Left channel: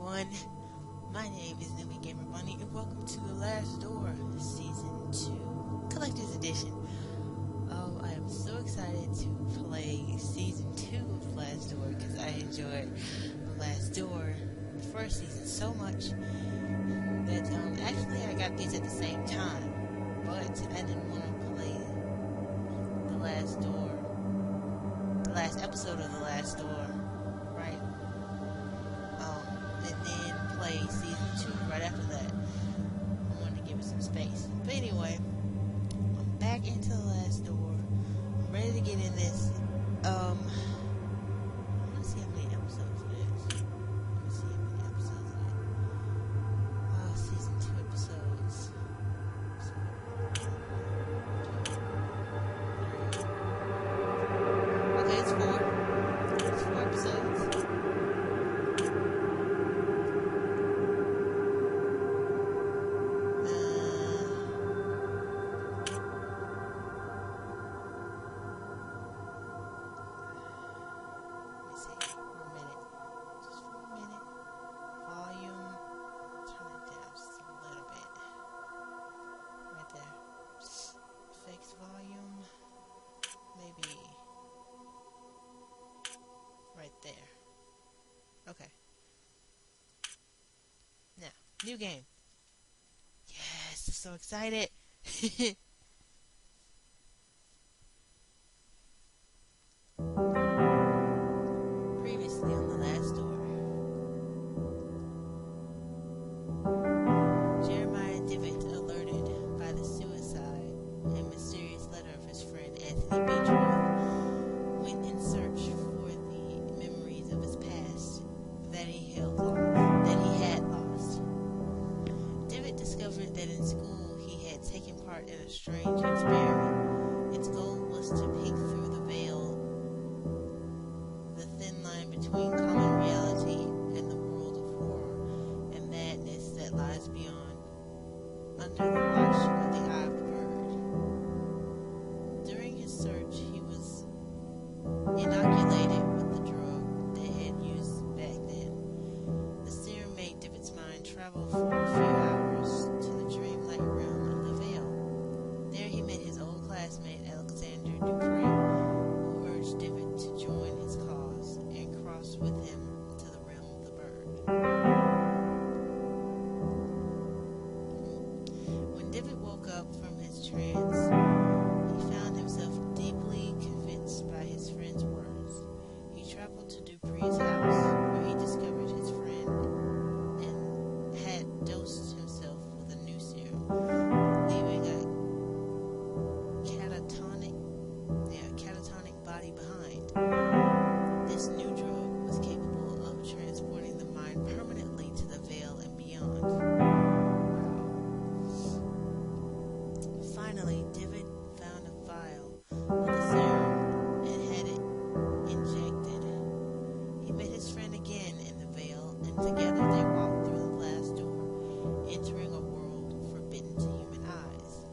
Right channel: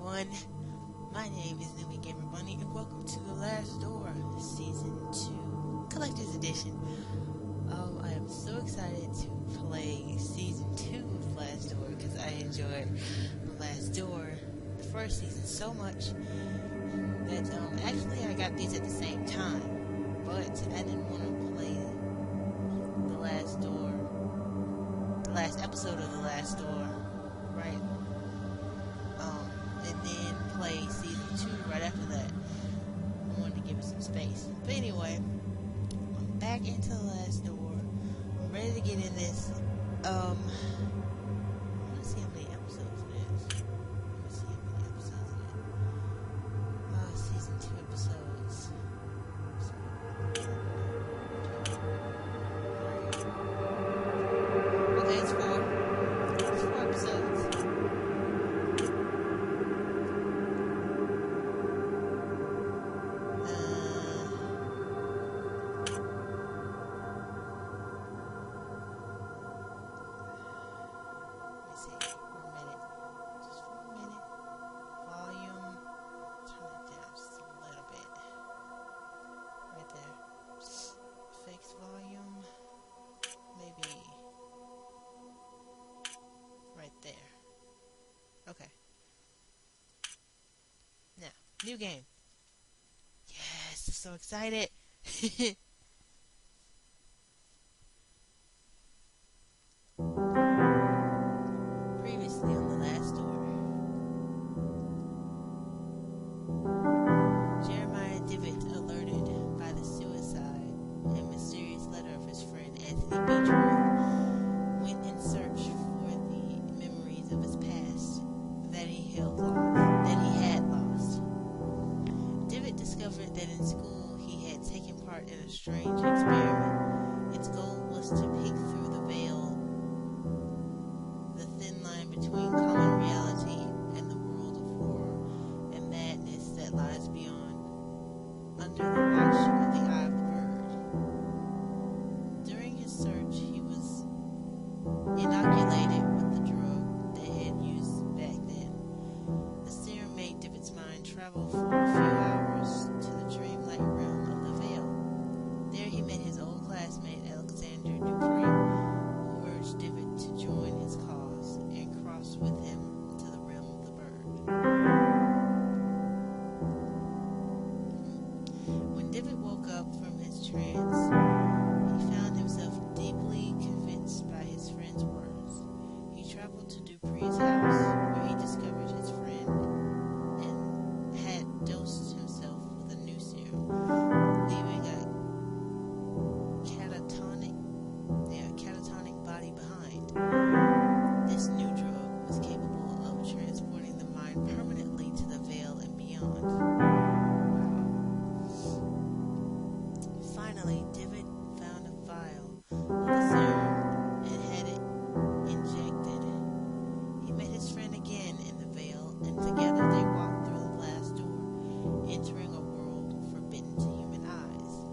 everyone. My name is Newman Gamer Bunny, and welcome to The Last Door, Season 2, Collector's Edition. Oh, I am so excited to play Season 2 of Last Door, because I enjoyed The Last Door, the first season, so much that, actually I got these at the same time, but I didn't want to play The Last Door, the last episode of The Last Door, right? And then play Season 2 right after that. I wanted to give it some space. But anyway, I'm back into The Last Door. I'm ready to get in this. I want to see how many episodes it is. Let me see how many episodes it is. Season 2 episodes. Okay, it's 4. It's 4 episodes. Volume, maybe right there. Okay. Now, new game. Yes, I'm so excited. Previously on The Last Door. Jeremiah Divot, alerted by the suicide and mysterious letter of his friend Anthony Beechworth, went in search for the memories of his past that he had lost. Divot discovered that in school he had taken part in a strange experiment. Its goal was to peek through the veil, the thin line between common reality and the world of horror and madness that lies beyond, under the watch of the eye of the bird. During his search, he was inoculated with the drug they had used back then. The serum made Divot's mind travel for a few hours to the dreamlike realm of the veil. There he met his old classmate Alexander Dupree, who urged Divot to join his cause and cross with him to the realm of the bird. When Divot woke up from his trance, he found himself deeply convinced by his friend's words. He traveled to Dupree's house, where he discovered his friend and had dosed himself with a new serum, leaving a catatonic body behind. This new drug was capable of transporting the mind permanently to the veil and beyond. Wow. Finally, Divot found a vial of the serum and had it injected. He met his friend again in the veil, and together they walked through the glass door, entering a world forbidden to human eyes.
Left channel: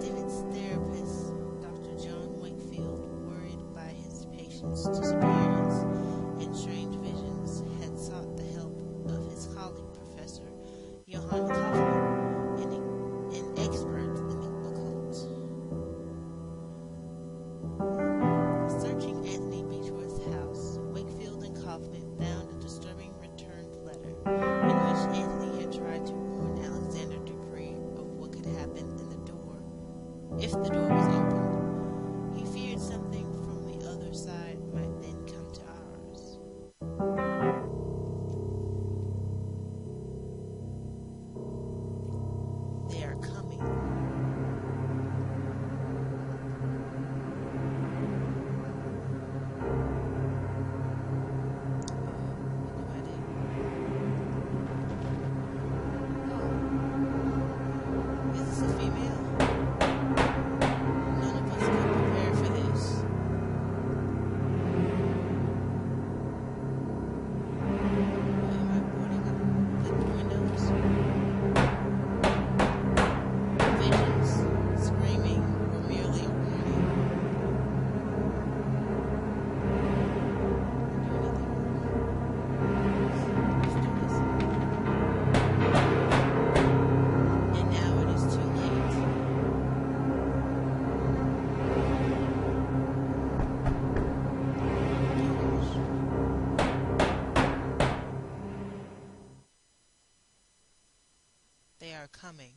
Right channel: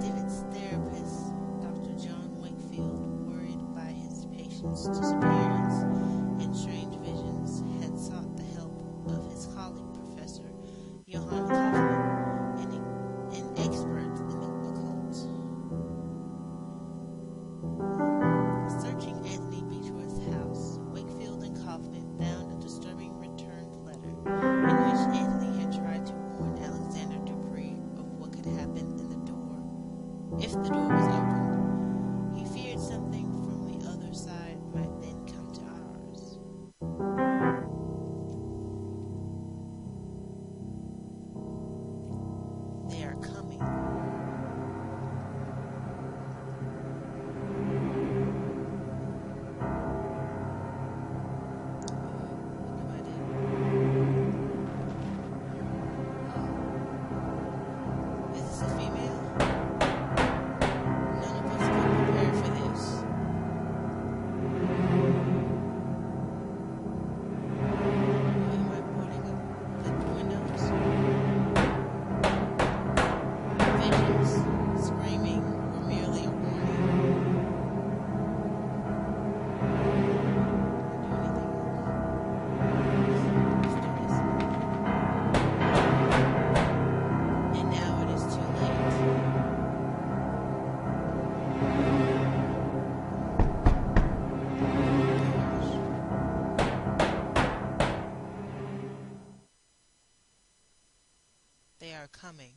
Divot's therapist, Dr. John Wakefield, worried by his patient's disappearance and strange visions, had sought the help of his colleague, Professor Johann Kaufmann, an expert in the occult. Searching Anthony Beechworth's house, Wakefield and Kaufmann found a disturbing returned letter in which Anthony had tried to warn Alexander Dupree of what could happen in the door if the door was opened. He feared something from the other side might then come to ours. They are coming.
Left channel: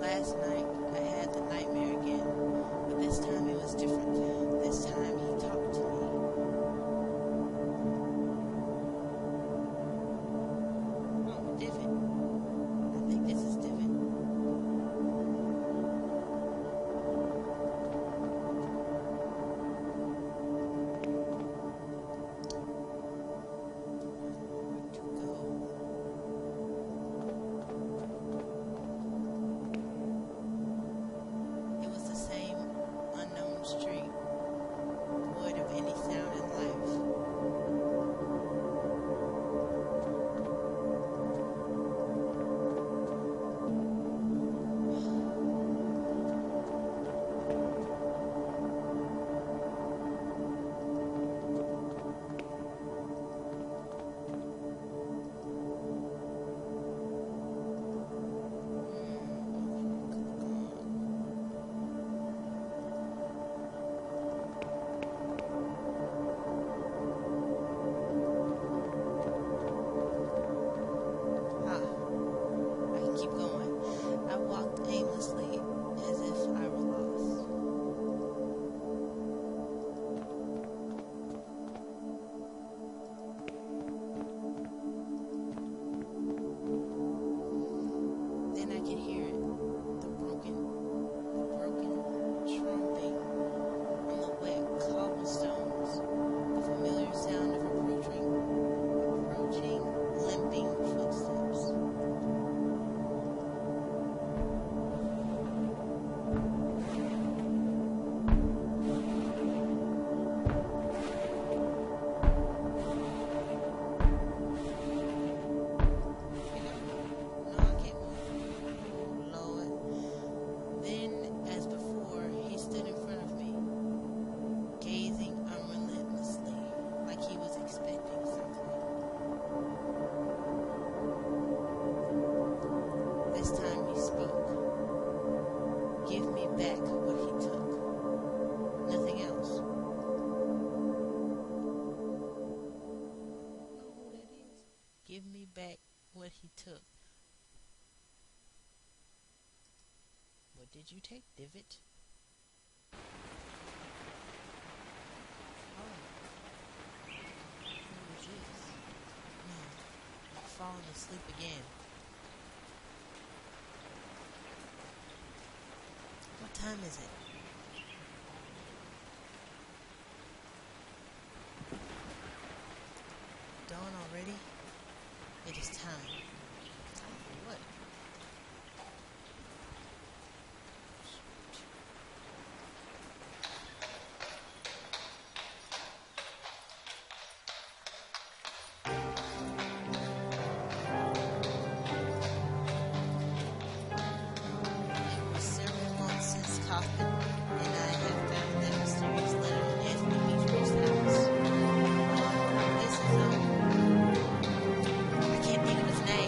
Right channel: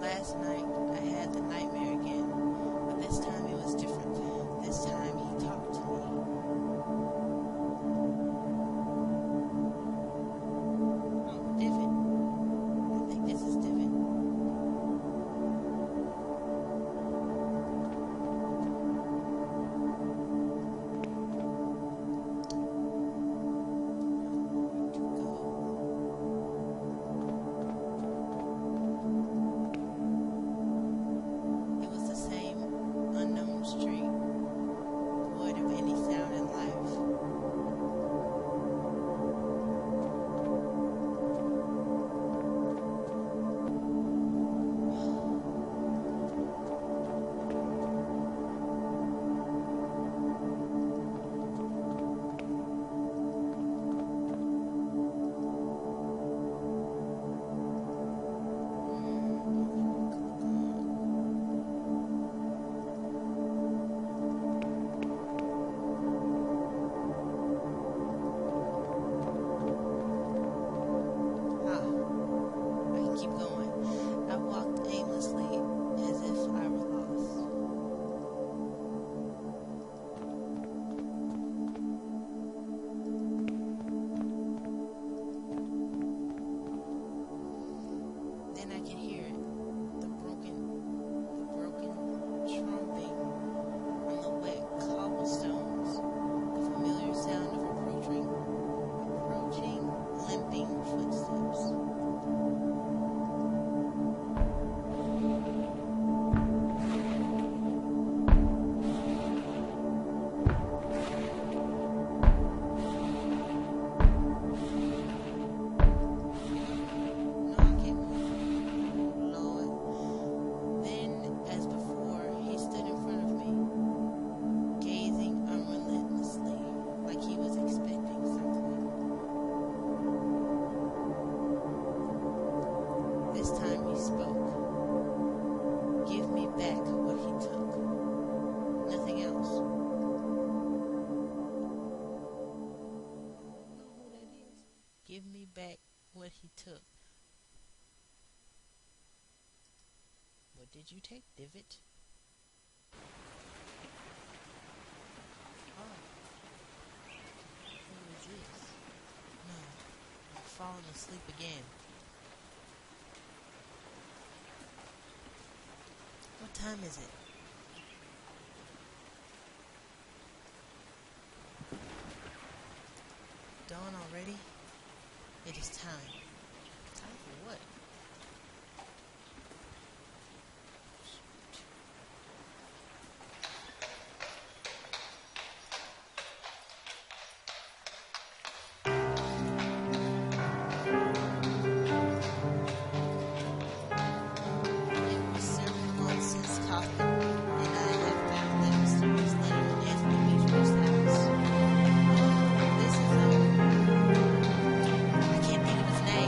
Last night I had the nightmare again, but this time it was different. This time he talked to me. Oh, Divot. I think this is Divot. Where to go? It was the same unknown street, void of any sound in life. I can keep going. I walked aimlessly as if I were lost. Then I could hear it, the broken trumping on the wet cobblestones, the familiar sound of approaching, limping footsteps. No, I can't move. Oh, Lord. Then, as before, he stood in front of me, gazing unrelentlessly, like he was expecting something. This time he spoke. Give me back what he took. Nothing else. I don't know who that is. Give me back what he took. What did you take, Divot? Oh, who is this? No, I'm falling asleep again. What time is it? Dawn already? It is time. Time for what? It was several months since Kaufman and I had found that mysterious letter in Anthony Beechworth's house. This is, I can't think of his name.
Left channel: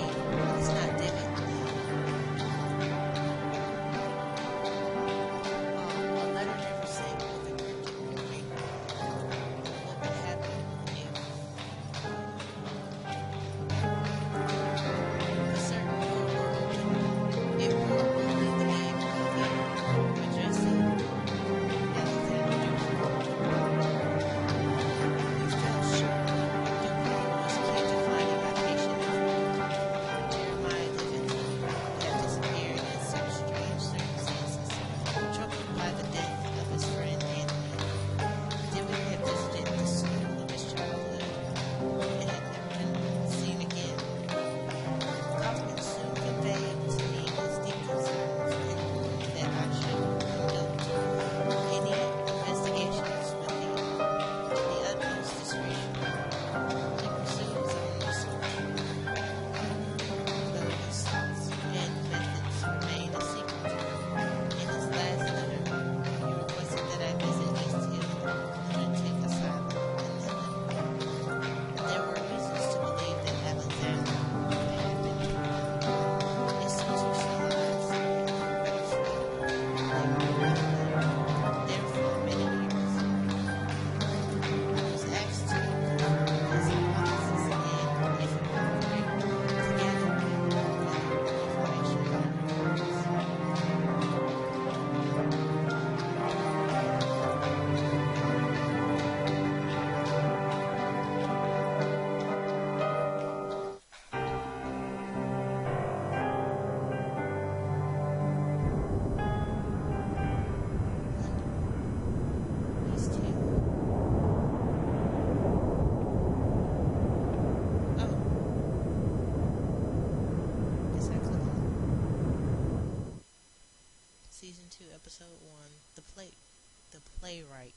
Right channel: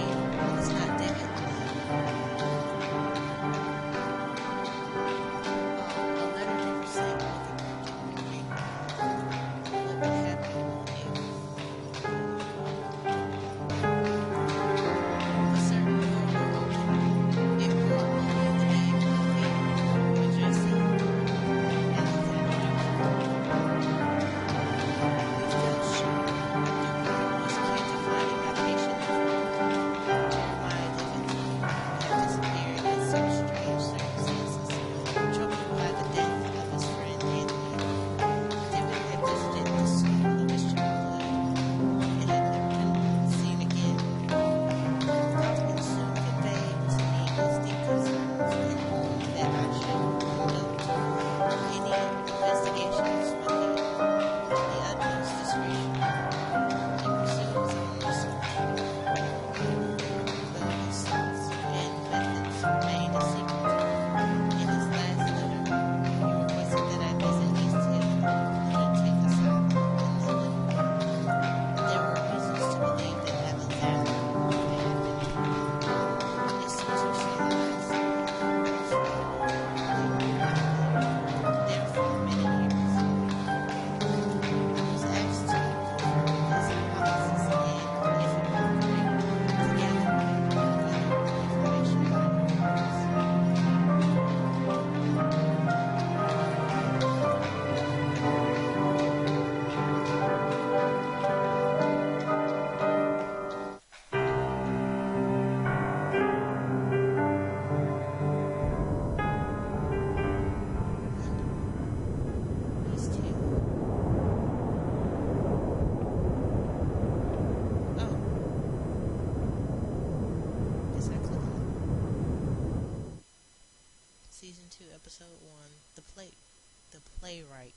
to episode 1, the playwright.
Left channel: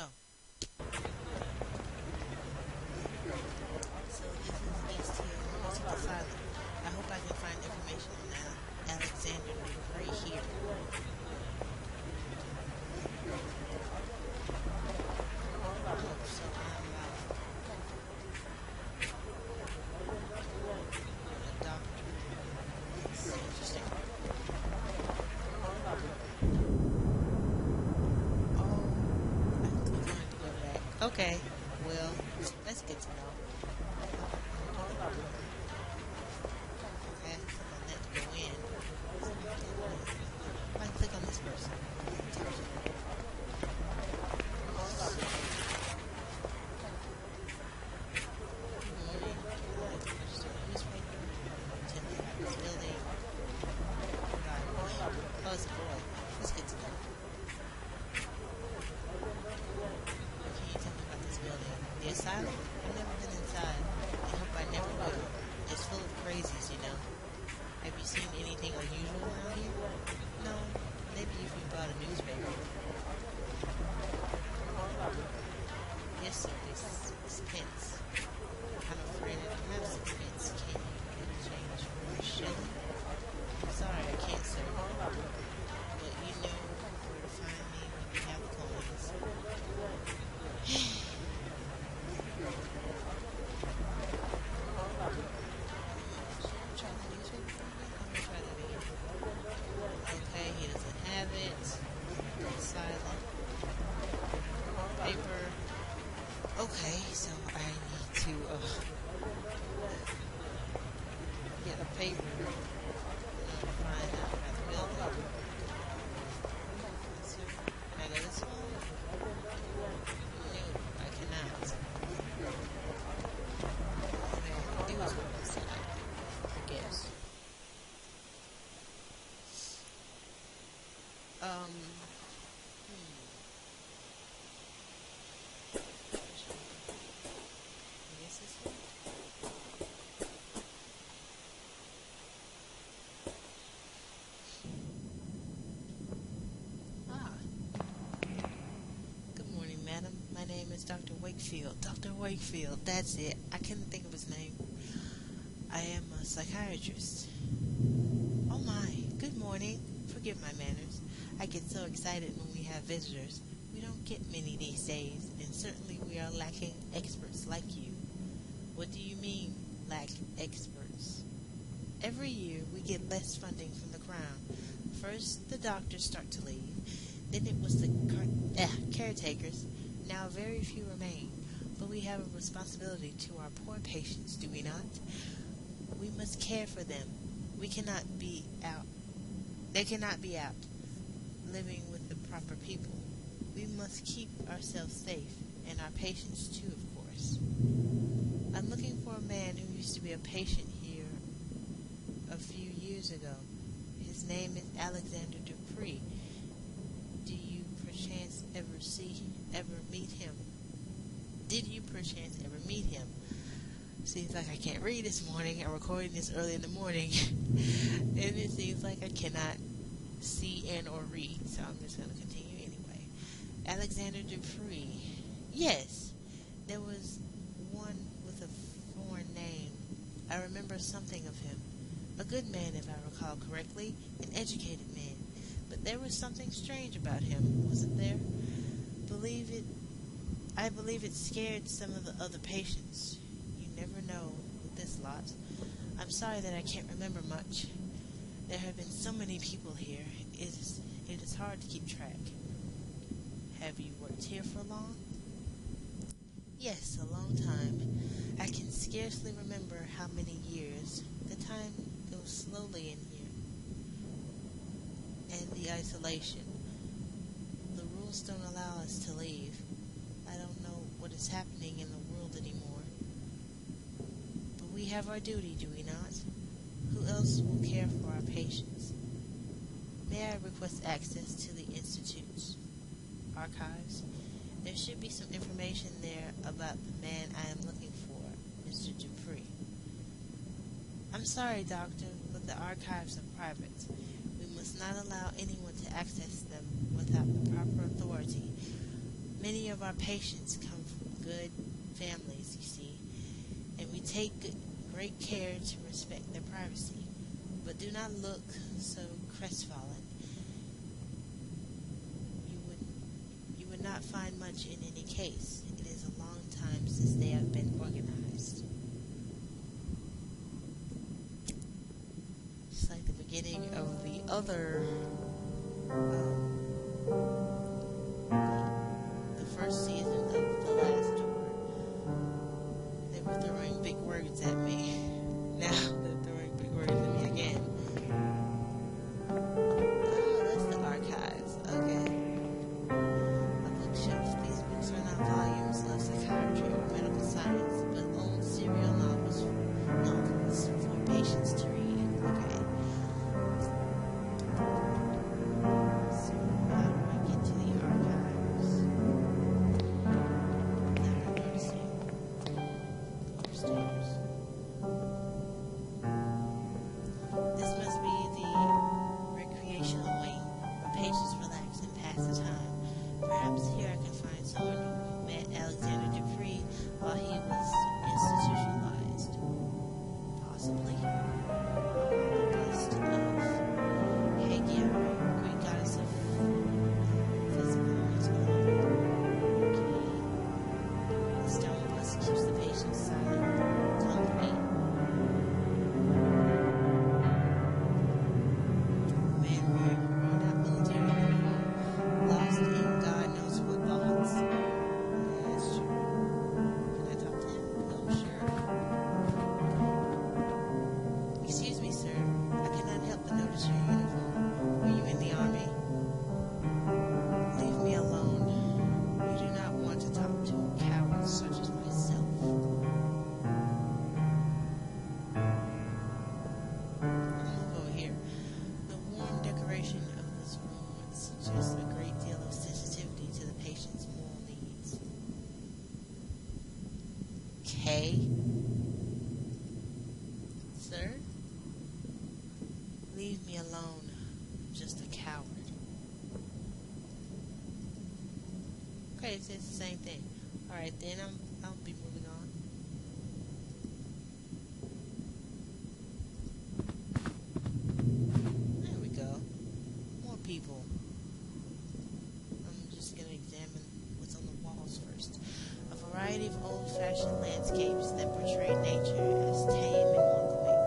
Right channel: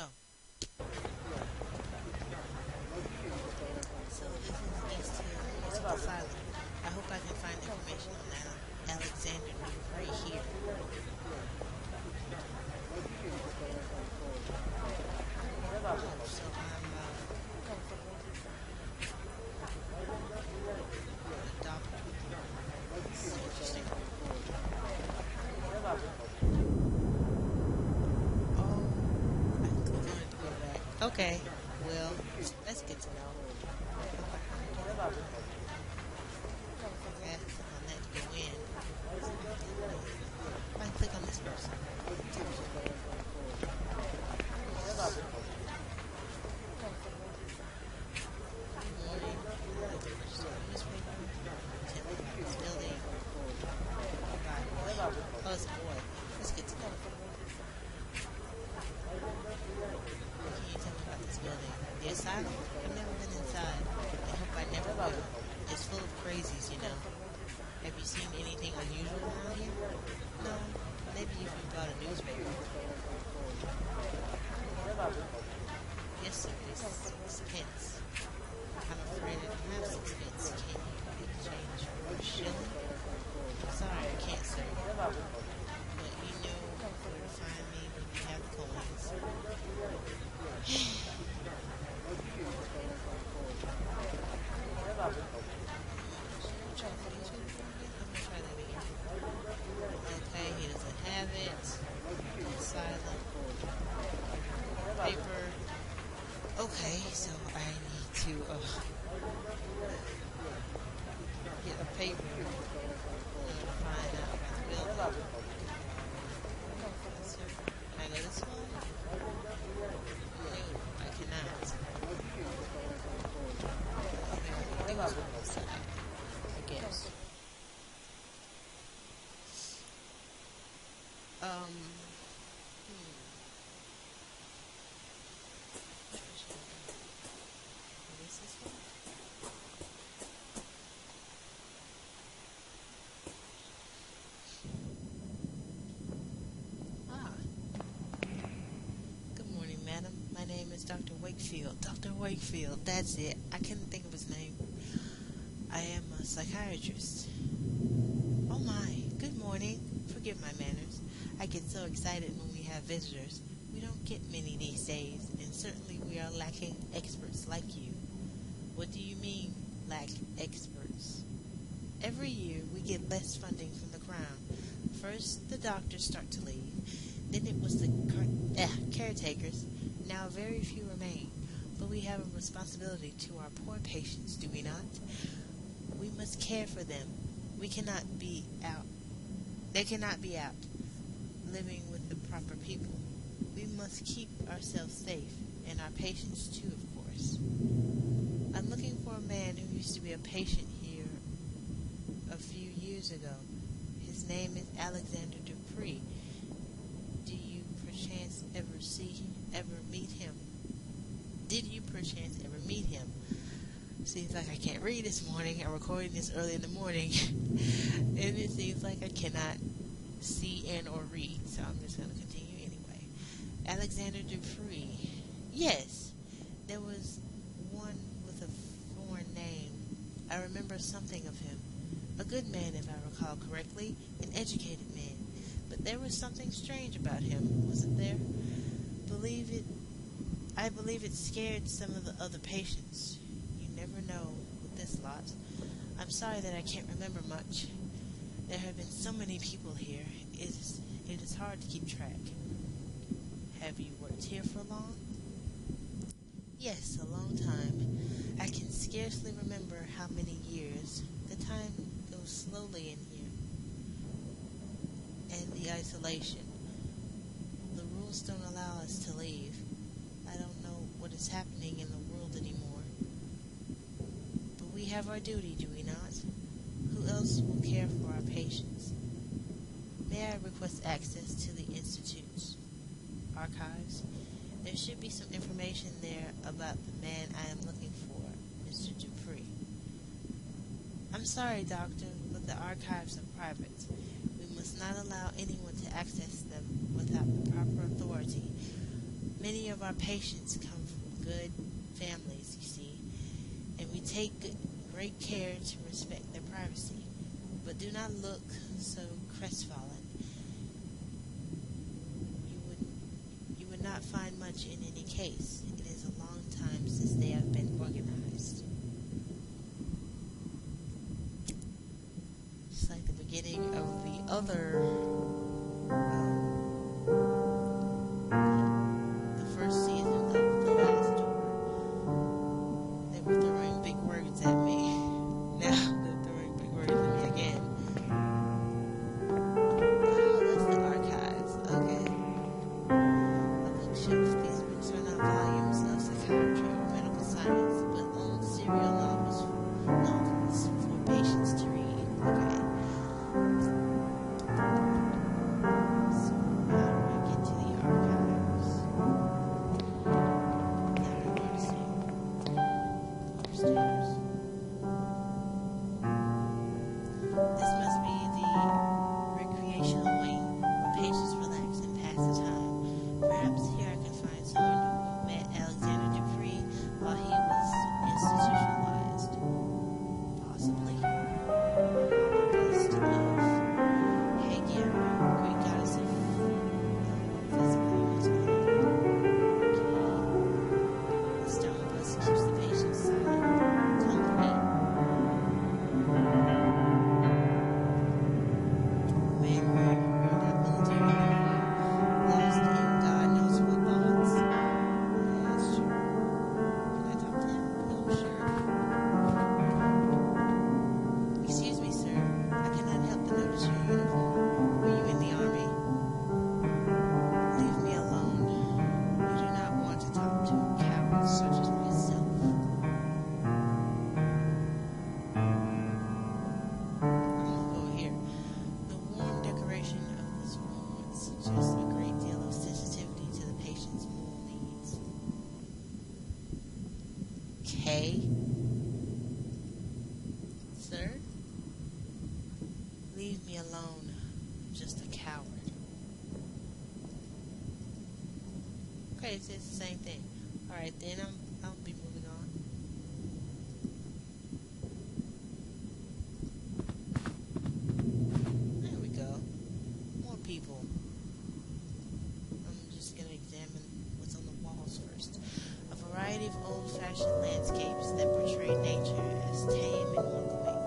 Oh, so this is East Hill Lunatic Asylum. I hope I can find information on Alexander right here. Oh, so I'm a doctor. That's interesting. Oh, I click on it to go back. Okay, well, that's good to know. Okay, I click on that to go in. If I click on this person, good morning. I like to purchase a newspaper. Tell me about this building. Goodbye. Oh, it's a boy. That's good to know. What can you tell me about this building? The asylum? I've never been inside, and hope I never will. It's full of crazies, you know. Have you seen anything unusual around here? No. Maybe if you bought a newspaper. Yes, sir. It's 6 pence. I'm afraid I don't have 6 pence. Can you make change for a shilling? I'm sorry, I can't, sir. But you know where to find me when you have the coins. Should I try the newspaper again? I'm gonna try that again. Okay, he doesn't have it. Silent. Paper. Okay, so I need to get a paper in order to find out about the building. Sir, can I go this one? No, I cannot. Okay, I can do is go this side, I guess. I guess this one? Ah, good morning, madam. My name is Dr. Wakefield. Dr. Wakefield, that's it. I couldn't think of his name. I am a psychiatrist. Oh my, good morning. Forgive my manners. I get so excited when we have visitors. We don't get many these days, and certainly we are lacking experts like you. What do you mean, lack experts? Every year we get less funding from the Crown. First, the doctors start to leave. Then it was the caretakers. Now very few remain. But we have a responsibility to our poor patients, do we not? We must care for them. We cannot be out. They cannot be out, living with the proper people. We must keep ourselves safe, and our patients too, of course. I'm looking for a man who used to be a patient here a few years ago. His name is Alexander Dupree. Do you perchance ever meet him? Did you perchance ever meet him? Seems like I can't read this morning. I'm recording this early in the morning. And it seems like I cannot see and or read. So I'm just going to continue anyway. Alexander Dupree. Yes, there was one with a foreign name. I remember something of him. A good man, if I recall correctly. An educated man. But there was something strange about him, wasn't there? I believe it scared some of the other patients. You never know with this lot. I'm sorry that I can't remember much. There have been so many people here. It is hard to keep track. Have you worked here for long? Yes, a long time. I can scarcely remember how many years. The time goes slowly in here. And the isolation. The rules don't allow us to leave. I don't know what is happening in the world anymore. But we have our duty, do we not? Who else will care for our patients? May I request access to the Institute's archives? There should be some information there about the man I am looking for, Mr. Dupree. I'm sorry, Doctor, but the archives are private. We must not allow anyone to access them without the proper authority. Many of our patients come from good families, you see, and we take great care to respect their privacy. But do not look so crestfallen. You would not find much in any case. It is a long time since they have been organized. Just like the beginning of the other, the first season of The Last Door. They were throwing big words at me. Now they're throwing big words at me again. Oh, that's the archives. Okay. A bookshelf. These books are not volumes of psychiatry or medical science, but old serial novels for patients to read. Okay. So, how do I get to the archives? Now I'm noticing. Upstairs. This must be the recreational wing where patients relax and pass the time. Perhaps here I can find someone who met Alexander Dupree while he was institutionalized. Possibly. The bust of Hagia, Greek goddess of physical and mental health. Okay. The stone bust keeps the patient silent. Company. Man wearing a worn-out military uniform, lost in God knows what thoughts. Yeah, that's true. Can I talk to him? Oh, sure. Excuse me, sir. I cannot help but notice your uniform. Were you in the army? Leave me alone. You do not want to talk to cowards such as myself. I'll go here. The warm decoration of this room would suggest a great deal of sensitivity to the patient's moral needs. K? Sir? Leave me alone. I'm just a coward. Okay, it says the same thing. Alright, then I'll be moving on. There we go. More people. I'm just going to examine what's on the walls first. A variety of old-fashioned landscapes that portray nature as tame and welcoming.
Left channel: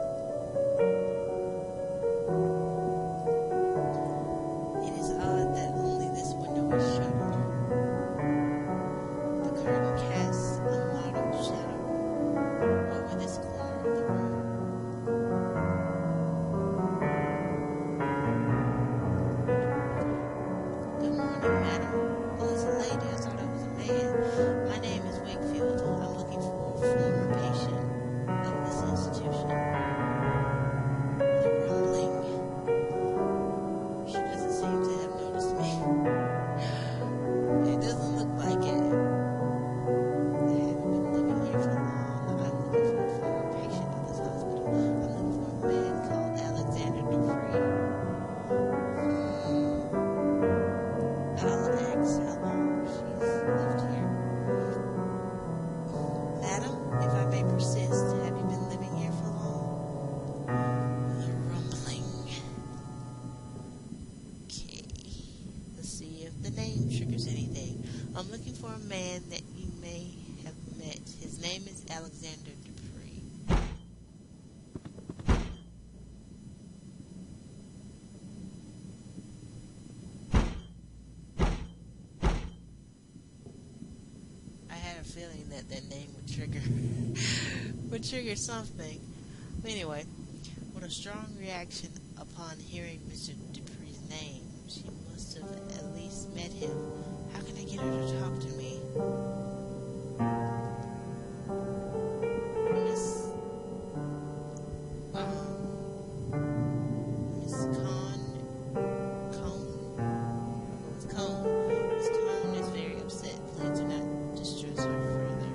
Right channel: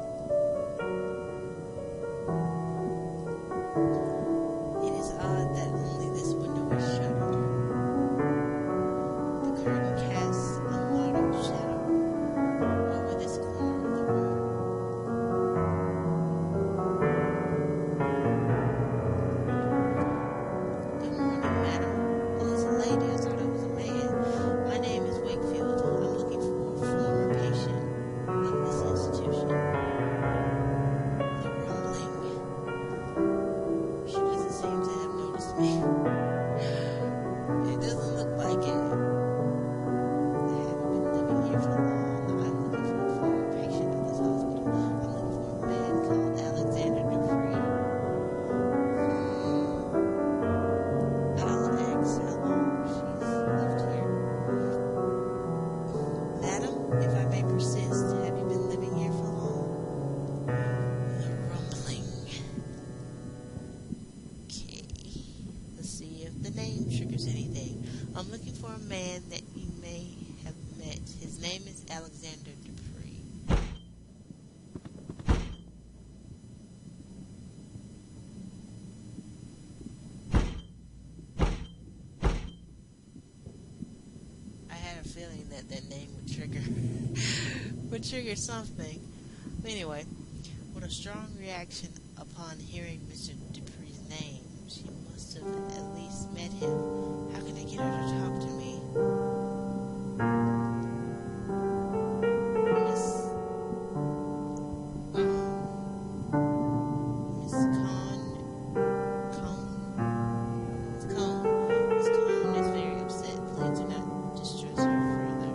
It is odd that only this window is shuttered. The curtain casts a mottled shadow over this corner of the room. Good morning, madam. Oh, it's a lady. I thought it was a man. My name is Wakefield. I'm looking for a former patient of this institution. The rumbling. She doesn't seem to have noticed me. It doesn't look like it. I haven't been living here for long. I'm looking for a former patient of this hospital. I'm looking for a man called Alexander Dupree. I'll ask how long she's lived here. Madam, if I may persist, have you been living here for long? The rumbling. Okay. Let's see if the name triggers anything. I'm looking for a man that you may have met. His name is Alexander Dupree. I had a feeling that name would trigger something. But anyway, with a strong reaction upon hearing Mr. Dupree's name, she must have at least met him. How can I get her to talk to me? Miss Cone is very upset. Please do not distress her further.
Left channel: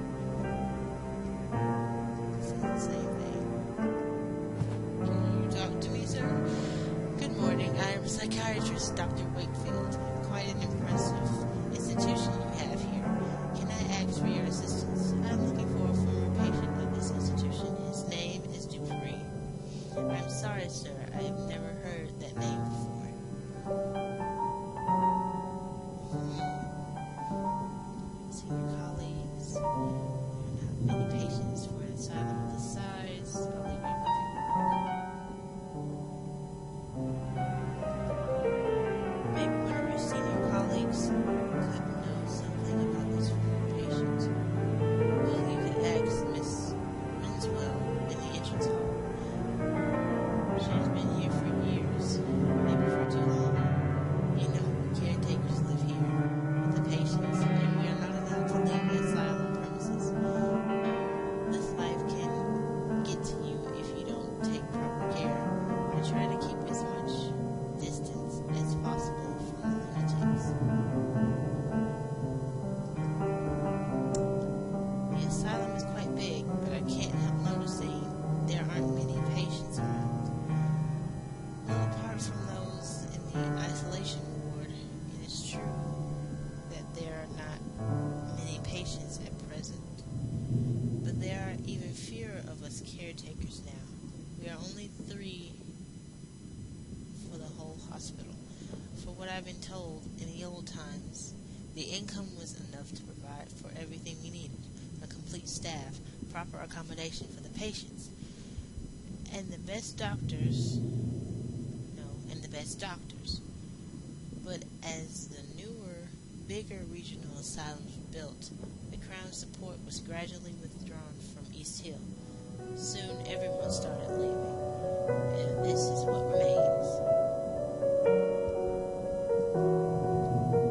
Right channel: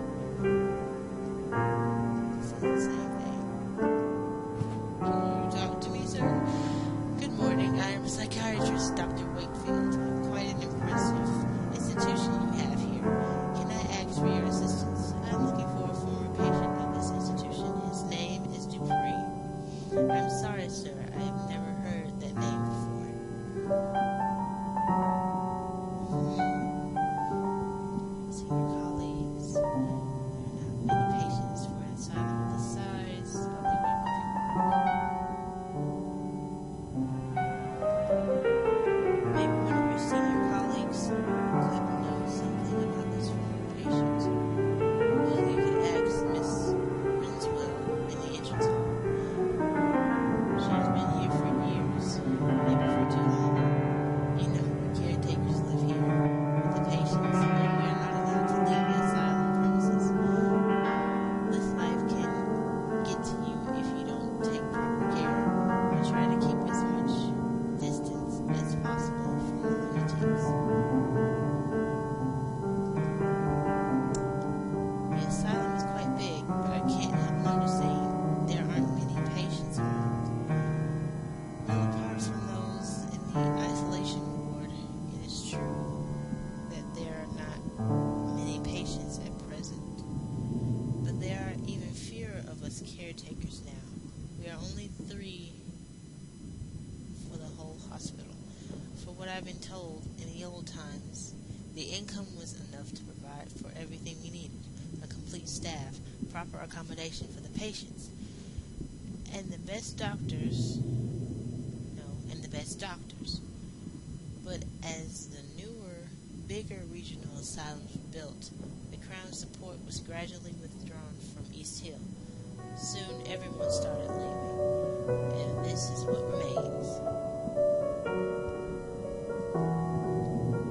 Dr. Wakefield. Quite an impressive institution you have here. Can I ask for your assistance? I'm looking for a former patient of this institution. His name is Dupree. I'm sorry, sir. I have never heard that name before. Senior colleagues. There are not many patients for an asylum of this size. I'll leave it with you. Maybe one of your senior colleagues could know something about this former patient. Well, you could ask Miss Rinswell in the entrance hall. She has been here for years, maybe for too long. You know, caretakers live here with the patients, and we are not allowed to leave the asylum premises. This life can get to you if you don't take proper care and try to keep as much distance as possible from the lunatics. The asylum is quite big, but I can't help noticing there aren't many patients around. Well, apart from those in the isolation ward, it is true that there are not many patients at present. But there are even fewer of us caretakers now. We are only 3 for the whole hospital. For what I've been told, in the old times, the income was enough to provide for everything we needed. A complete staff, proper accommodation for the patients, and the best doctors. But as the newer, bigger regional asylums were built, the Crown's support was gradually withdrawn from East Hill. Soon everyone started leaving, and this is what remains.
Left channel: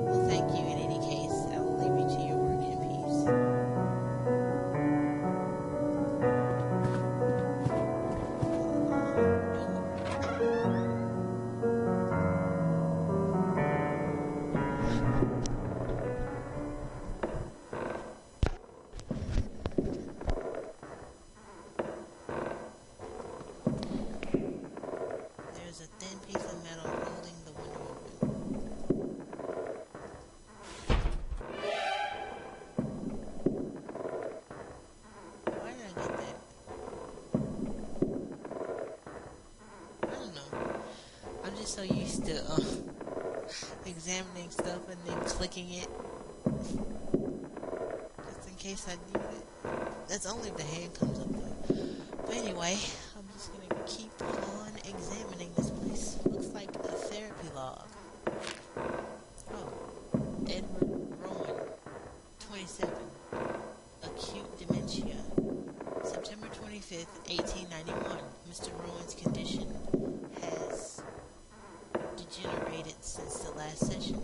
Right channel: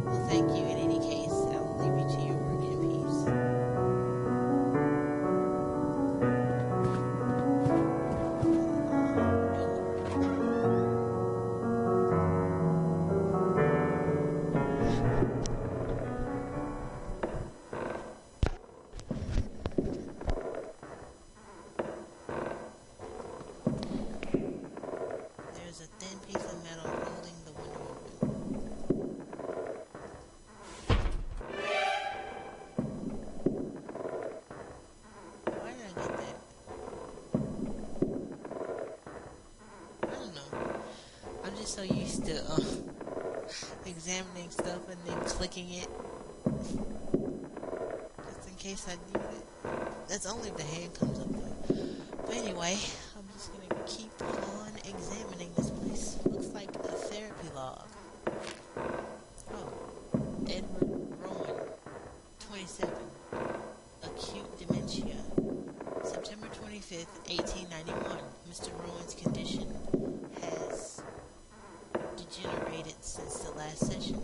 Well, thank you in any case. I will leave you to your work in peace. There's a thin piece of metal holding the window open. Why did I get that? I don't know. I'm just so used to examining stuff and then clicking it. Just in case I need it. That's only if the hand comes up though. But anyway, I'm just gonna keep on examining this place. Looks like a therapy log. Oh, Edward Rowan, 27, acute dementia. September 25th, 1891. Mr. Rowan's condition has degenerated since the last session.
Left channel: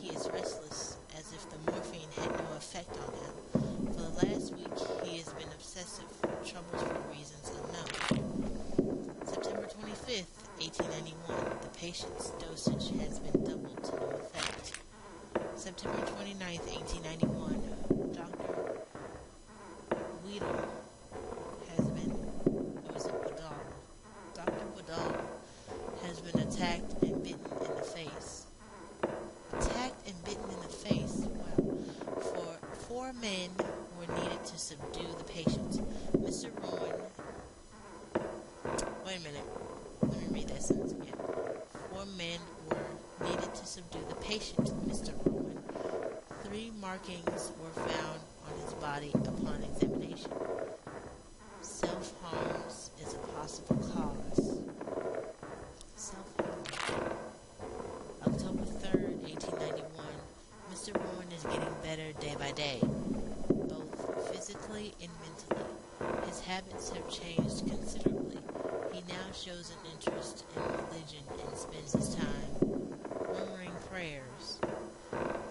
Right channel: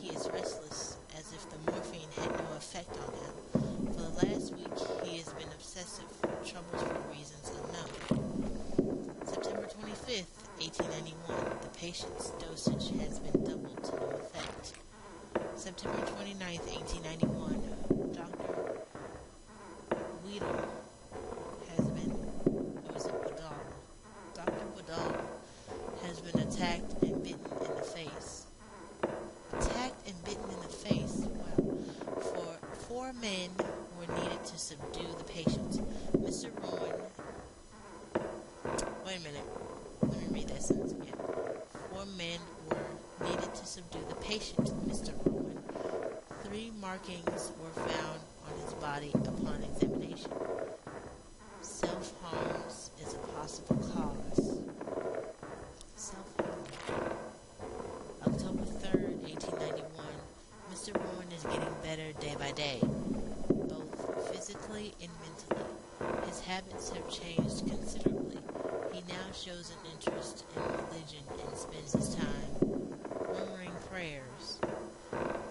He is restless, as if the morphine had no effect on him. For the last week, he has been obsessive, troubles for reasons unknown. September 25th, 1891. The patient's dosage has been doubled to no effect. September 29th, 1891. Dr. Weedle has been, or is it Woodall? Dr. Woodall has been attacked and bitten in the face. Attacked and bitten in the face? Wow. 4 men were needed to subdue the patient. Mr. Rowan. Wait a minute. Let me read that sentence again. 4 men were needed to subdue the patient, Mr. Rowan. 3 markings were found on his body upon examination. Self-harm is a possible cause. Self-harm. October 3rd, 1891. Mr. Rowan is getting better day by day, both physically and mentally. His habits have changed considerably. He now shows an interest in religion and spends his time murmuring prayers,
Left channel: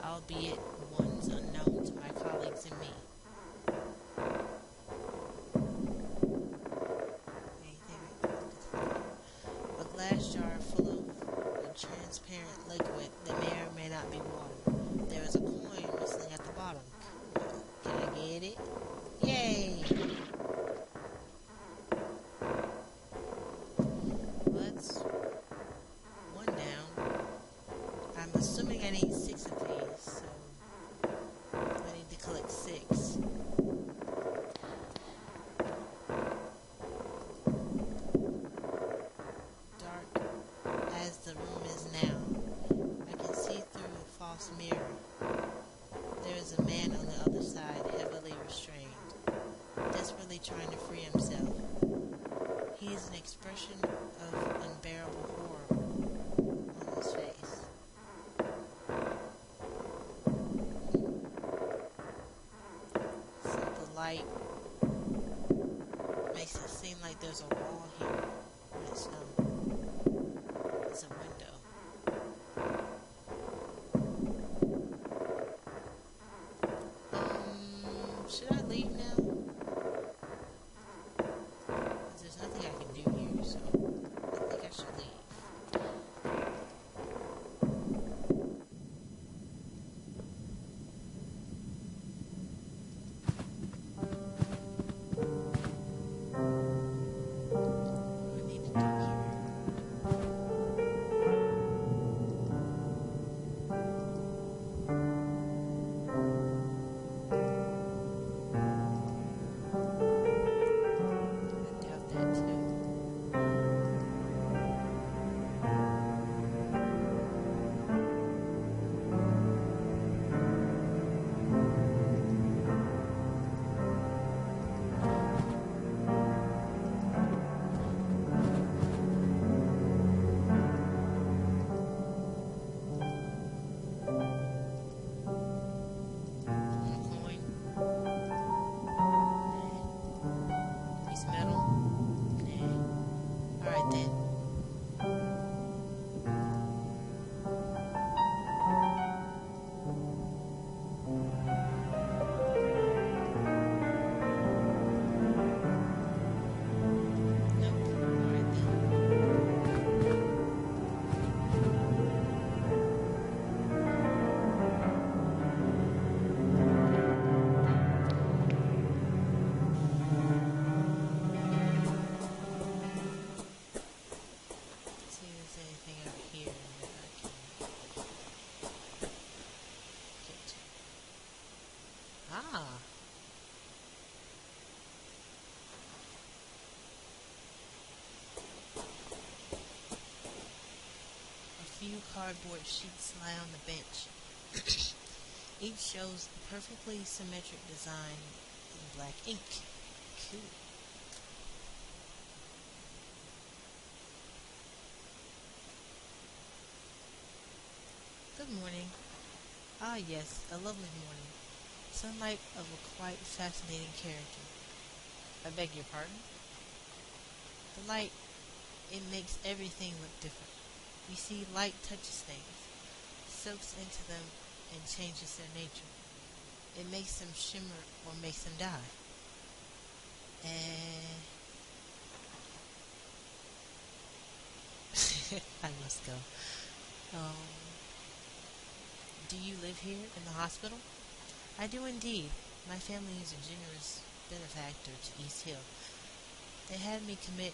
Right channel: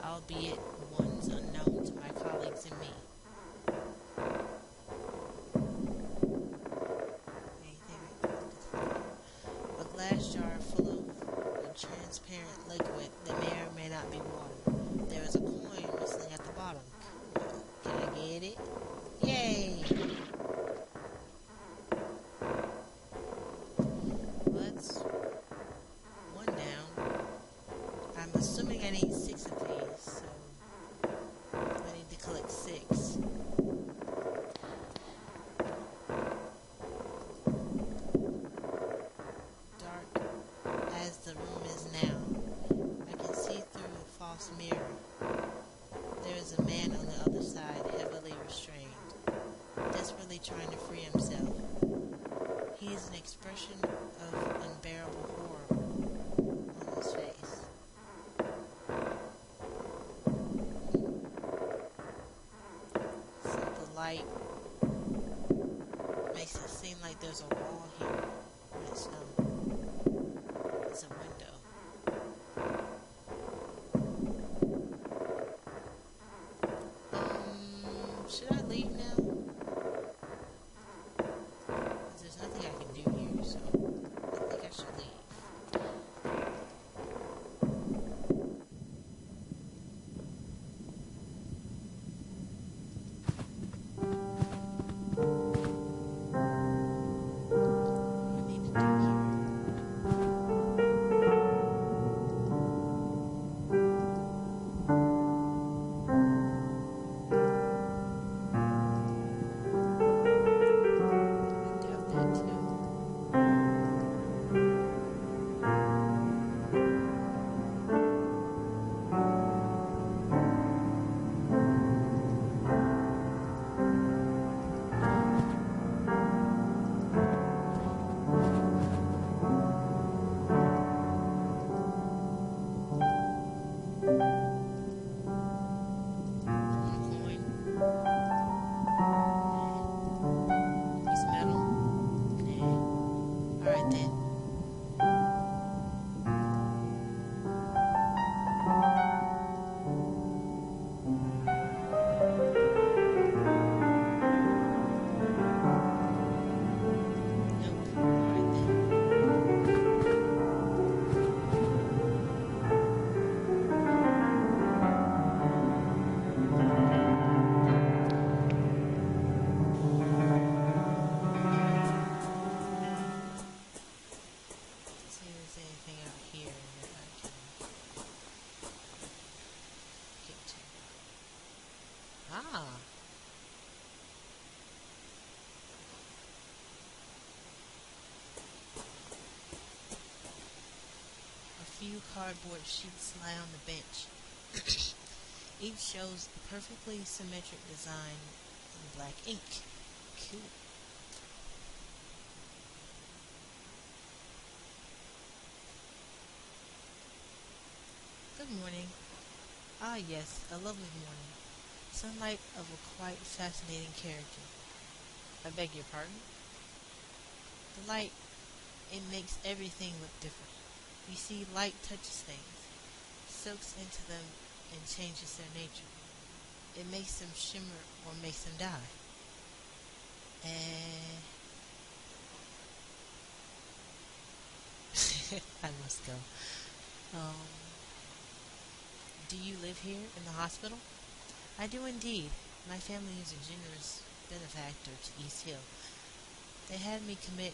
albeit ones unknown to my colleagues and me. A glass jar full of a transparent liquid that may or may not be water. There is a coin whistling at the bottom. Can I get it? Yay! Well, that's one down. light makes it seem like there's a wall here when it's not. It's a window. Should I leave now? Because there's nothing I can do here, so I think I should leave. What do I need to do here? I doubt that too. One coin. Nah. Piece of metal. Nah. Alright then. Nope. Alright then. See if there's anything over here that I can get to. Ah, a few cardboard sheets lie on the bench. Each shows a perfectly symmetric design in black ink. Cool. Good morning. Ah, yes, a lovely morning. Sunlight of a quite fascinating character. I beg your pardon? The light, it makes everything look different. You see, light touches things, soaks into them, and changes their nature. It makes them shimmer or makes them die. I must go. Um, do you live here in the hospital? I do indeed. My family is a generous benefactor to East Hill. They had me committed,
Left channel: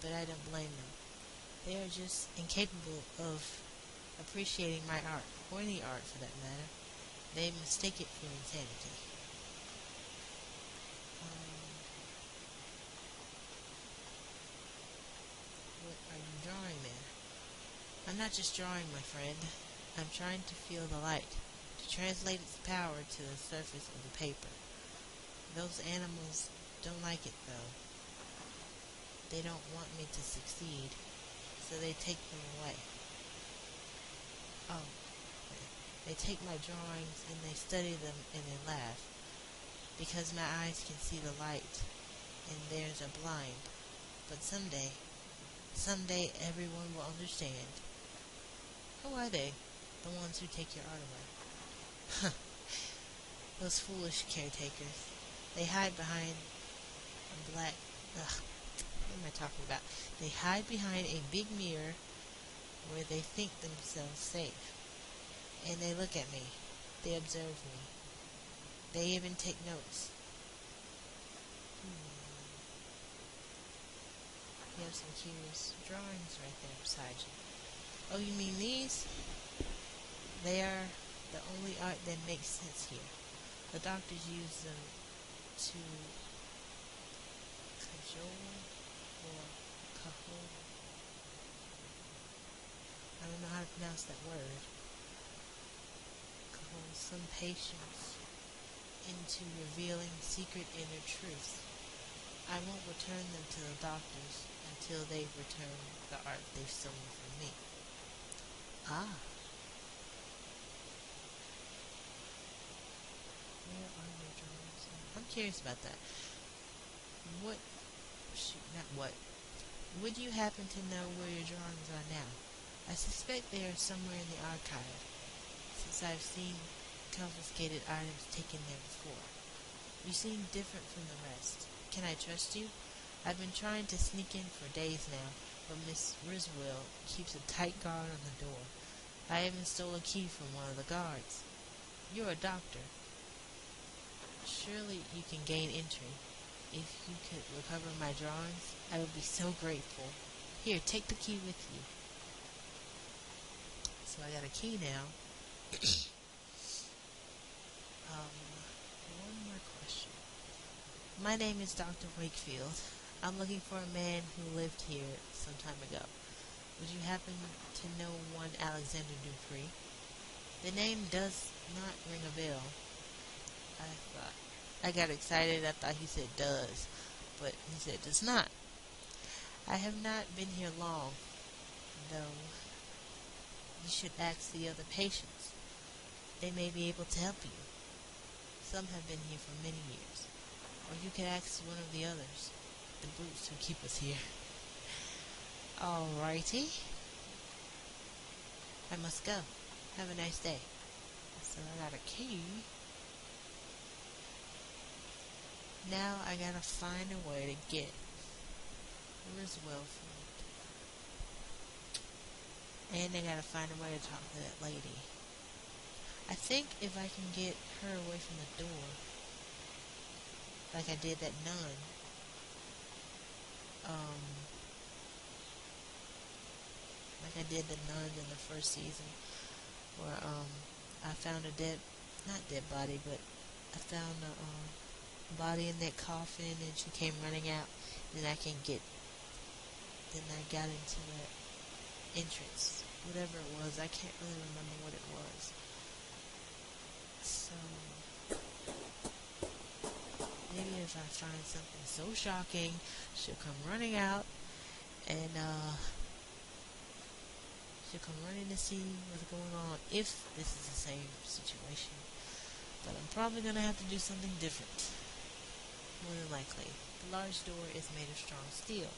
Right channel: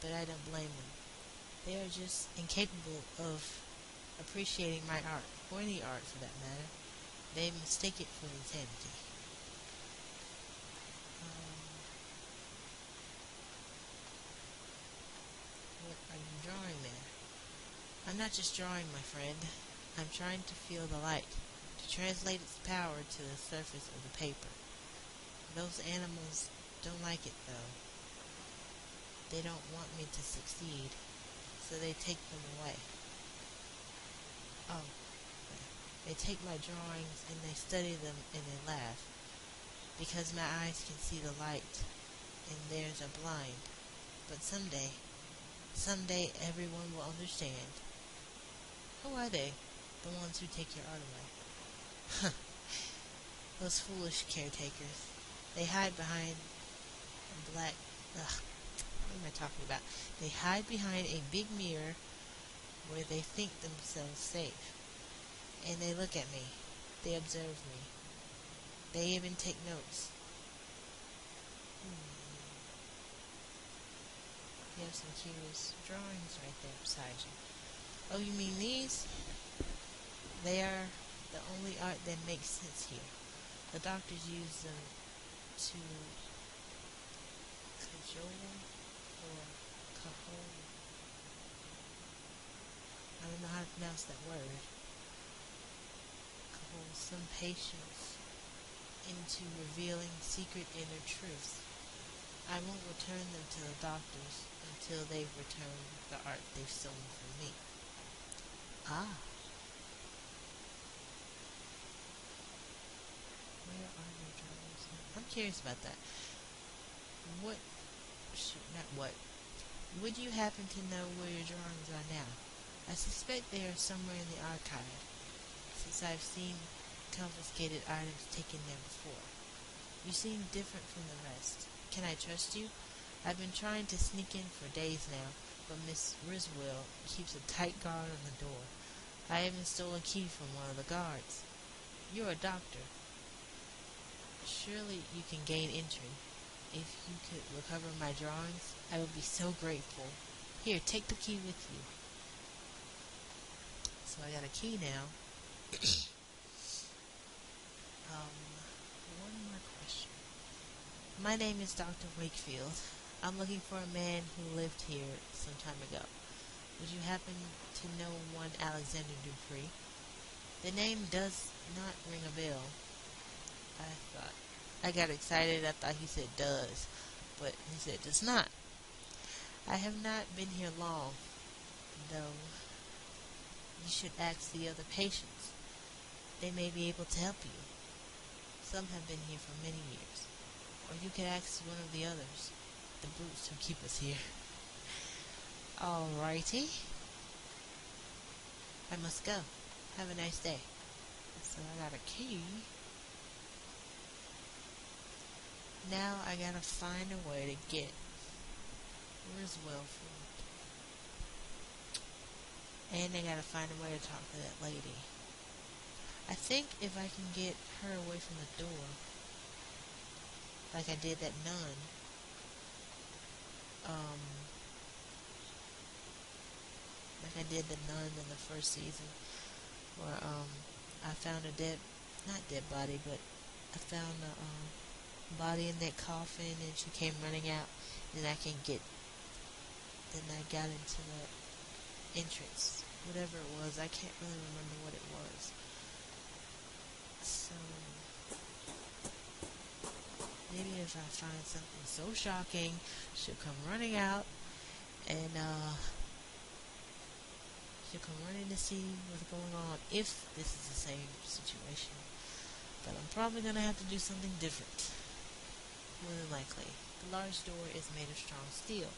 but I don't blame them. They are just incapable of appreciating my art, or any art for that matter. They mistake it for insanity. What are you drawing there? I'm not just drawing, my friend. I'm trying to feel the light, to translate its power to the surface of the paper. Those animals don't like it, though. They don't want me to succeed, so they take them away. Oh, they take my drawings and they study them and they laugh, because my eyes can see the light and theirs are blind. But someday everyone will understand. Who are they? The ones who take your art away. Those foolish caretakers. They hide behind a black... Ugh, what am I talking about? They hide behind a big mirror where they think themselves safe. And they look at me. They observe me. They even take notes. You have some curious drawings right there beside you. Oh, you mean these? They are the only art that makes sense here. The doctors use them to cajole or cajole. I don't know how to pronounce that word. Cajole some patients into revealing secret inner truths. I won't return them to the doctors until they've returned the art they've stolen from me. Ah. find your drawings? I'm curious about that. What? Shoot, not what. Would you happen to know where your drawings are now? I suspect they are somewhere in the archive, since I've seen confiscated items taken there before. You seem different from the rest. Can I trust you? I've been trying to sneak in for days now, but Miss Riswell keeps a tight guard on the door. I even stole a key from one of the guards. You're a doctor. Surely you can gain entry. If you could recover my drawings, I would be so grateful. Here, take the key with you. So I got a key now. One more question. My name is Dr. Wakefield. I'm looking for a man who lived here some time ago. Would you happen to know one Alexander Dupree? The name does not ring a bell. I got excited. I thought he said does, but he said does not. I have not been here long, though. You should ask the other patients. They may be able to help you. Some have been here for many years. Or you could ask one of the others, the brutes who keep us here. Alrighty. I must go. Have a nice day. So I got a key. Now I gotta find a way to get Riswell food. And I gotta find a way to talk to that lady. I think if I can get her away from the door, like I did that nun, like I did the nun in the first season, where I found a not dead body, but I found a body in that coffin, and she came running out. Then I got into that entrance, whatever it was. I can't really remember what it was. So maybe if I find something so shocking, she'll come running out, and she'll come running to see what's going on, if this is the same situation. But I'm probably going to have to do something different, more than likely. The large door is made of strong steel.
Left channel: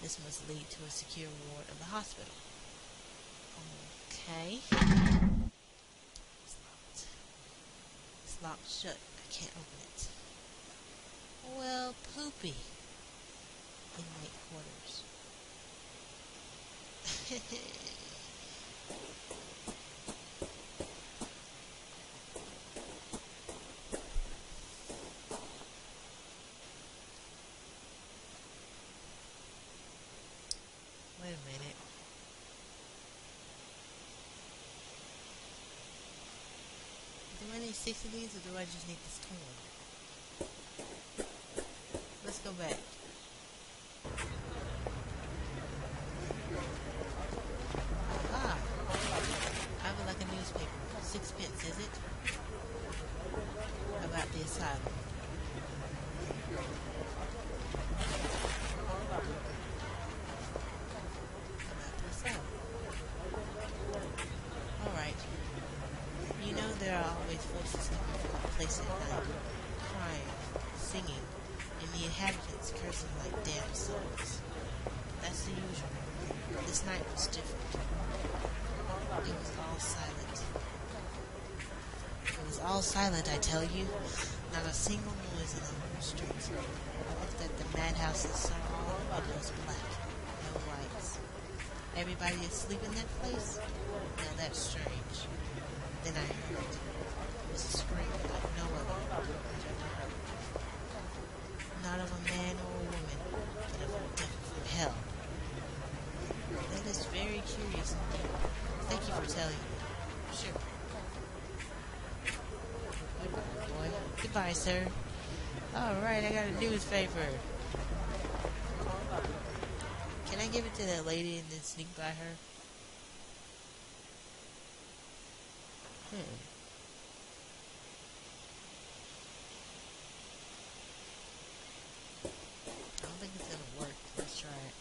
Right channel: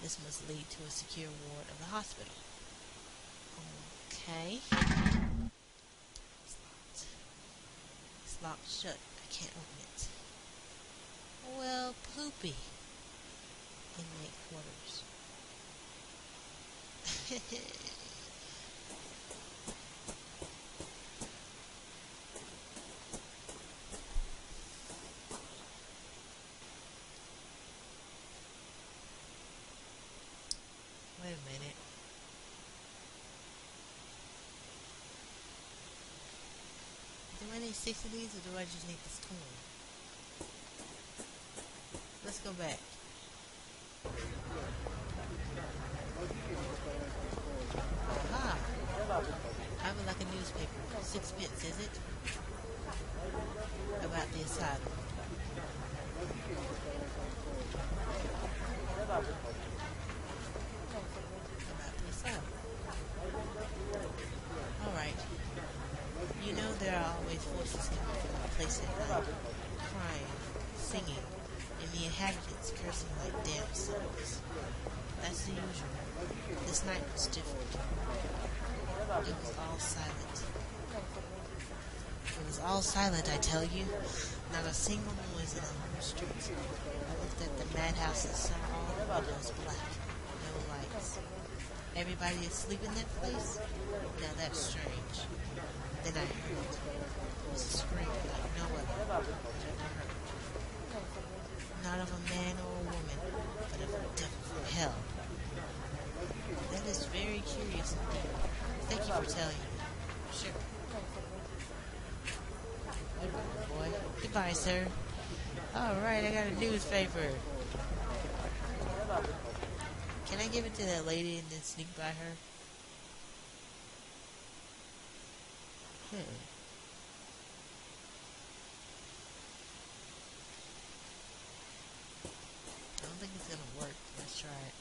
This must lead to a secure ward of the hospital. Okay. It's locked. It's locked shut. I can't open it. Well, poopy. Inmate quarters. Wait a minute. Do I need 6 of these, or do I just need this toy? Let's go back. Aha! I would like a newspaper. 6p, is it? About the asylum. Alright. You know there are always voices coming from the place at night, crying, singing, and the inhabitants cursing like damn souls. That's the usual. This night was different. It was all silent. It was all silent, I tell you. Not a single noise in the whole street. I looked at the madhouse and saw all the windows black. No lights. Everybody asleep in that place? Now that's strange. Then I heard. It was a scream like no other I've ever heard. Not of a man or a woman, but of a devil from hell. That is very curious indeed. Thank you for telling me. Sure. Goodbye, boy. Goodbye, sir. Alright, I got a newspaper. Can I give it to that lady and then sneak by her? I don't think it's gonna work. Let's try it.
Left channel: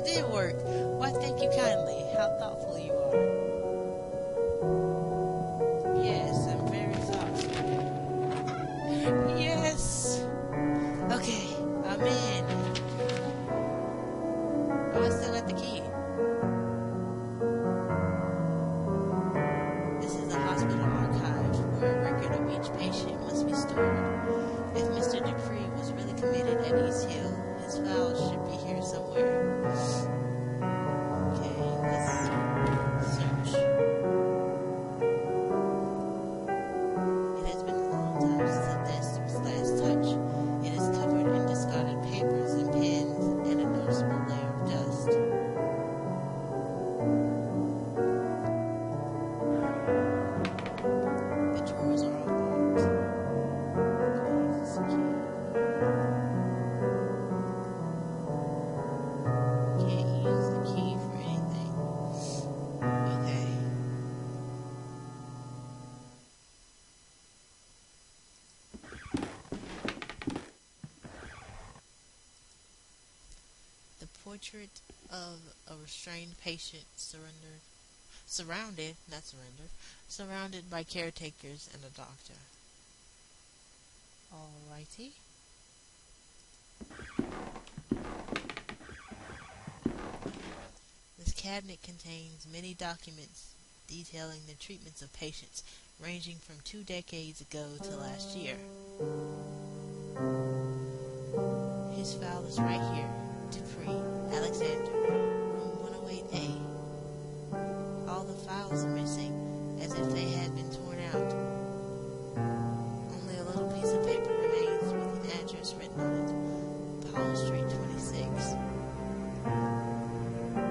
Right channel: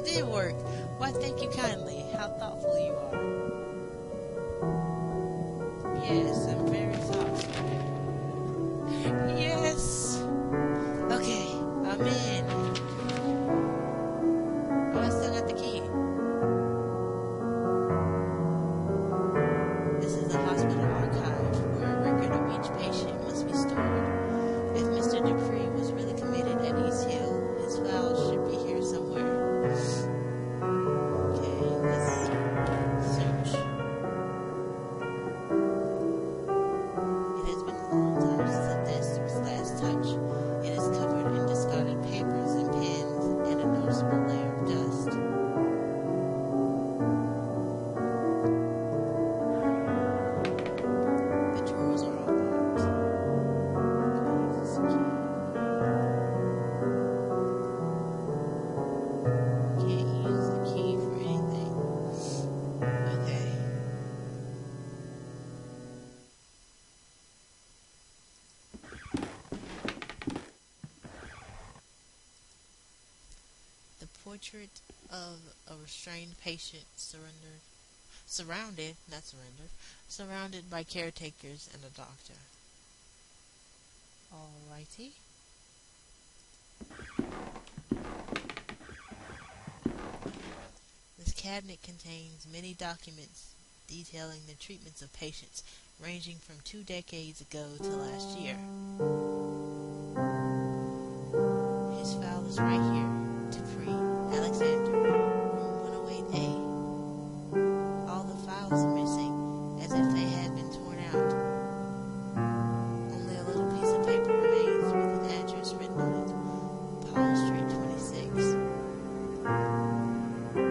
It did work. Why, thank you kindly. How thoughtful you are. Yes, I'm very thoughtful. Yes. Okay, I'm in. Oh, I still got the key. This is a hospital archive where a record of each patient must be stored. If Mr. Dupree was really committed at East Hill, his files should be here somewhere. Okay, let's search. It has been a long time since the desk was last touched. It is covered in discarded papers and pens and a noticeable layer of dust. The drawers are all locked. Can't use the key for anything. Okay. The portrait of a restrained patient surrounded by caretakers and a doctor. Alrighty. This cabinet contains many documents detailing the treatments of patients, ranging from 2 decades ago to last year. His file is right here. Dupree, Alexander, room 108A. All the files are missing, as if they had been torn out. Only a little piece of paper remains with an address written on it. Paul Street 26.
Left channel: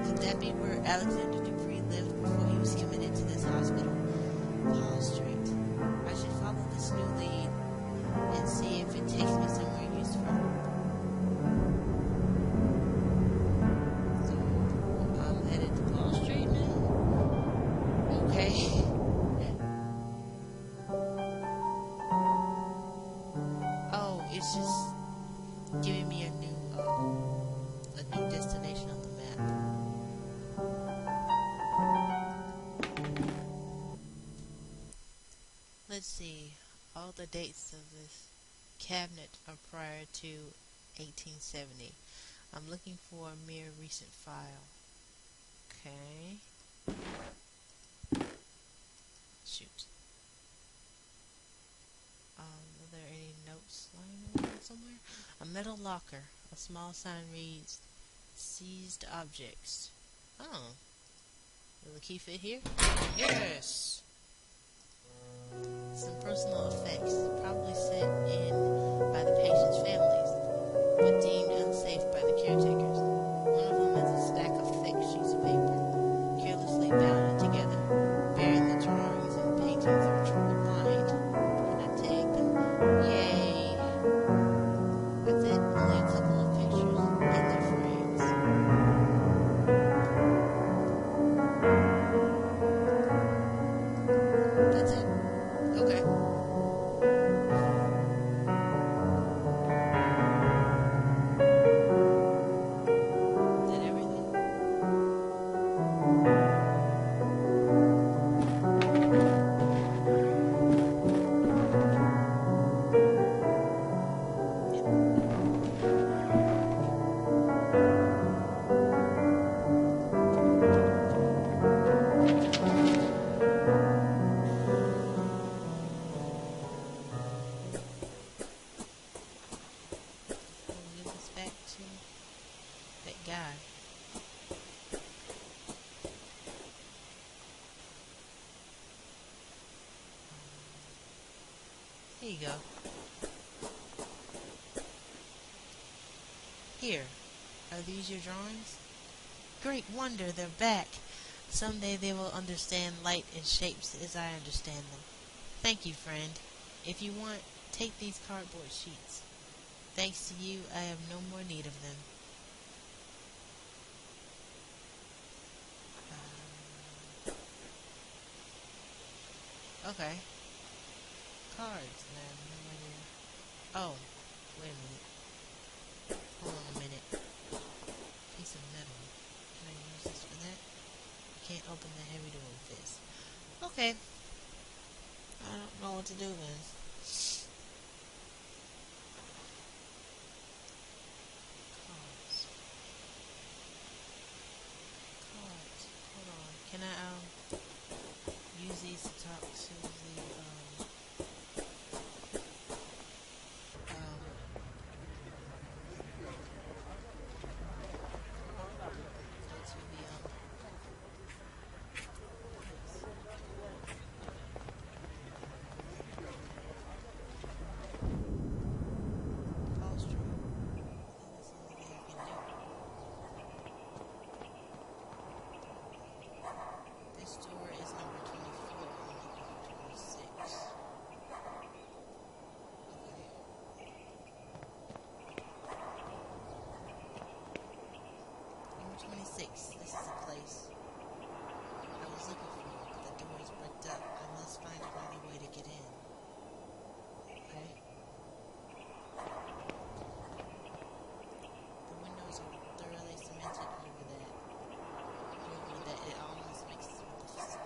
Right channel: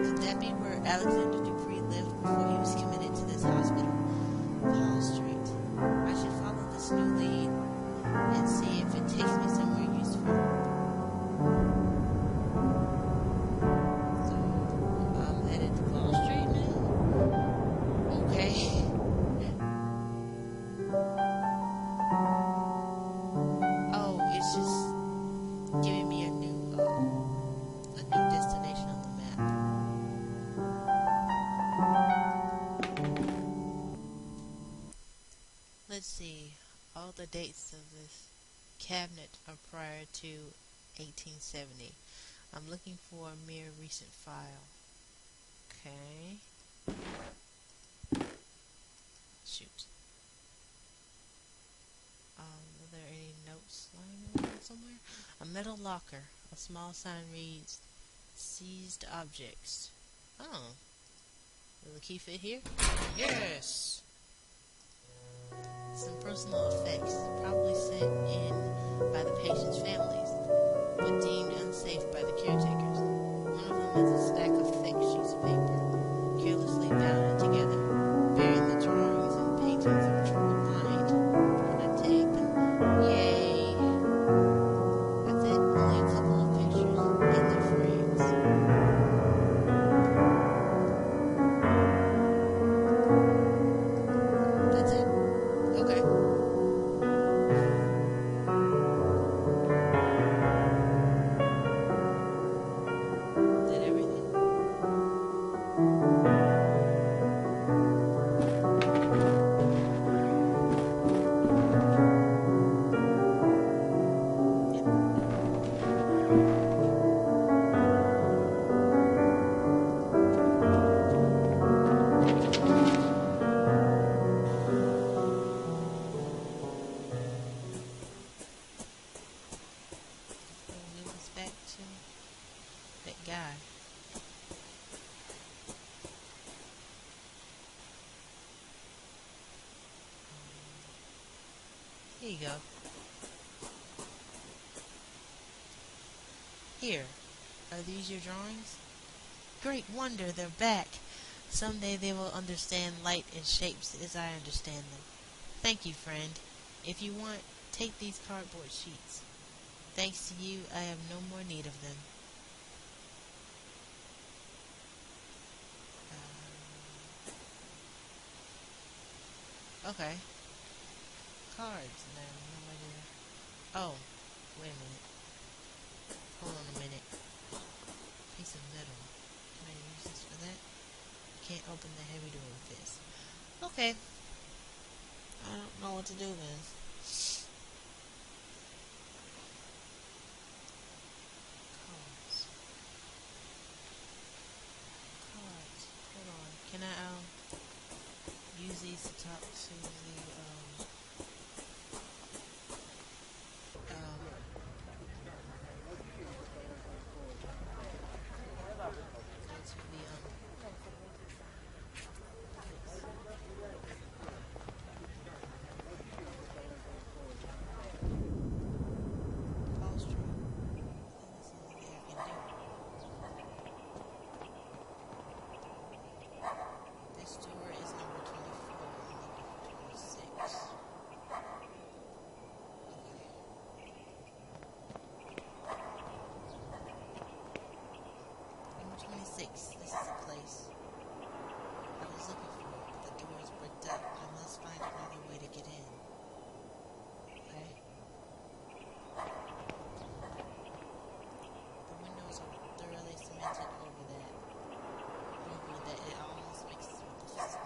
Could that be where Alexander Dupree lived before he was committed to this hospital? Paul Street. I should follow this new lead and see if it takes me somewhere useful. So, I'm headed to Paul Street now? Okay. Oh, it's just giving me a new destination on the map. Let's see. All the dates of this cabinet are prior to 1870. I'm looking for a mere recent file. Okay. Shoot. Are there any notes lying around somewhere? A metal locker. A small sign reads, "Seized objects." Oh. Will the key fit here? Yes! Some personal effects, probably sent in by the patient's families, but deemed unsafe by the caretakers. One of them is a stack of thick sheets of paper, carelessly bound together, bearing the drawings and paintings of a troubled mind. And I take them. Yay! That's it. Only a couple of pictures in their frames. That's it. Okay. Did everything? We'll give this back to that guy. Here you go. Here. Are these your drawings? Great wonder, they're back. Someday they will understand light and shapes as I understand them. Thank you, friend. If you want, take these cardboard sheets. Thanks to you, I have no more need of them. Okay. Cards, and I have no idea. Oh, wait a minute. Hold on a minute. Piece of metal. can't open the heavy door with this. Okay. I don't know what to do then. Cards. Cards. Hold on. Can I use these to talk to the um go to the upholstery? That's the only thing I can do. This door is number 24. I'm looking for 26. Okay. Number 26. This is a place I was looking for, but the door is bricked up. I must find another way to get in. Okay? The windows are thoroughly cemented over that it almost mixes with the facade.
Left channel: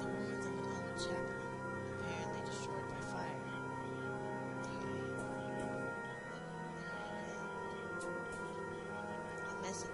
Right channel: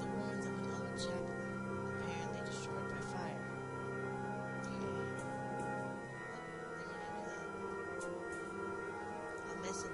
The ruins of an old chapel, apparently destroyed by fire. Okay. A mess of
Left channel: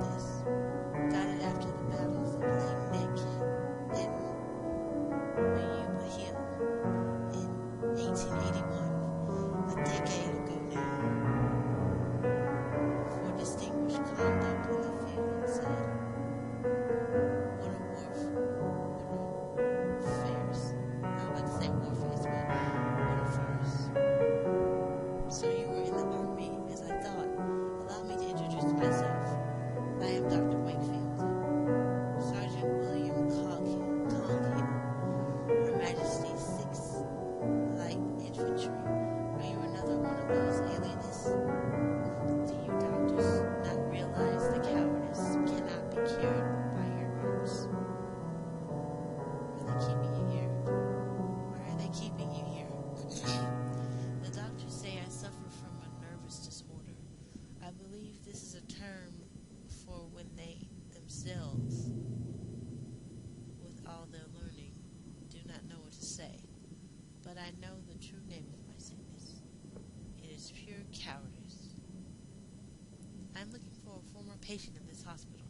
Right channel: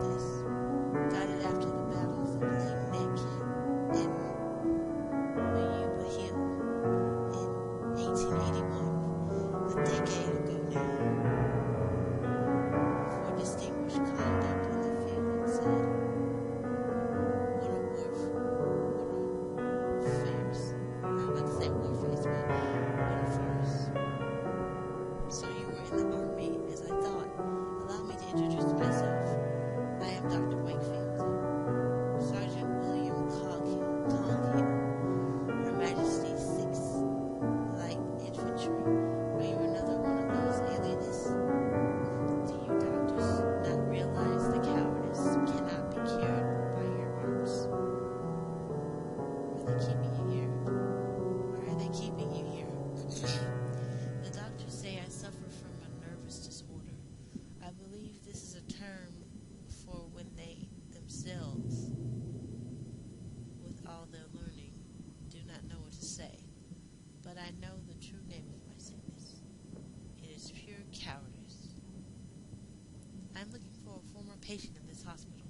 this. Got it after the Battle of the Lake Neck in Mayuba Hill in 1881, a decade ago now, for distinguished conduct in the field, it said. What a farce. I was about to say warface, but what a farce. So you were in the Army, as I thought. Allow me to introduce myself. I am Dr. Wakefield, Sergeant William Conghill, Her Majesty's 6th Light Infantry. Are you another one of those alienists? Do you doctors not realize the cowardice cannot be cured by your arms? Are they keeping you here? Why are they keeping you here? The doctors say I suffer from a nervous disorder. I believe this is a term for when they themselves, with all their learning, do not know what to say. But I know the true name of my sickness. It is pure cowardice. I'm looking for a former patient in this hospital.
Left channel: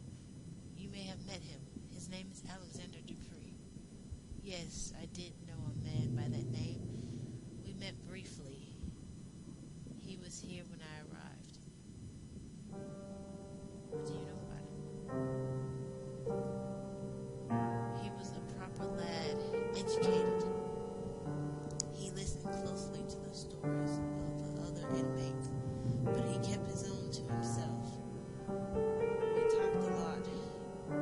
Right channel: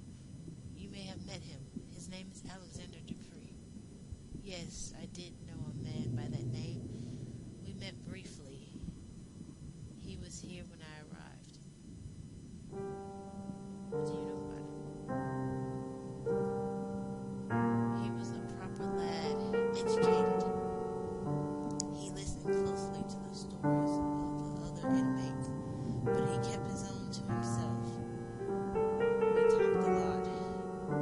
You may have met him. His name is Alexander Dupree. Yes, I did know a man by that name. We met briefly. He was here when I arrived. What do you know about him? He was a proper lad, educated. He listened closely to the stories of the other inmates, but he kept his own to himself. We talked a lot.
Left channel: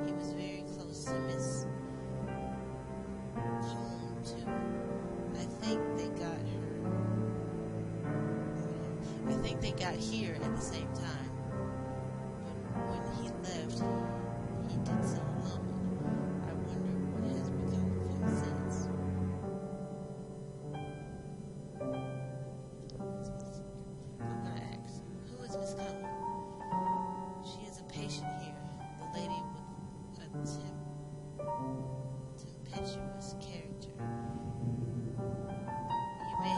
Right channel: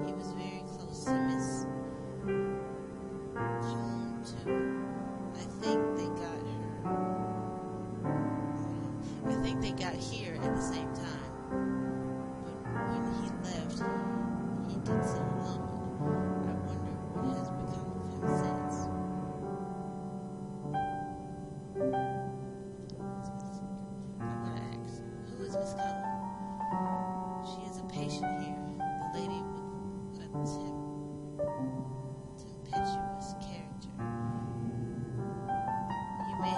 He was very close to Miss Cone, too. I think they got here at the same time. But when he left, he did so alone. I wonder what has become of him since. I'm gonna ask, who is Miss Cone? She is a patient here, the lady with a tempestuous character. You may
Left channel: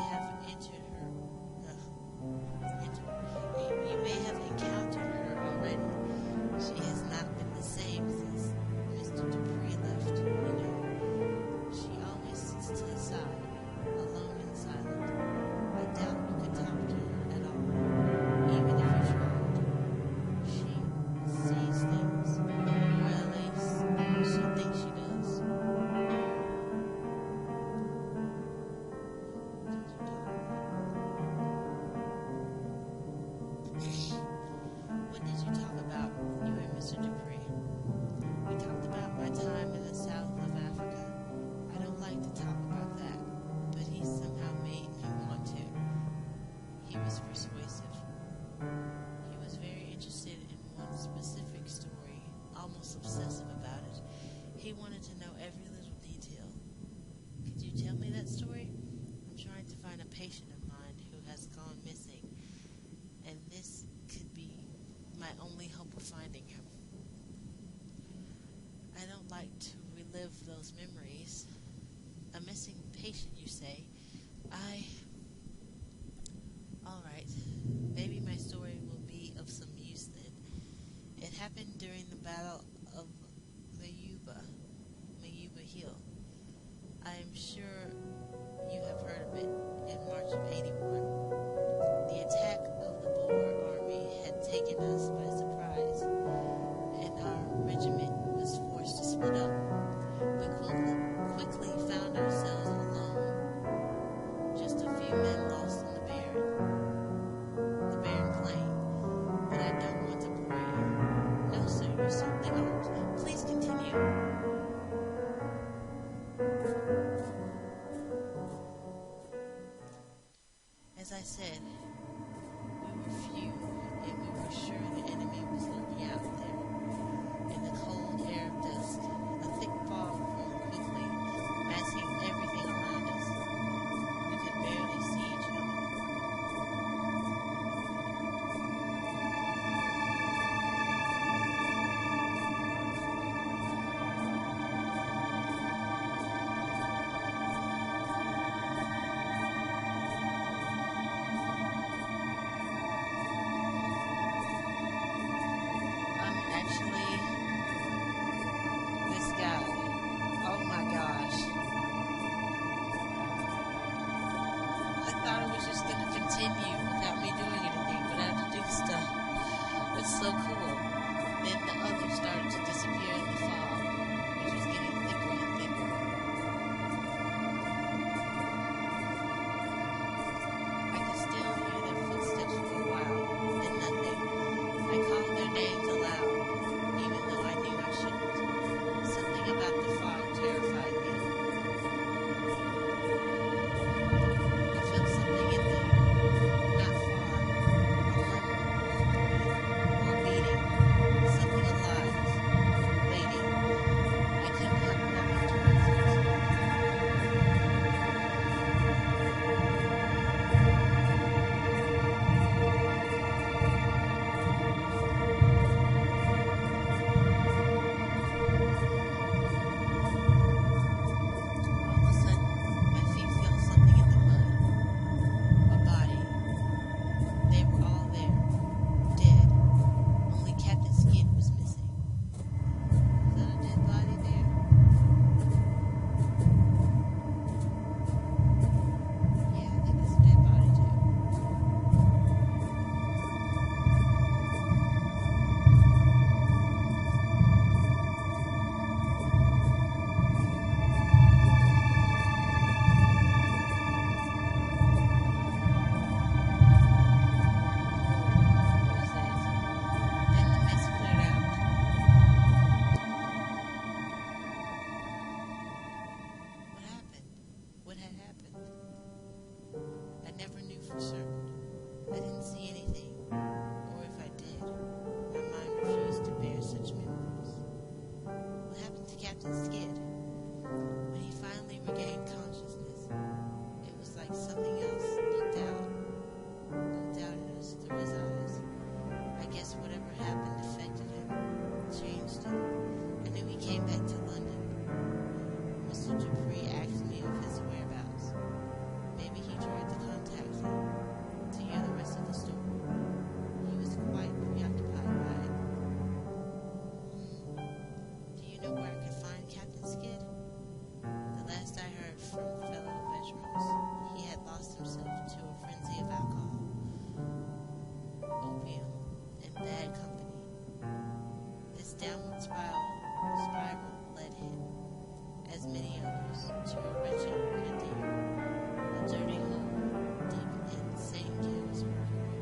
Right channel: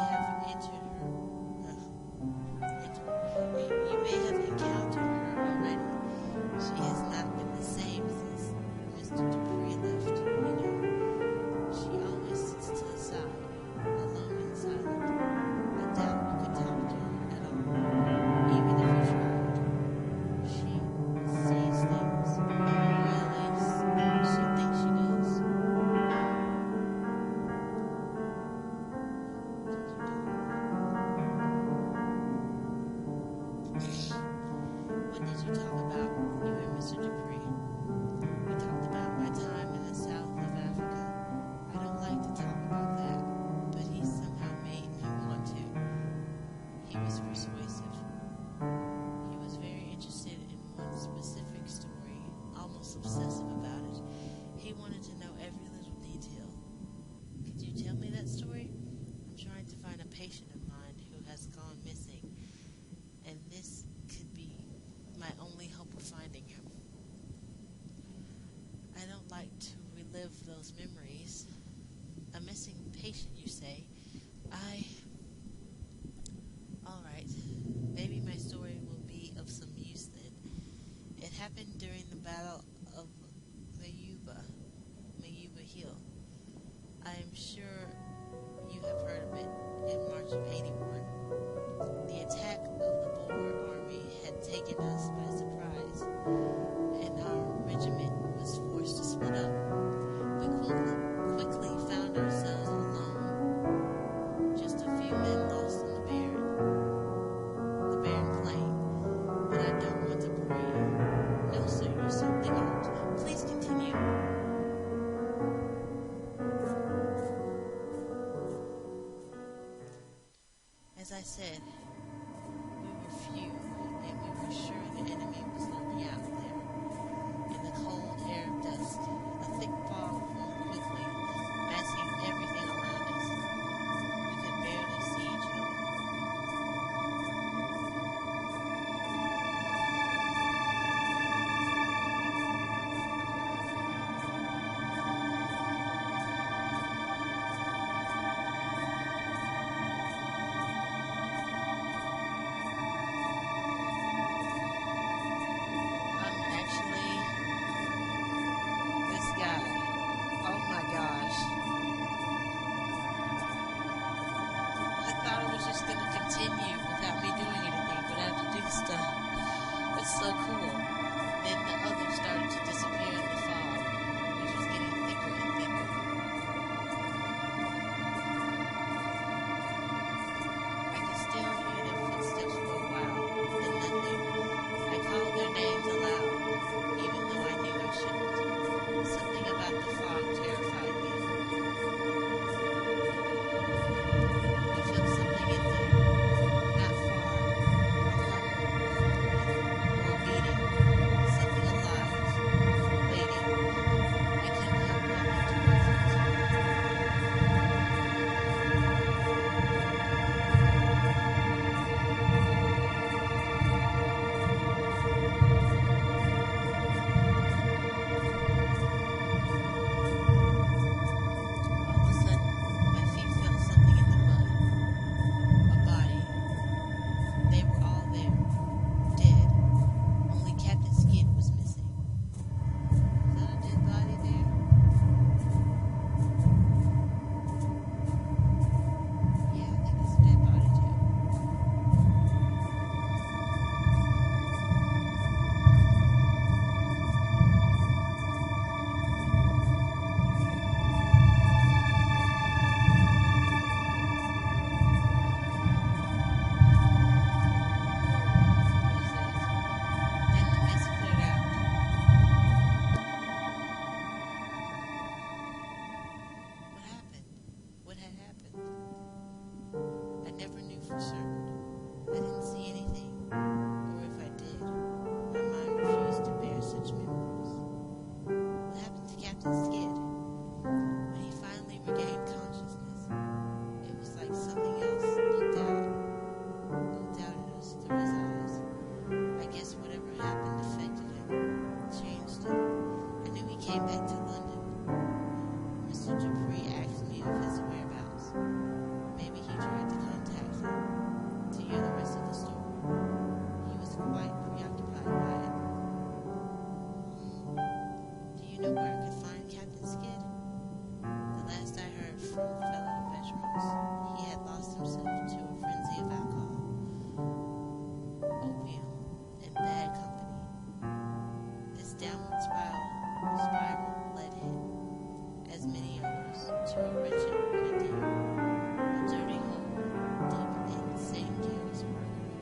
have encountered her already. She has not been the same since Mr. Dupree left, you know. She always sits to the side, alone and silent. I doubt you could talk to her at all, even if you tried. She sees things, or at least she thinks she does. What did you talk about, you and Mr. Dupree? We talked about my time in the south of Africa. I don't like to talk about that, but he somehow made me want to. He was persuasive. He was very interested in one specific story, almost obsessive about it. He wanted to know every little detail. Could you tell me that story? I'm trying to find a patient of mine who has gone missing, and this could be my only hope of finding him. I don't like to relive those memories. A missing patient, you say? Alright, maybe my story will be of some use then. It happened during the Battle of Mayuba Hill. I am sure you have heard of it in March of 81. The attack of the Boer army had taken us by surprise, and our regiment was forced to split up. We quickly found ourselves alone, just a few men lost in the barren plain. But I don't want to bore you. No, sir, you certainly aren't. Please continue. As I said, we were few, and we were sure the enemy was lurking out there. In the cold air of dusk, a thick fog formed quickly, masking everything around us. We could barely see each other. thought it was just going to continue without me doing anything, but I had to do stuff. It's so cool. Then the others started to disappear in the fog, which was getting thicker and thicker. I could still hear their footsteps for a while, then nothing. I called their names aloud, even though I knew I shouldn't. Something about the fog terrified me. I felt something in there, not far, a murmur or a beating, something alive, waiting. I couldn't help walking towards it. All of a sudden, my feet felt something in the mud. A body. They were all there, dead. Only Captain Skid was missing. Is that a dead body there? Yeah, I think it's a dead body too. What is that? Then the mist cleared out. What happened? What had happened? I never knew for certain. I didn't see anything, or if I did, my mind refused to bear such memories. What happened to Captain Skid? When he finally regained consciousness, it was like something else looked out at us through his eyes. I guess whatever happened affected him, changed him. I knew he came back to London. Mr. Dupree asked me of his whereabouts. Maybe he tried to contact him to hear the rest of the story. He was quite preoccupied by it. Do you know where I could find Captain Skid? The last I heard from fellow veterans, he had lost himself to a frenzy of alcohol, opium, and bad company. This downward spiral led him, as many others, to a wretched ordeal, a dirty hole deep in St. Giles's Mercury,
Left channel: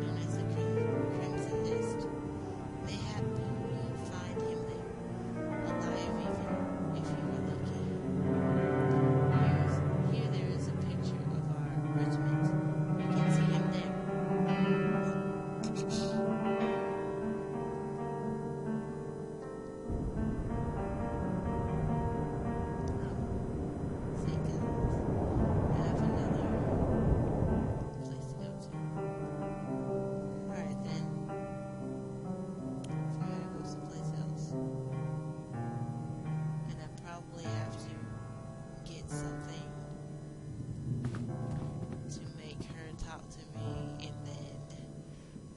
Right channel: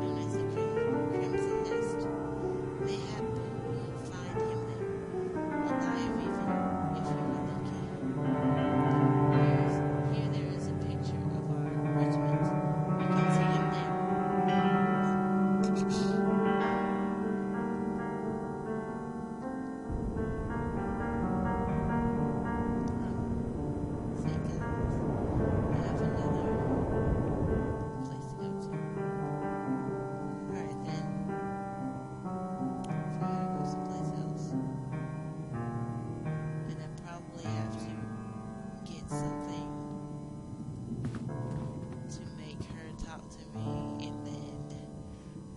known as the Crimson Nest. Mayhap you'll find him there, alive even if you are lucky. Here there is a picture of our regiment. You can see him there. Say guys, I have another place to go to. Alright then. So I gotta go someplace else. And I probably have to get something to make her talk to me, and then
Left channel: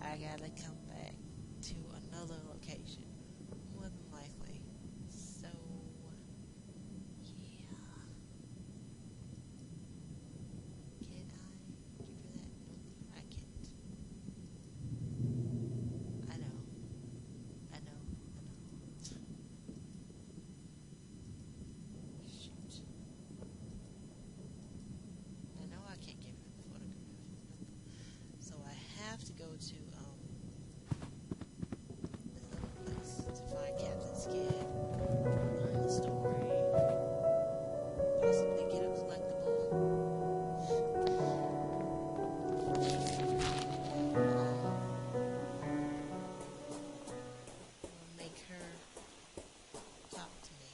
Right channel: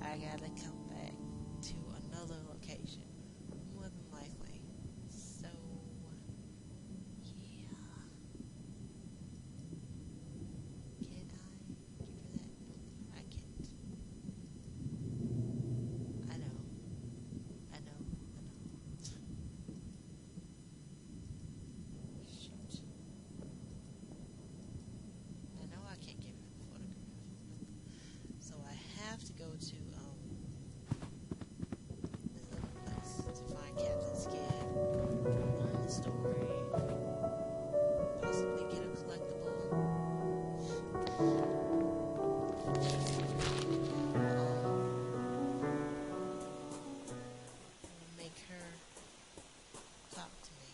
I gotta come back to another location, more than likely. So, yeah. Can I give her that? Nope, I can't. I know. Shoot. I know I can't give her the photograph. Nope. So I have to go to this other place to find Captain Skid, learn the story, possibly get a collectible. Make her talk to me.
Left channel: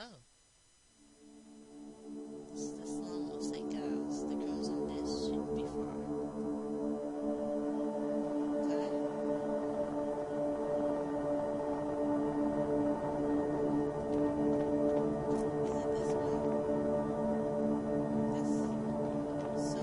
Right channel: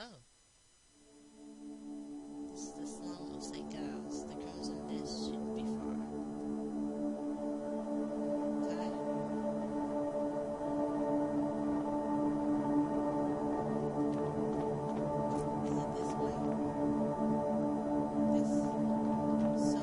Oh. This is the slum of St. Giles. The Crimson Nest shouldn't be far. Okay. Is it this way? This. So.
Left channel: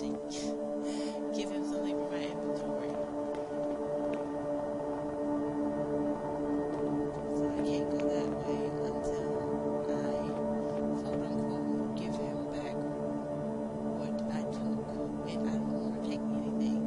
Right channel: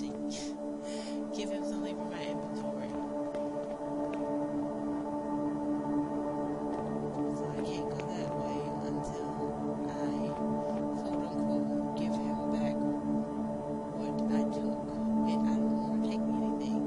had to give him something for my inventory. So I can't go that way until I, quote unquote, give him back what I took. And I don't want to take anything.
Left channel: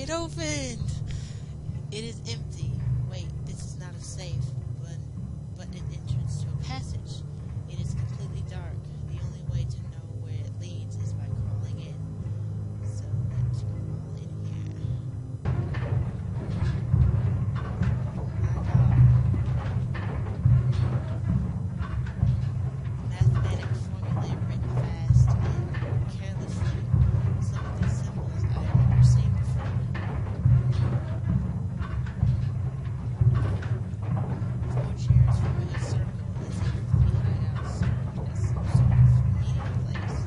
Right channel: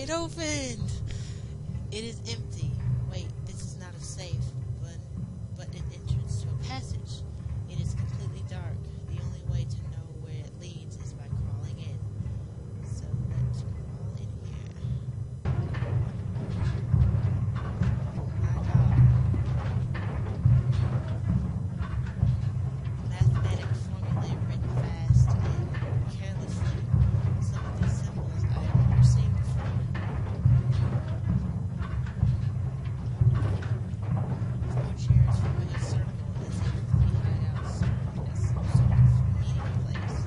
it opened! It is empty. Wait, this is not a safe, but an entrance to a passage. It is completely dark. The only way to know where it leads is by crawling in. So let's crawl in here. My God. Mathematic formulae written fast and carelessly. Some of these symbols I have never seen before. Four chairs forming a circle as if the hideout served as some sort of meeting place.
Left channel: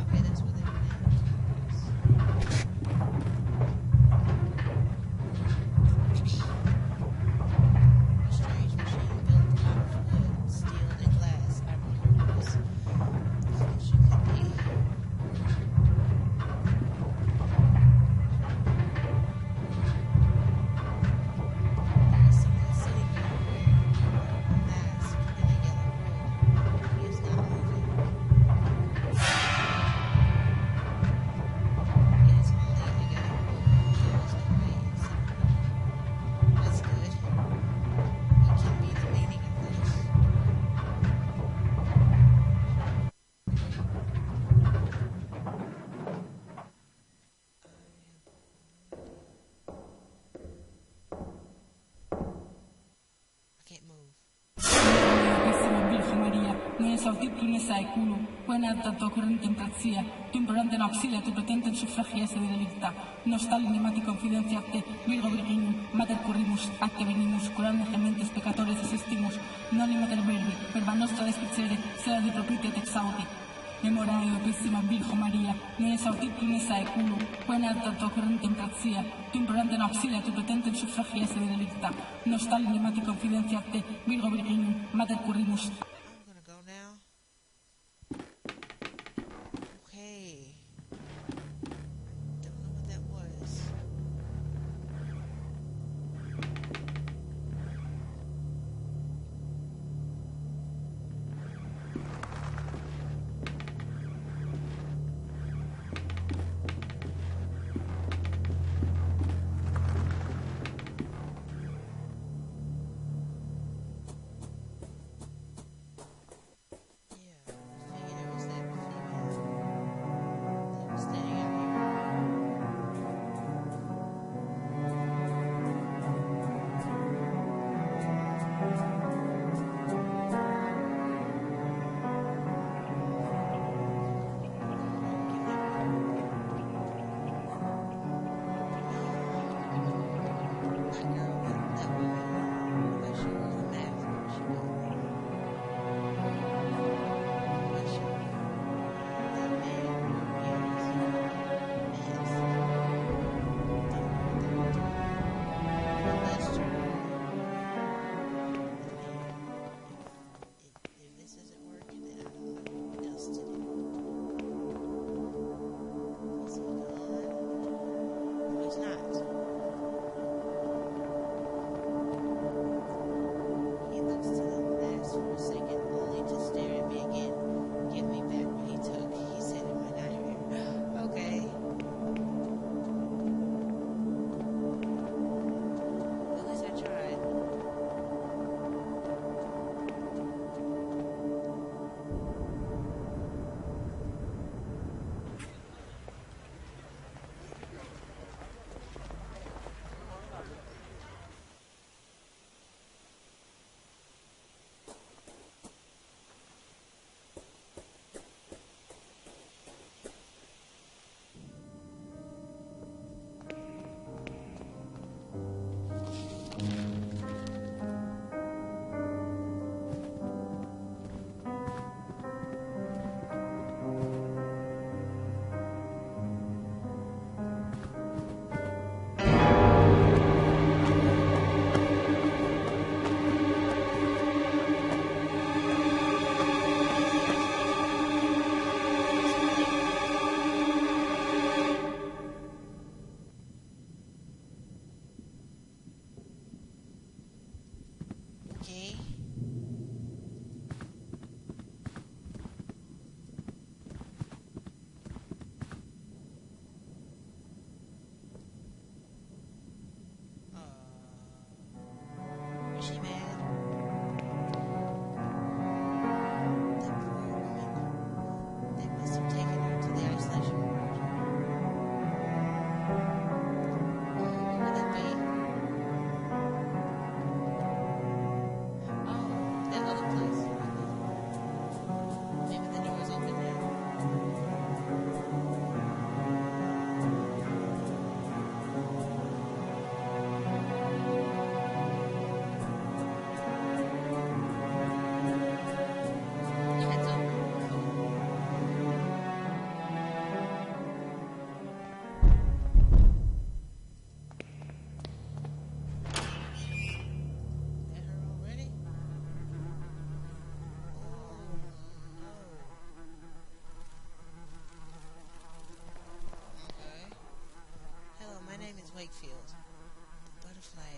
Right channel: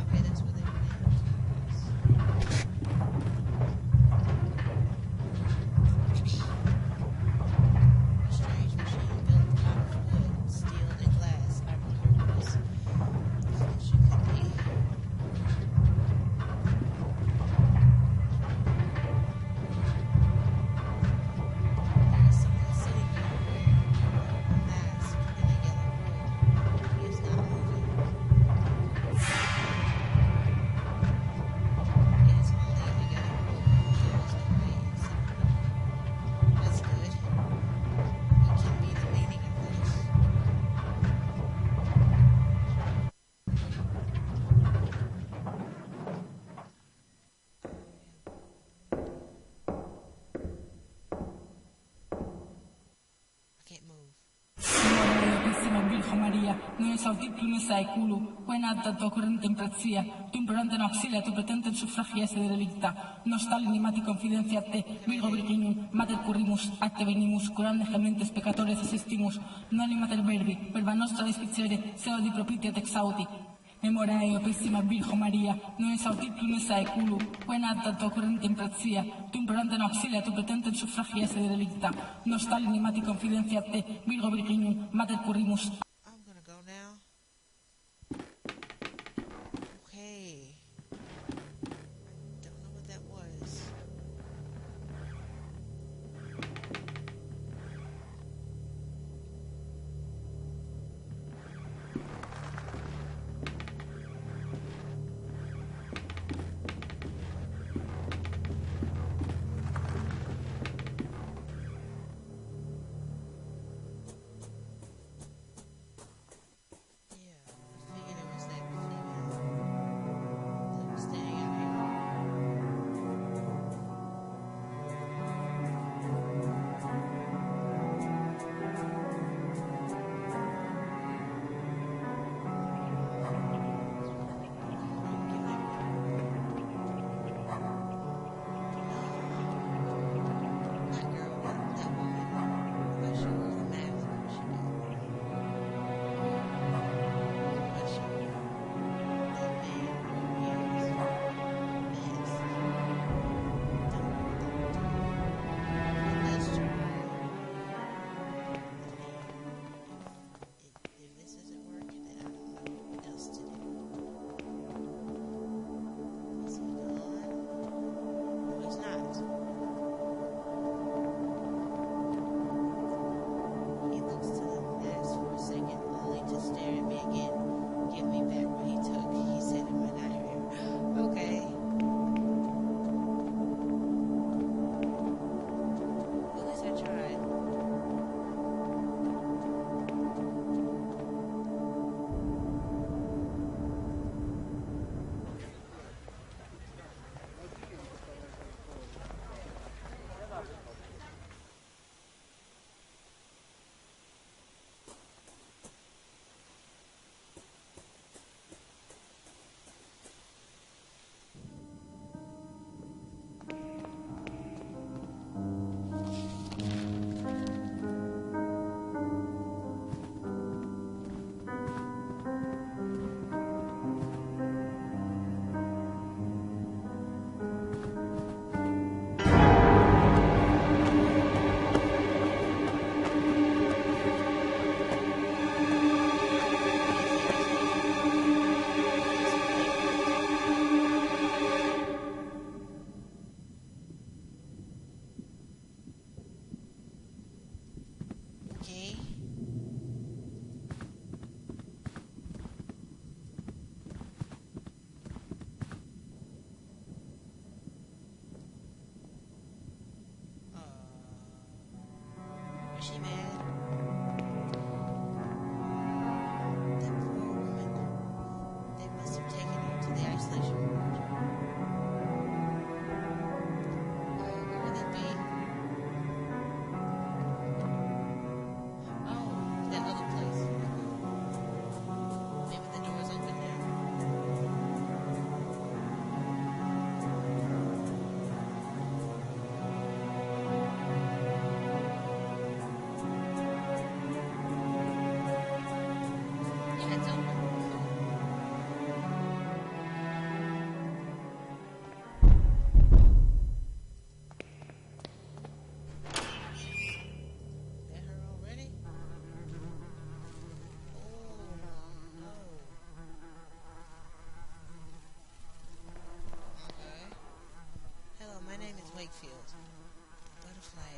Okay, that's where they went in. A strange machine built out of wood, steel, and glass. I wonder what this function could be. There is someone sitting there wearing a mask and a yellow robe. He is not moving. It is only a yellow robe. There is no way inside. That's good. What can be the meaning of this? I can't move. Carissima Virgo Maria, non esaudit plumes saeculu, quena tanto corrente in praxia, tu implorante en auxilia, tu pretente en sufragiese de delicta, nostal inimati confidenciate, Virgo Virginum, mater currimus, acte venimus, curande gementes peccatores assistimus, non mater verbi, verba nostra desficere, sea di propite et exaudi. Memorae, opissima Virgo Maria, non esaudit plumes saeculu, quena tanto corrente in praxia, tu implorante en auxilia, tu pretente en sufragiese de delicta, nostal inimati confidenciate, Virgo Virginum, mater currimus, I'm gonna go now. Okay. Don't know what that was.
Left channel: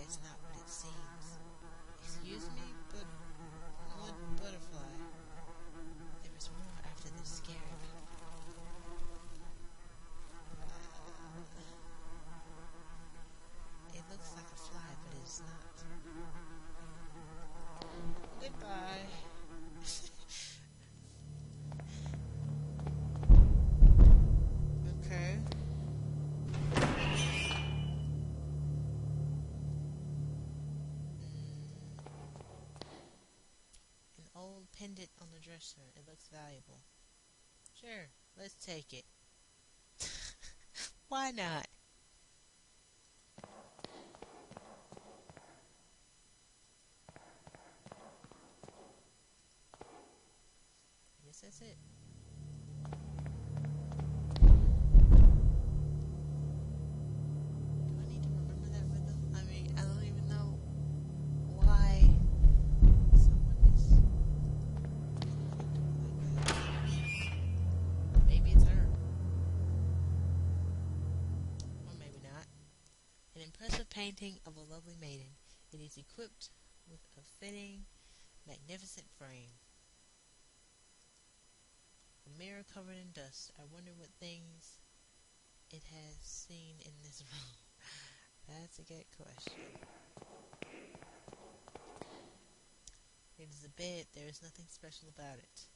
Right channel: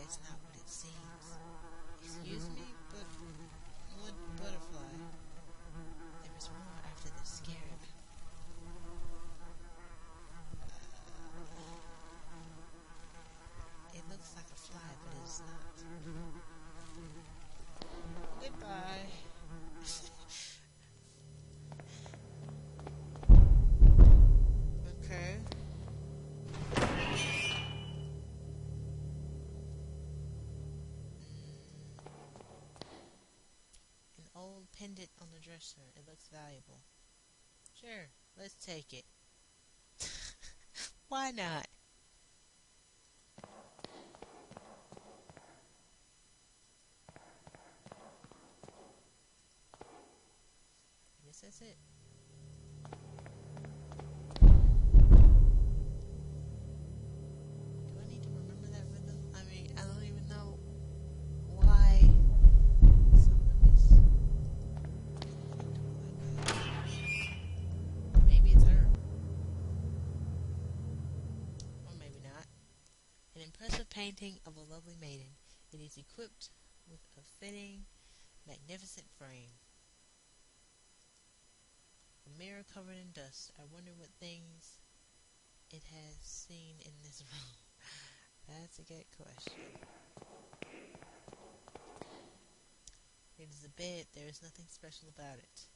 is not what it seems. Excuse me, but what butterfly? There is more after the scarab. It looks like a fly, but it is not. Goodbye. Okay. An old pendant on the dresser. It looks valuable. Sure, let's take it. Why not? I guess that's it. Do I need to remember that rhythm? I mean, I don't even know why someone is like that. Maybe it's her. Or maybe not. An impressive painting of a lovely maiden. It is equipped with a fitting, magnificent frame. A mirror covered in dust. I wonder what things it has seen in this room. That's a good question. It is a bed. There is nothing special about it.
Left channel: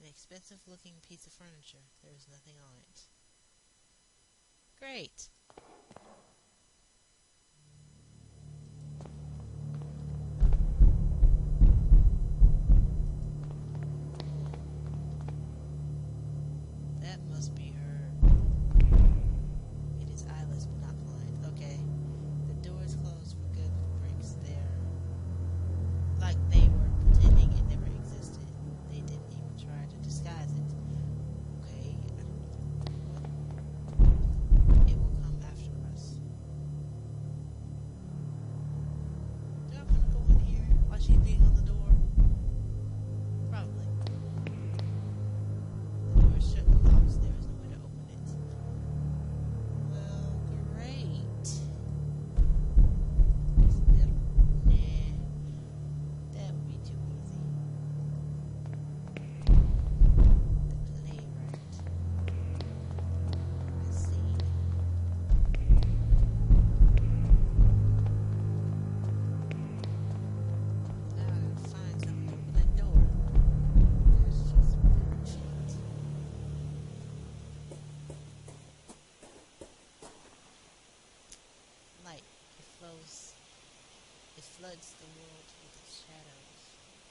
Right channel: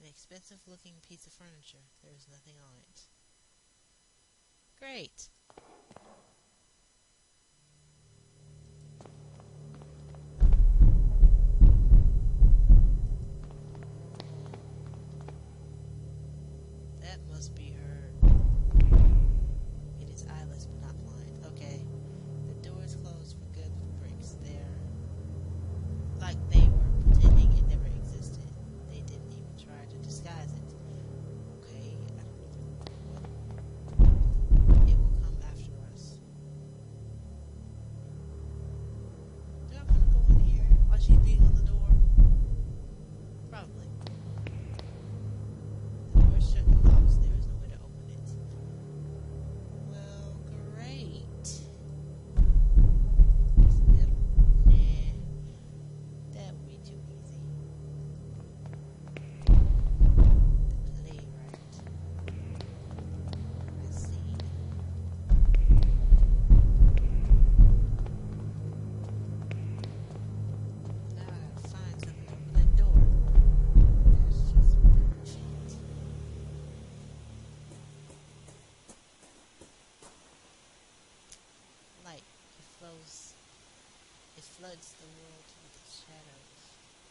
An expensive looking piece of furniture. There is nothing on it. Great. That must be her. It is eyeless but not blind. Okay. The door is closed for good with bricks. They're like they were pretending it never existed. They didn't even try to disguise it. Okay. It will come after us. Do I want to go in here while she's being on the door? Probably. The door is shut and locked. There is no way to open it. Well, great. Is that? Nah. That would be too easy. The playwright. I see. Now I gotta find something to open that door. That's just perfect. Light. It flows. It floods the world with its shadows.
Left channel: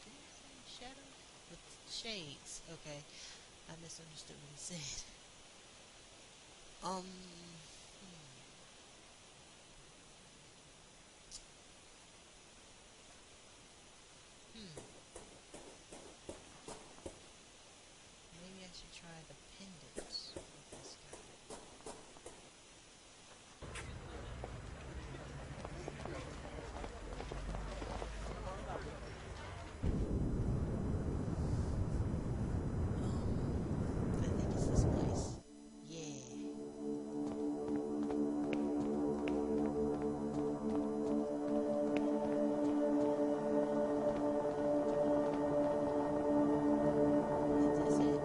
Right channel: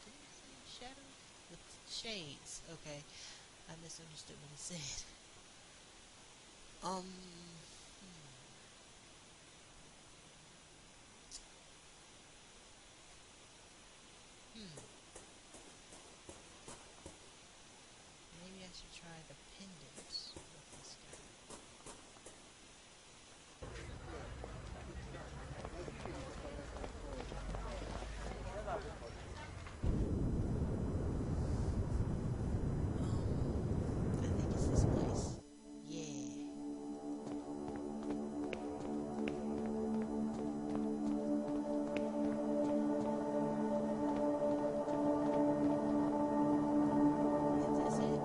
Did he say shadows? With shades. Okay. I misunderstood what he said. Hmm. Maybe I should try the pendant with this guy. I think it's this place. Yeah. Is this it?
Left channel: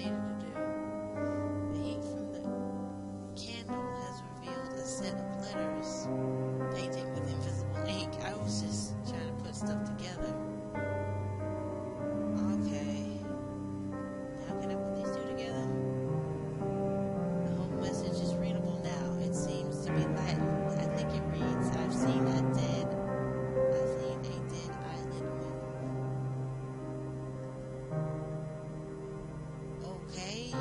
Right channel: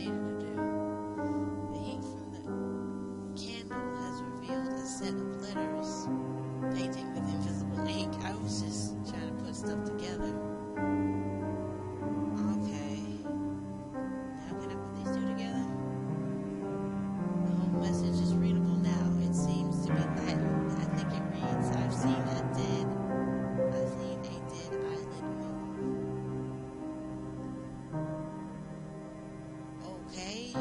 needed to do. The heat from the candle has revealed a set of letters painted with invisible ink. I was just trying to put stuff together. Okay. Now can I put these two together? The whole message is readable now. It seems to be Latin. I think it reads, I've seen a dead eyelid move. Okay.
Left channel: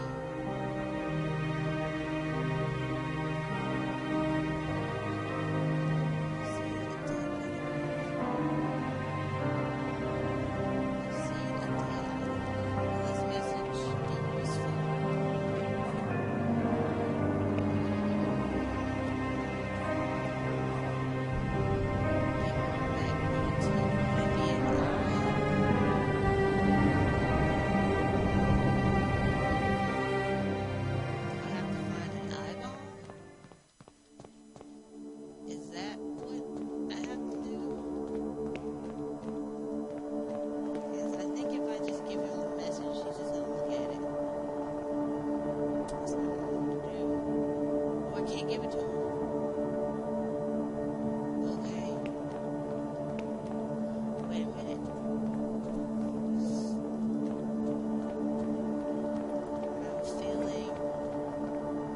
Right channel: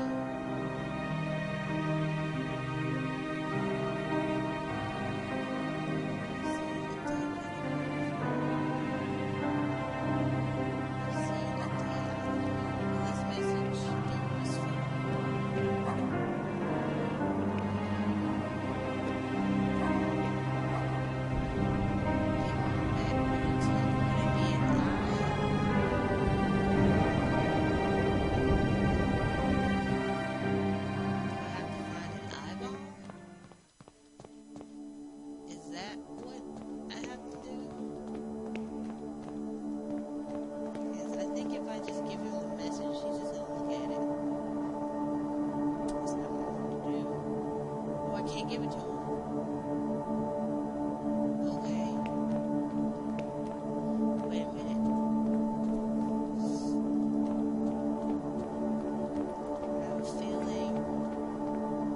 Give it to him. Okay. Wait a minute. I have a feeling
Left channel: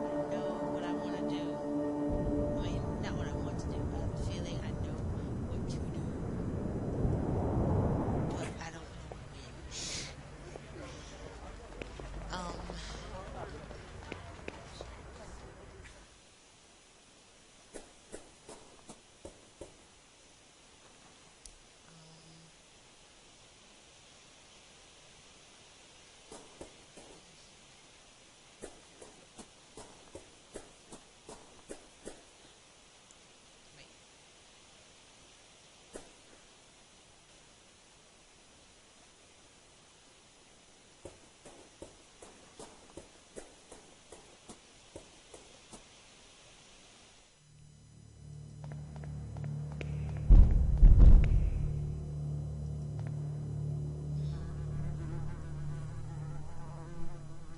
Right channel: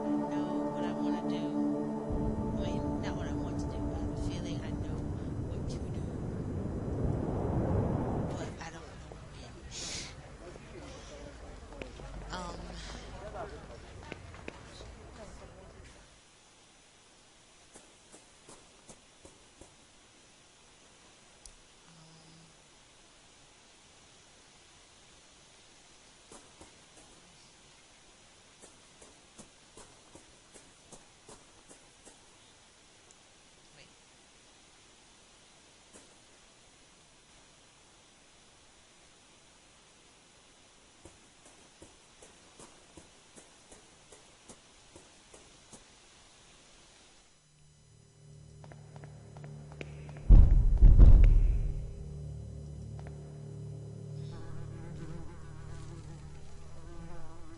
I know what I want to do. I mean, not what I want to do, but I have a feeling I know what to do. But I don't know when.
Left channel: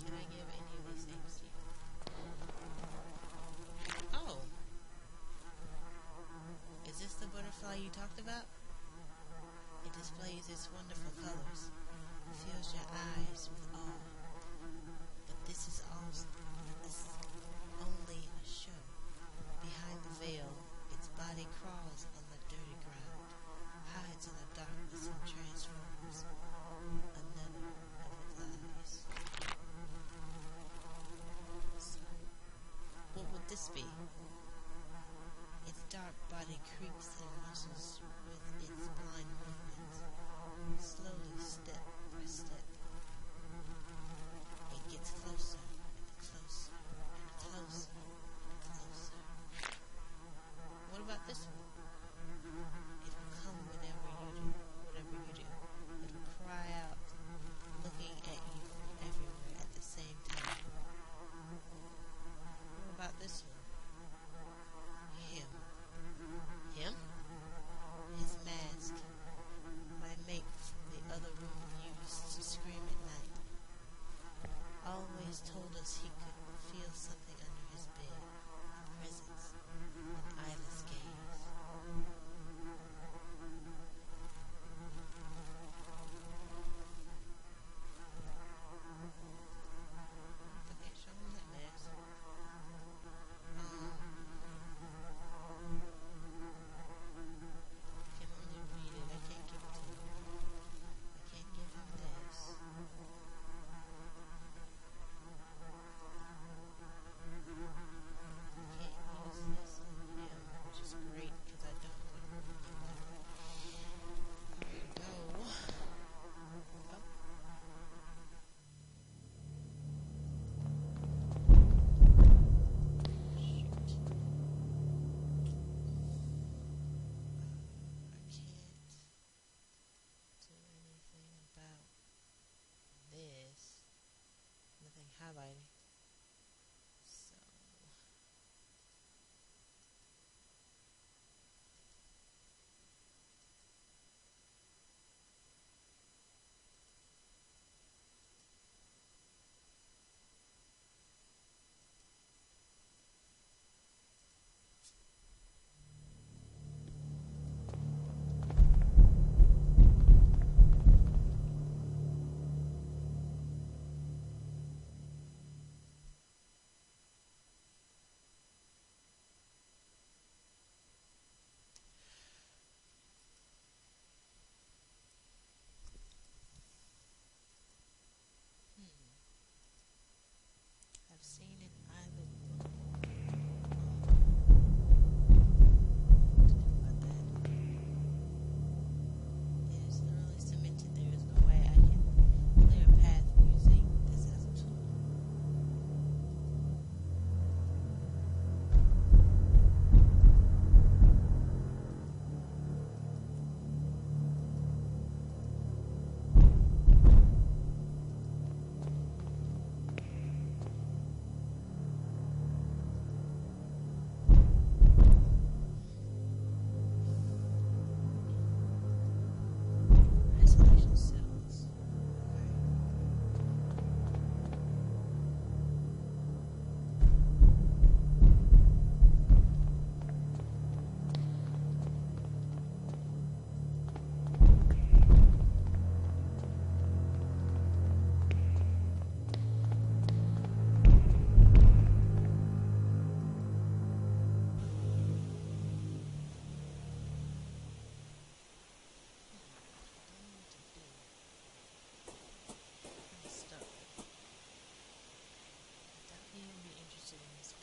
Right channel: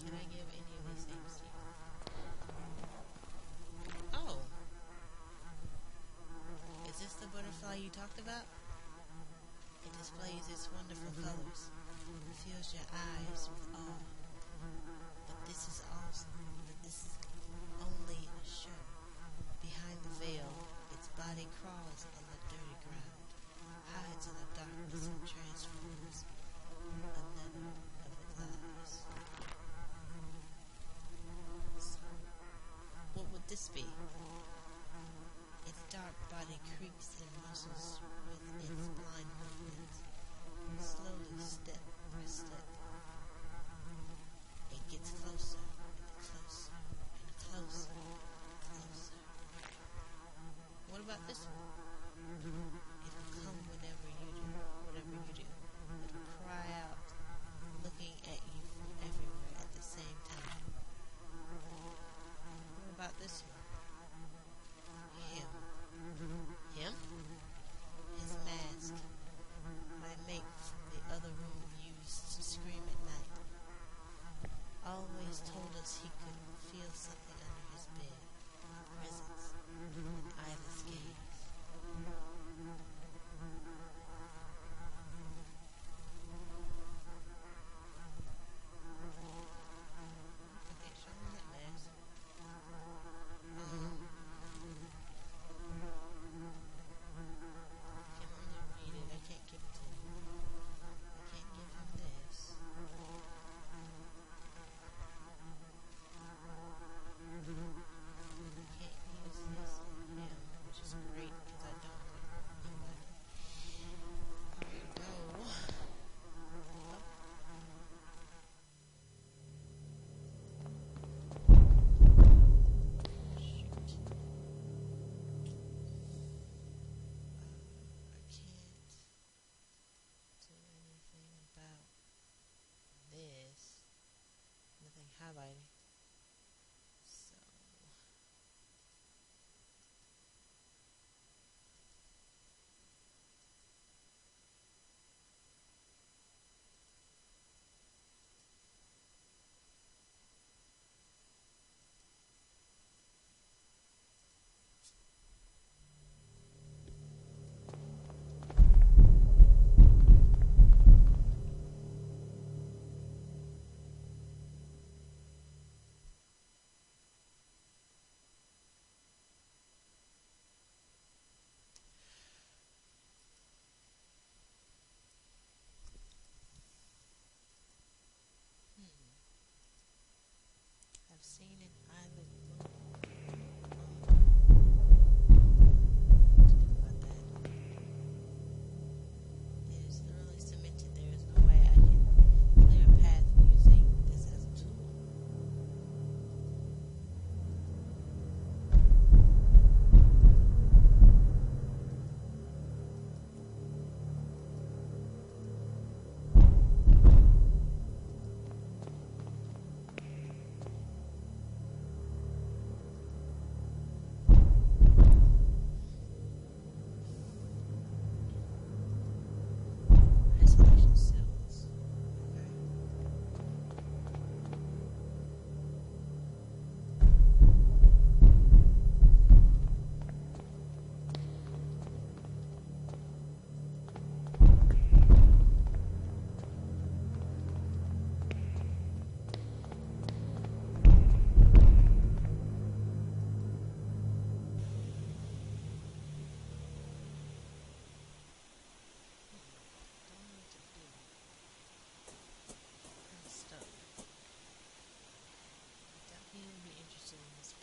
Can I give any of these things to you? Oh. Is this the butterfly you talked about? It displays its wonderful colors, fills your eyes with awe. But this is only a show. Behind the veil, its body crawls on the dirty ground, hides in the darkness and transforms another of its eyes. So, what would this be? Its dark body creaks and muscles with its blind movements, slowly step by step. It gets closer and closer and closer and closer. What about this one? It will come whenever you do, whatever you do. It will cry out, looking at you from everywhere at the same time. What about this one? Him. Him? His mask. My mate from the other room used to scream at night. Always told us he could feel something under his bed. Presence. An eyeless gaze. Okay, show me that mask. Can only read it. I can't give it to him. I can't give him this. Can't use this on him, which is great because I don't want to hurt anybody. Go. Oh. Shoot. I can't do anything about this. Nothing highlighting. So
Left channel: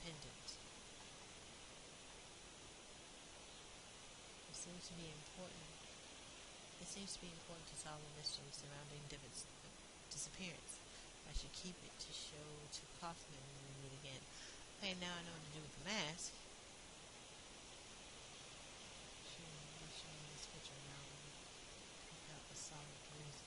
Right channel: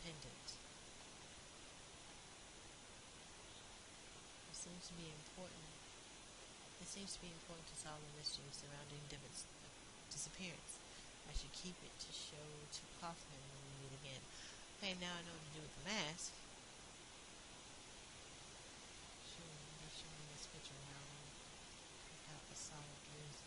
pendant. It seems to be important. It seems to be important to solve the mystery surrounding Divott's disappearance. I should keep it to show to Kaufman when we meet again. Okay, now I know what to do with the mask. Sure, they're showing this picture now without a solid reason.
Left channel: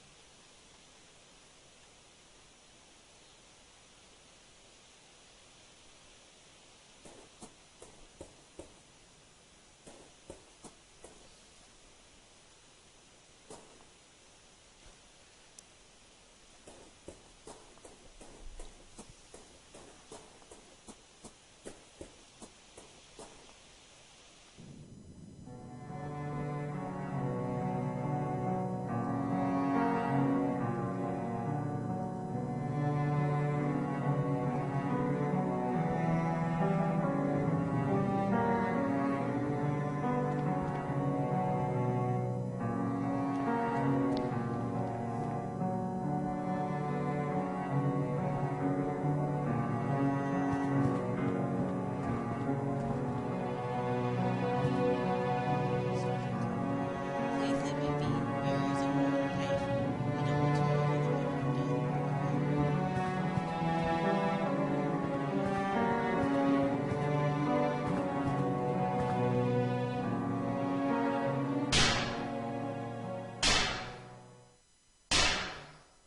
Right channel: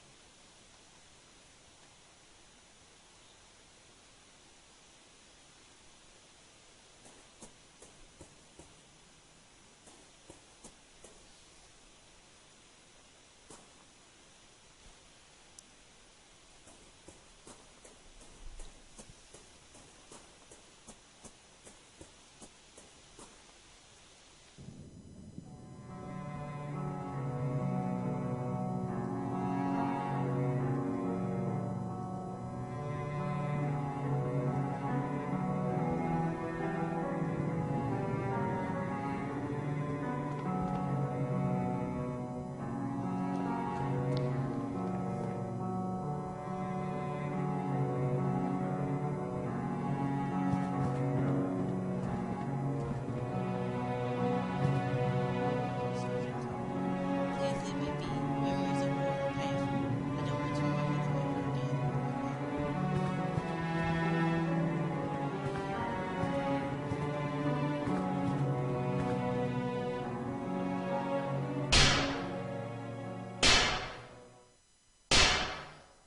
Please let me be. Memories of war are painful. I don't want to remember them ever again.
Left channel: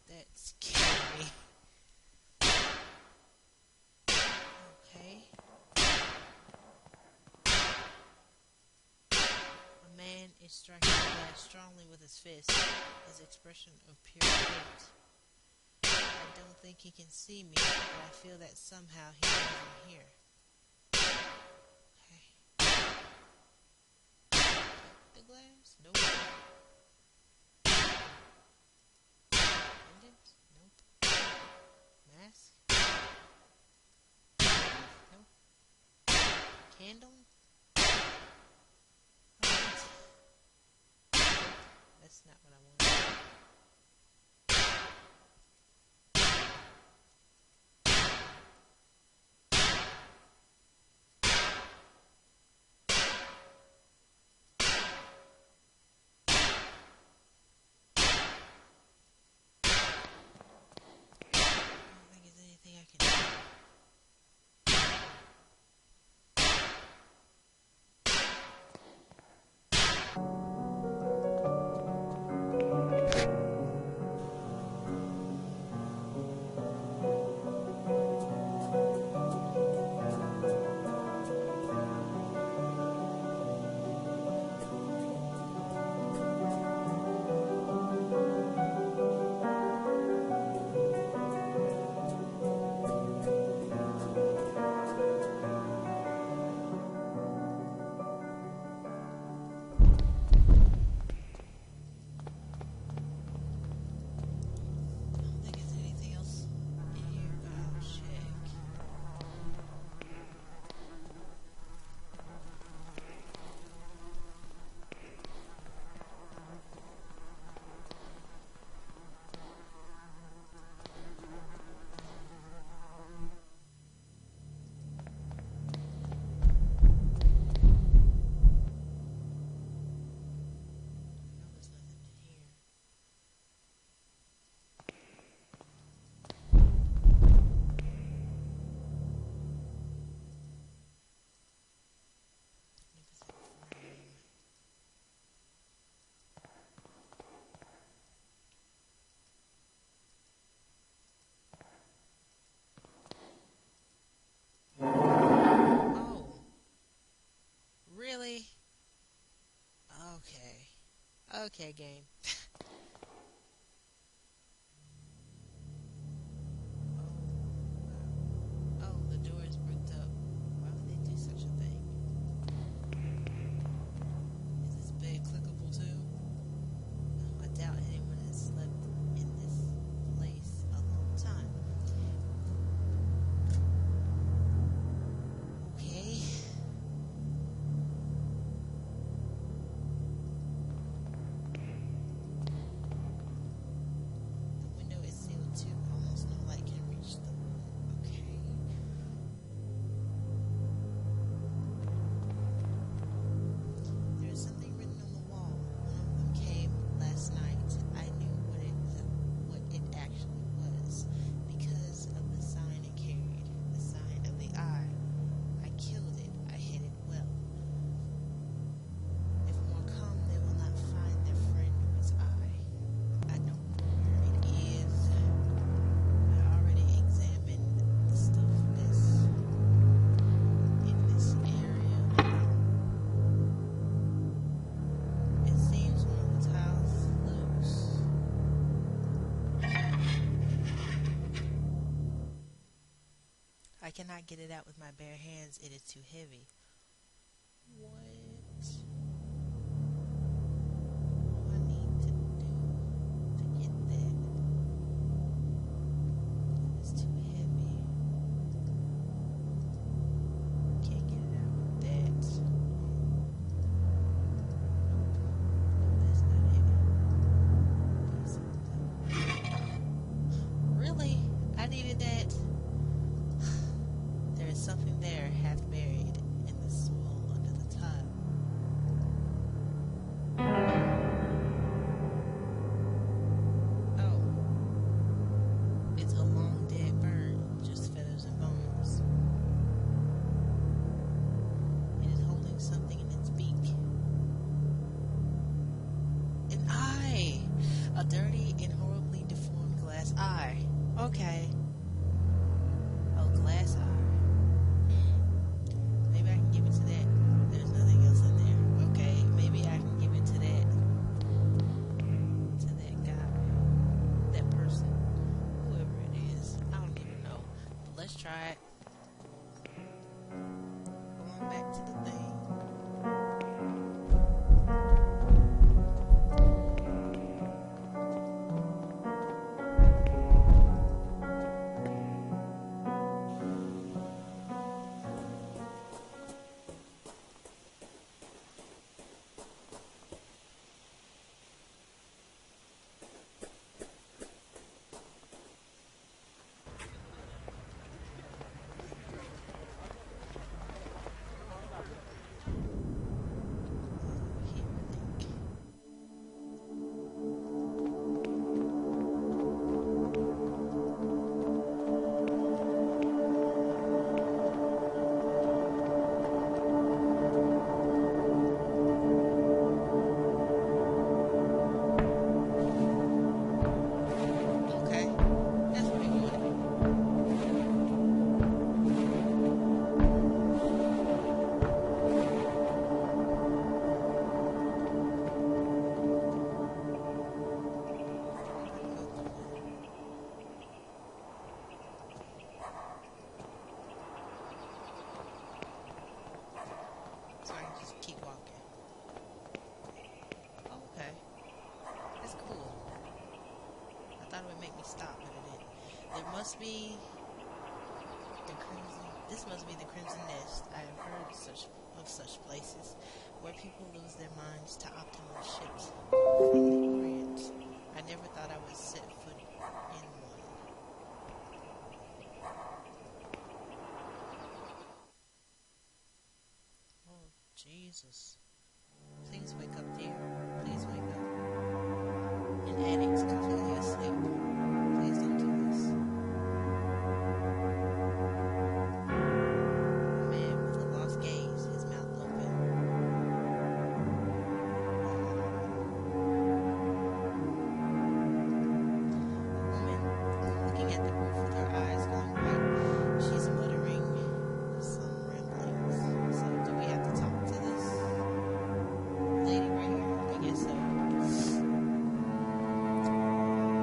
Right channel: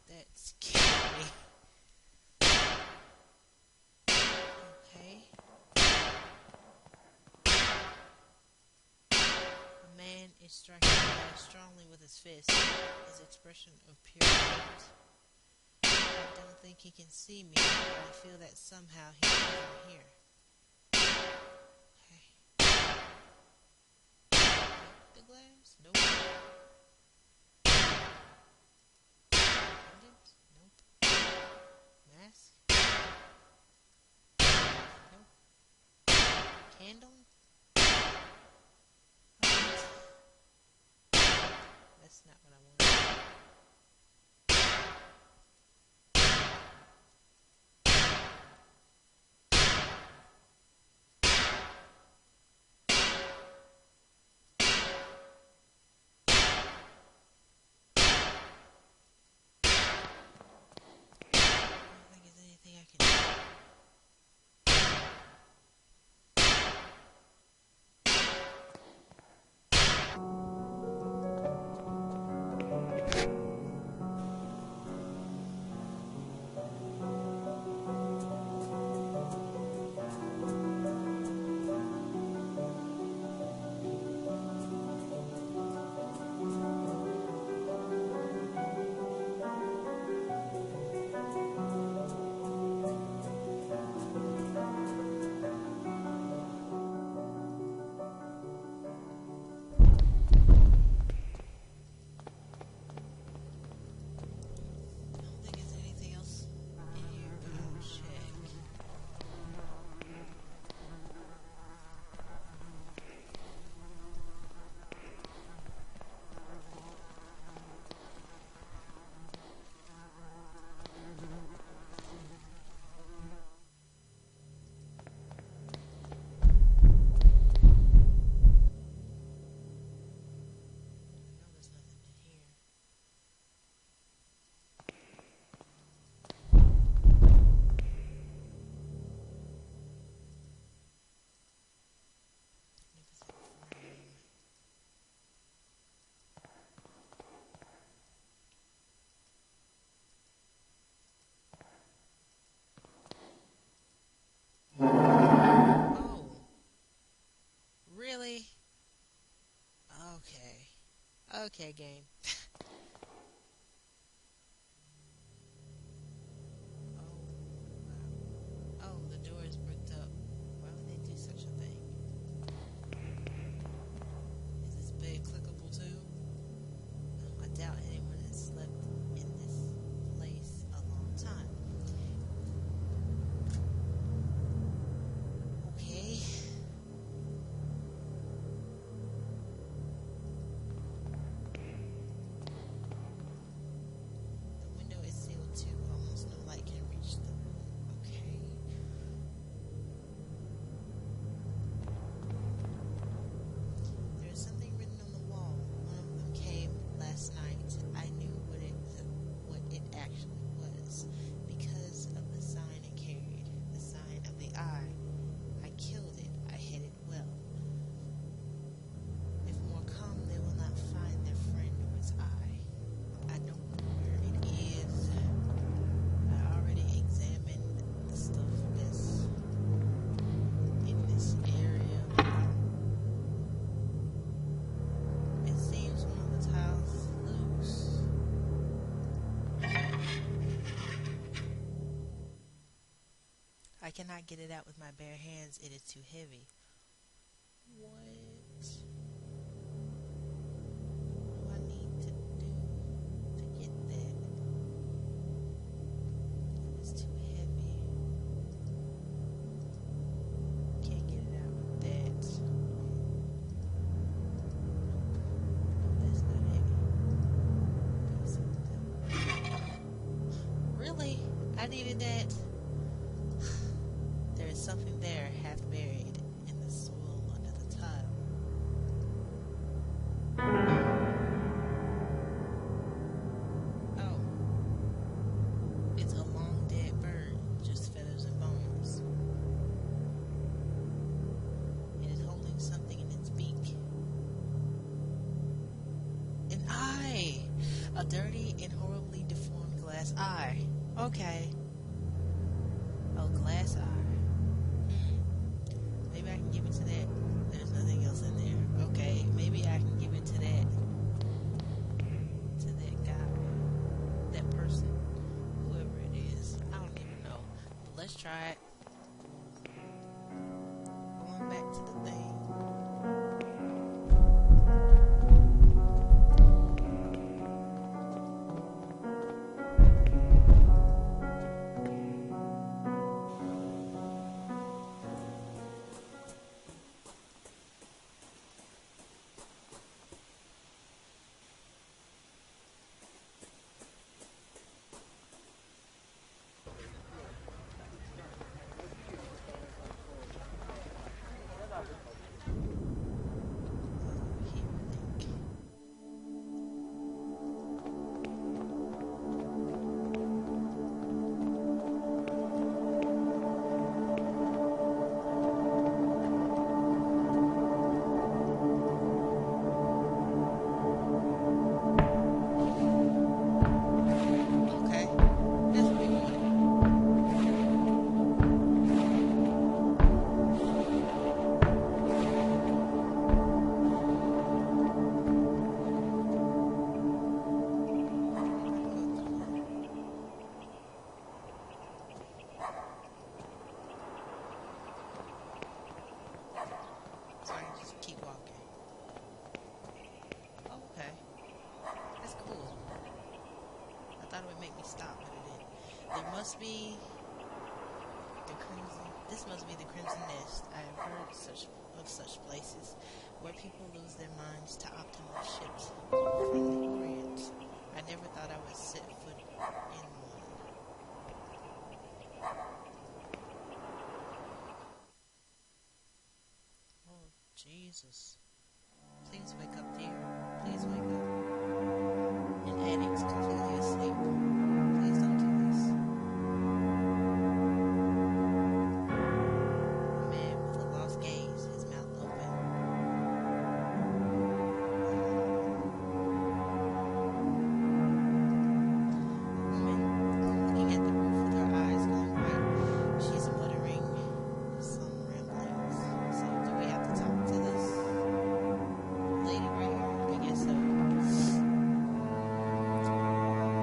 That scared me. Okay. A man is striking the glass strongly with his fist, his expression of pure hate. I don't think he can see me, but I feel that somehow he knows I'm here. Okay. The glass? Nope. Pendant? Nope. Mask? Nope. Candle? Alright. That's not what I want. I don't think there's anything I can do. I don't think there's anything else in here, but I'll check. No, there's nothing in here. Magnificent frame. Oh, really? Okay. Okay, game. Oh, wow. Oh, the door is bricked up. Why would they do such a thing? Is this bed clickable too? I doubt anyone has slept in this place a long time. Okay. I cannot get it out with my bare hands. It is too heavy. What do I need to do to get that? It's too heavy. Can't get it out with that. Nope. No, that's not it. Really? I needed that? There is something there half buried in the soil under the tile. Oh. It's a long dead bird, just feathers and bones. It is holding something in its beak. An eye! A dirty and horribly deformed glass eye. Okay. Oh, glass eye. Maybe I can give it to that. There's nothing else in there. Okay, maybe I can give it to that guy. That person. Whoever it is. I don't even know. But let's try it. Going back to the thing. So I can just keep walking. Oh, okay. That's cool. I thought it would make me stop, but it didn't. There must be the Crimson... This must be the Crimson Nest. I have heard of such places where people lose their minds to optimal ships from the Orient. I never thought I would set foot in one. Oh, Jesus. Please wake up, dear. Please wake up. An addict completely asleep. Please don't do this. A man with a lost gaze, his mouth open. A woman looking at the roof with her eyes going white. She's muttering some ramblings. So, do we have to talk to this lady right here? I guess so.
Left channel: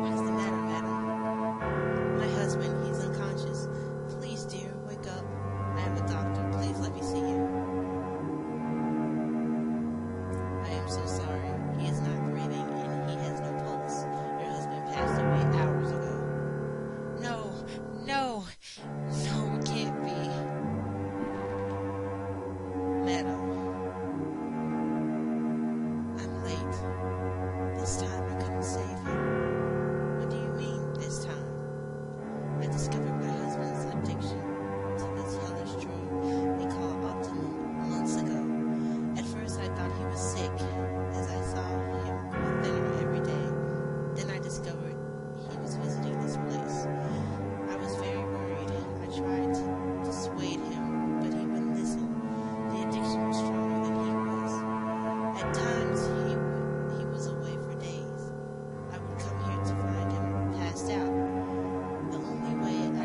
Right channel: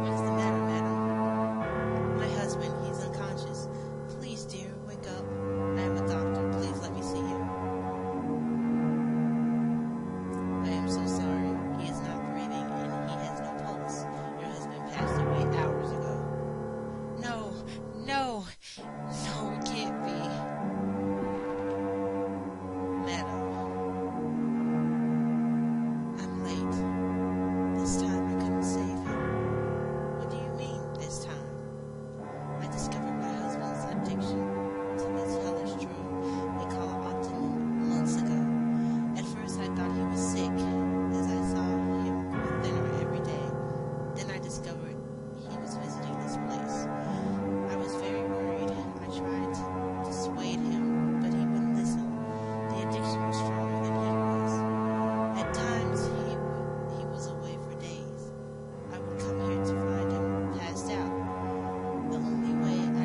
What is the matter, madam? My husband, he's unconscious. Please, dear, wake up. I am a doctor. Please let me see him. I am so sorry. He is not breathing and he has no pulse. Your husband passed away hours ago. No, no, no, it can't be. Madam, I'm late. This time I couldn't save him. What do you mean, this time? I discovered my husband's addiction to this hellish drug they call Optimum months ago. At first I thought he was sick, as I saw him grow thinner every day. Then I discovered he was visiting this place. I was very worried. I tried to dissuade him, but he wouldn't listen. The addiction was stronger than he was. At times he was away for days. I would come here to find him passed out. The only way I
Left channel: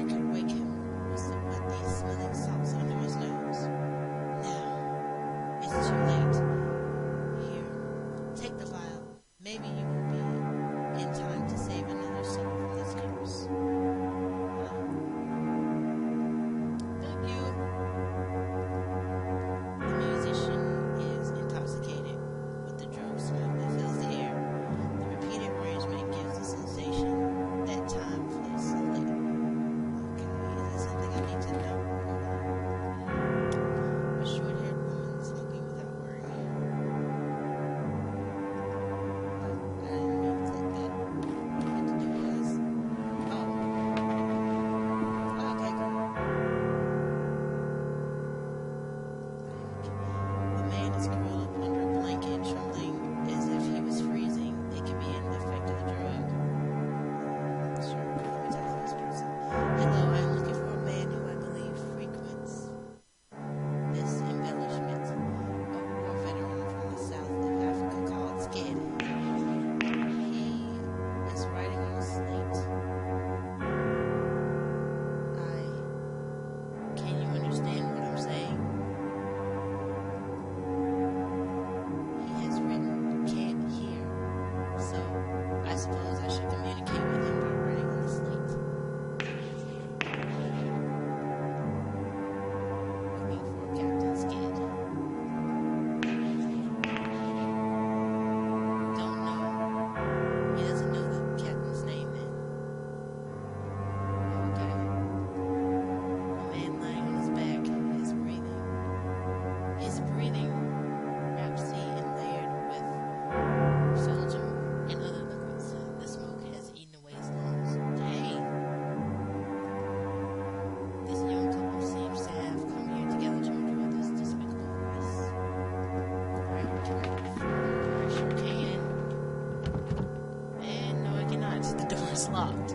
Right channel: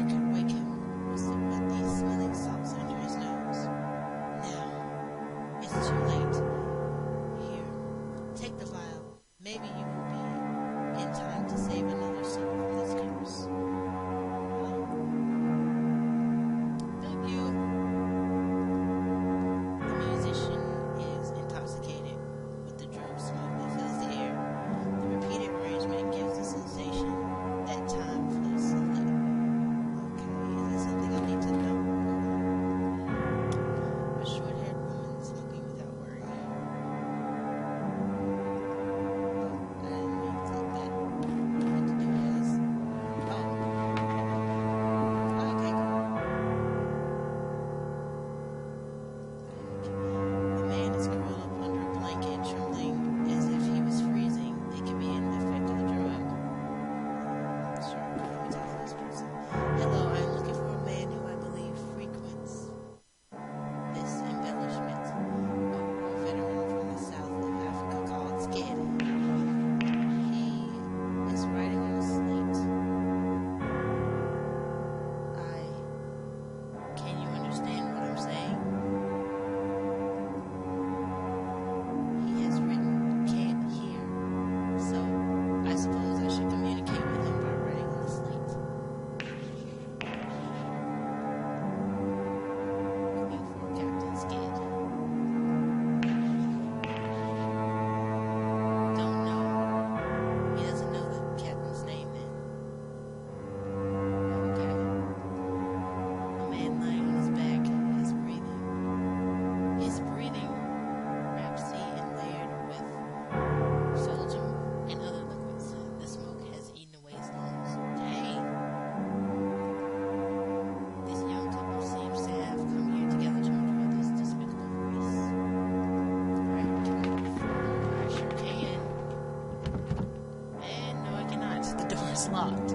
It's locked.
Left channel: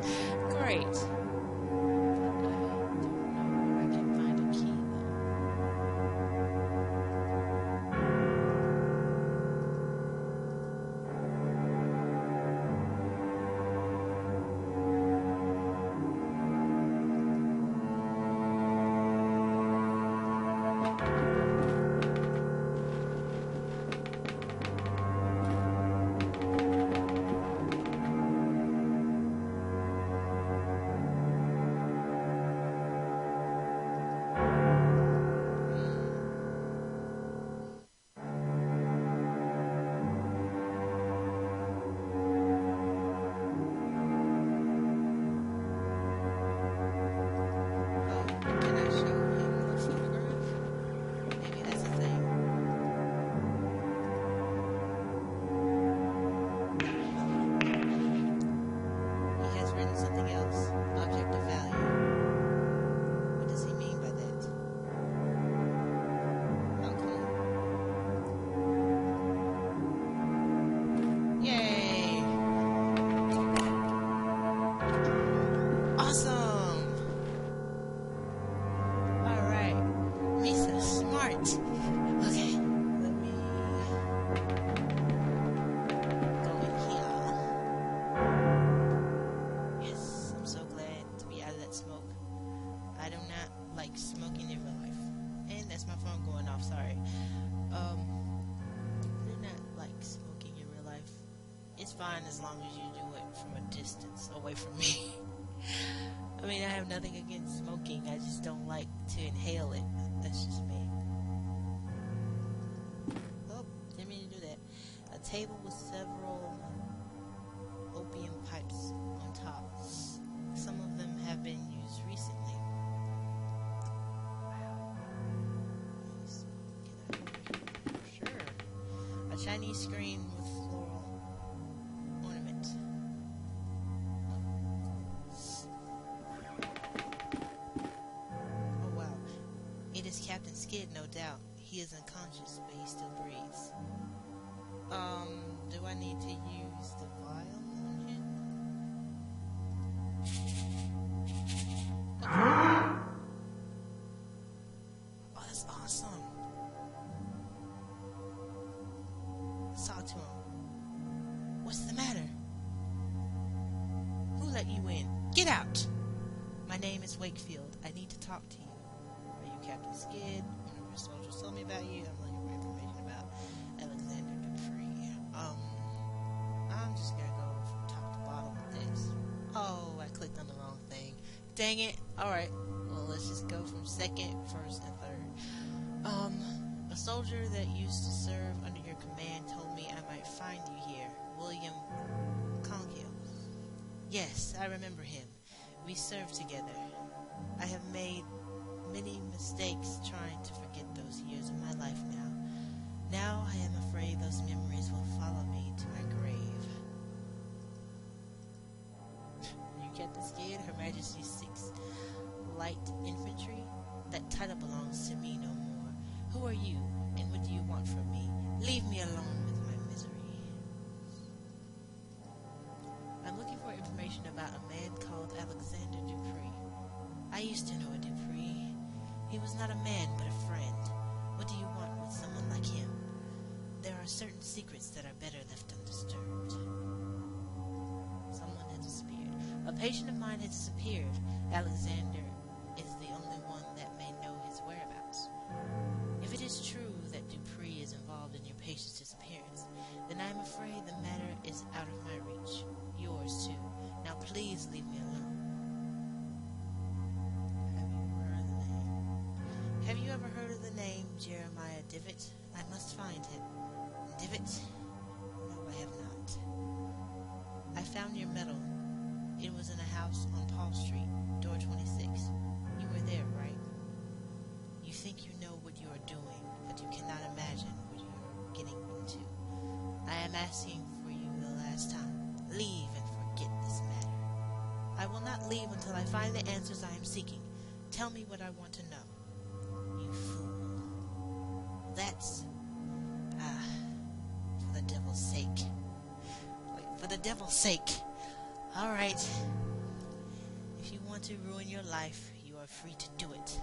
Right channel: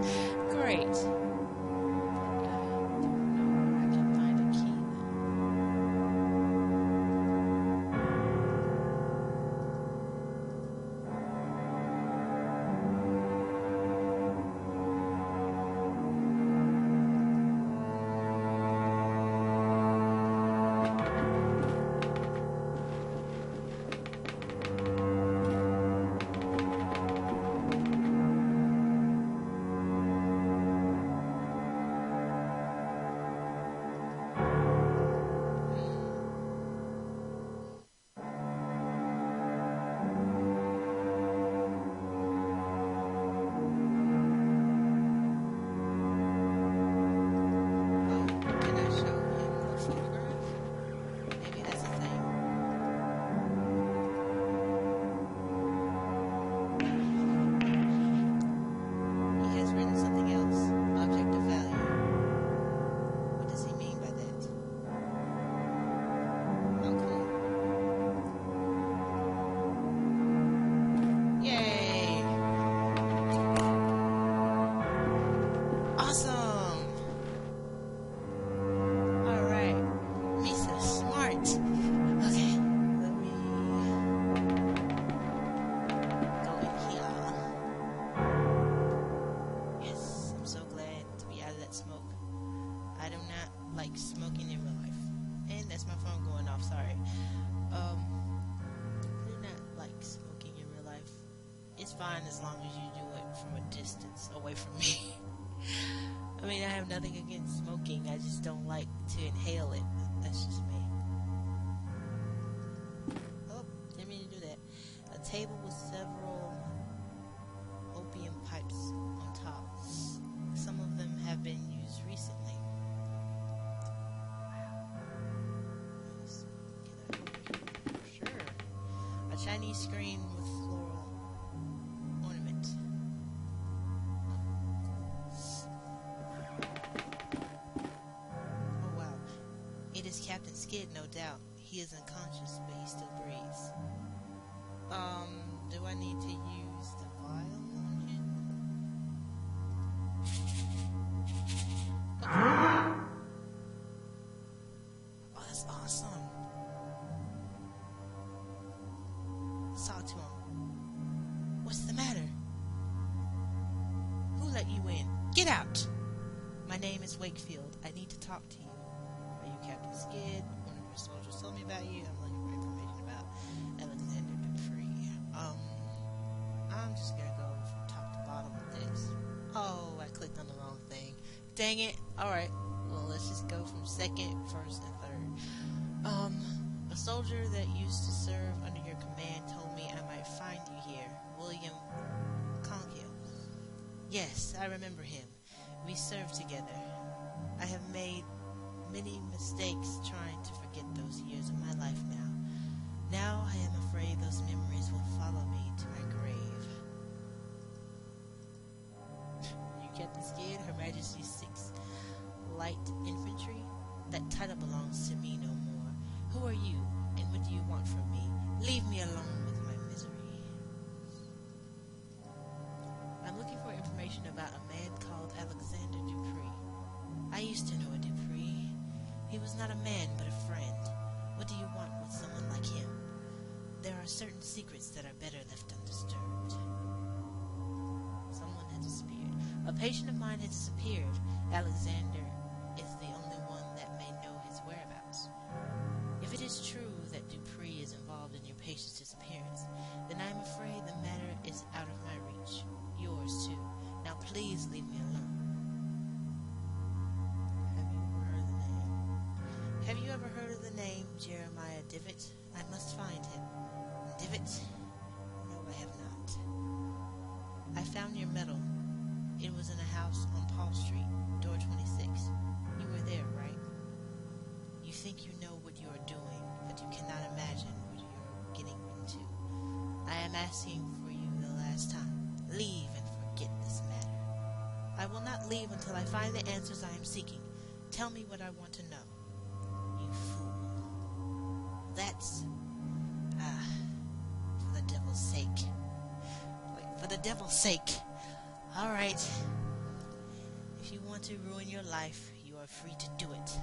Great. But I don't know where I can find a key, though. Oh, can I show him the photograph? Maybe that's a thing. He has written something else. Object of value. What does he mean by that? Oh, cool. Yay! Awesome! Alright. Misa, smart. Okay, let me go in here. Yes, I'm so glad to be out of that smoke. I do not like smoking in real life. And that's my phone going off, sorry. I do not like smoking in real life. It's fine as long as you do it from a distance away from me. I mean, I have nothing against smoking, I just don't like to inhale it. That's just me. Oh, didn't mean to do that. A table with several opium pipes on top. Some of them have been used recently. Wow. Can I? Sure. A Chinese screen with floral ornament. Oh wow. It is Captain Skid, no doubt. He is unconscious, but he still breathes. Do I need to use the vial on him? Okay. Oh, that's awesome. Let's talk to him. What's the matter? Who let you in? Get out! My name is Wakefield. I need to talk to you. Are you Captain Skid? One of your soldiers told me about you. I'm looking for information about Alexander Dupree. I'm just gonna go from top to bottom with this. Oh, I clicked on the wrong thing. Dang it. Alright. Well, let's just go from second, first, and third. A soldier that used to serve under your command told me I might find you here. William Conkill. Yes, I remember him. We served together. I have made many mistakes trying to forget those years of my life now. Now I am afraid those memories will follow me to my grave. You Captain Skid, Her Majesty's 6th Light Infantry? That title belongs to me no more. Who are you, and what do you want from me? Leave me alone with my misery. I'm looking for information about a man called Alexander Dupree. I used to know a Dupree. He was not a man, but a friend. What do you want with someone like him? There are certain secrets that are better left undisturbed. Someone has disappeared. A patient of mine has disappeared. Alexander is the only one that may know his whereabouts. If it is true that Dupree is involved in your patient's disappearance, then I am afraid the matter is out of my reach. Yours, too. Now please leave me alone. Have you ever heard of the name Jeremiah Divot? I must find him. Divot? No, I have not. I found your medal. It was in a house on Paul Street, door 26. You were there, right? You think you know what you are doing, but you cannot imagine what you are getting into. I am asking for you the last time. Leave and forget this matter. I will not leave until I find the answers I am seeking. Tell me what I want to know. You fool. That's... for the devil's sake. Like, for the devil's sake. Alright. If you want to ruin your life, you are free to do it.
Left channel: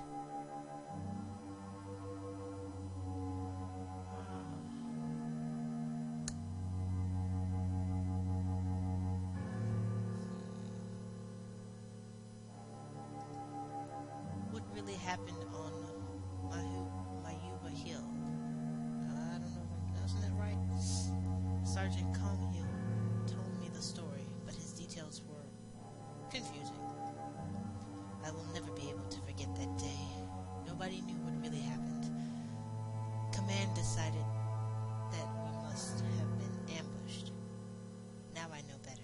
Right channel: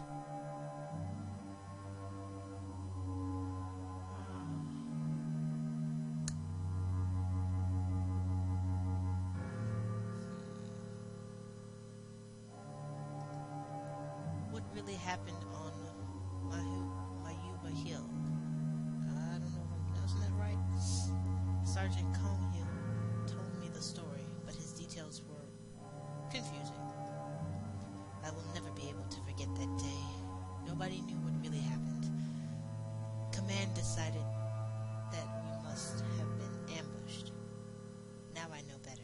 What really happened on Mayuba Hill? I don't know if I'm pronouncing that right. Sergeant Conghill told me the story, but his details were confusing. I will never be able to forget that day. Nobody knew what really happened. Command decided that we must have been ambushed. Now I know better.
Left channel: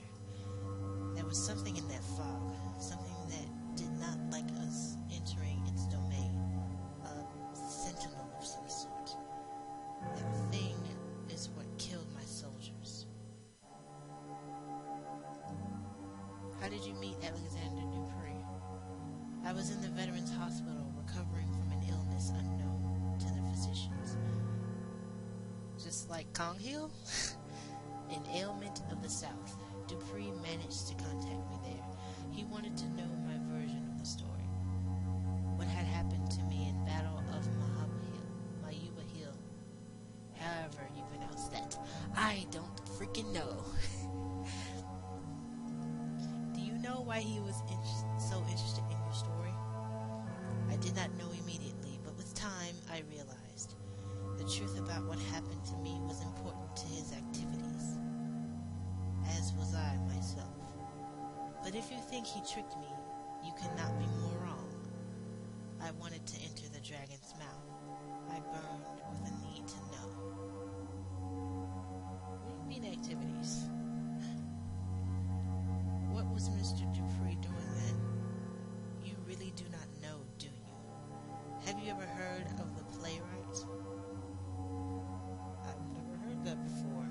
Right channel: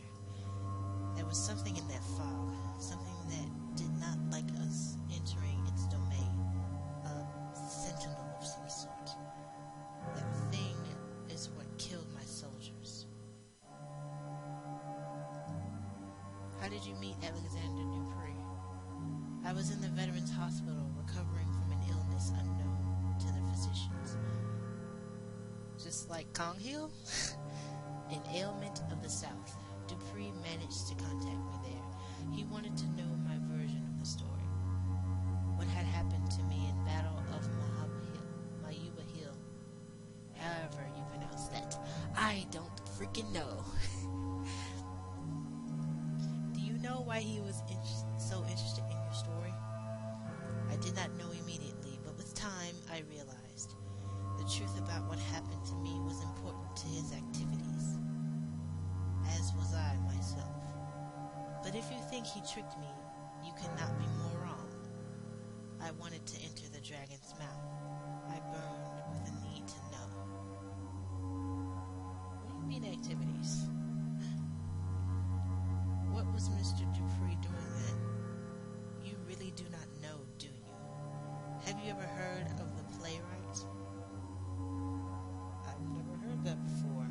There was something in that fog, something that did not like us entering its domain. A sentinel of some sort. That thing is what killed my soldiers. How did you meet Alexander Dupree? I was in the Veterans Hospital recovering from an illness unknown to the physicians. Just like Conghill? An ailment of the South. Dupree managed to contact me there. He wanted to know my version of the story. What had happened to me in Battle of Mayuba Hill. However you pronounce that. I don't freaking know. Do you know why he was so interested in your story? I did not know immediately, but with time I realized the truth about what happened to me was important to his activities, as was I myself. But if you think he tricked me, you cannot be more wrong. I wanted to enter the dragon's mouth. I burned with a need to know. What do you mean activities? What was Mr. Dupree doing then? You really do not know, do you? Have you ever heard of the playwright? I've never heard that before.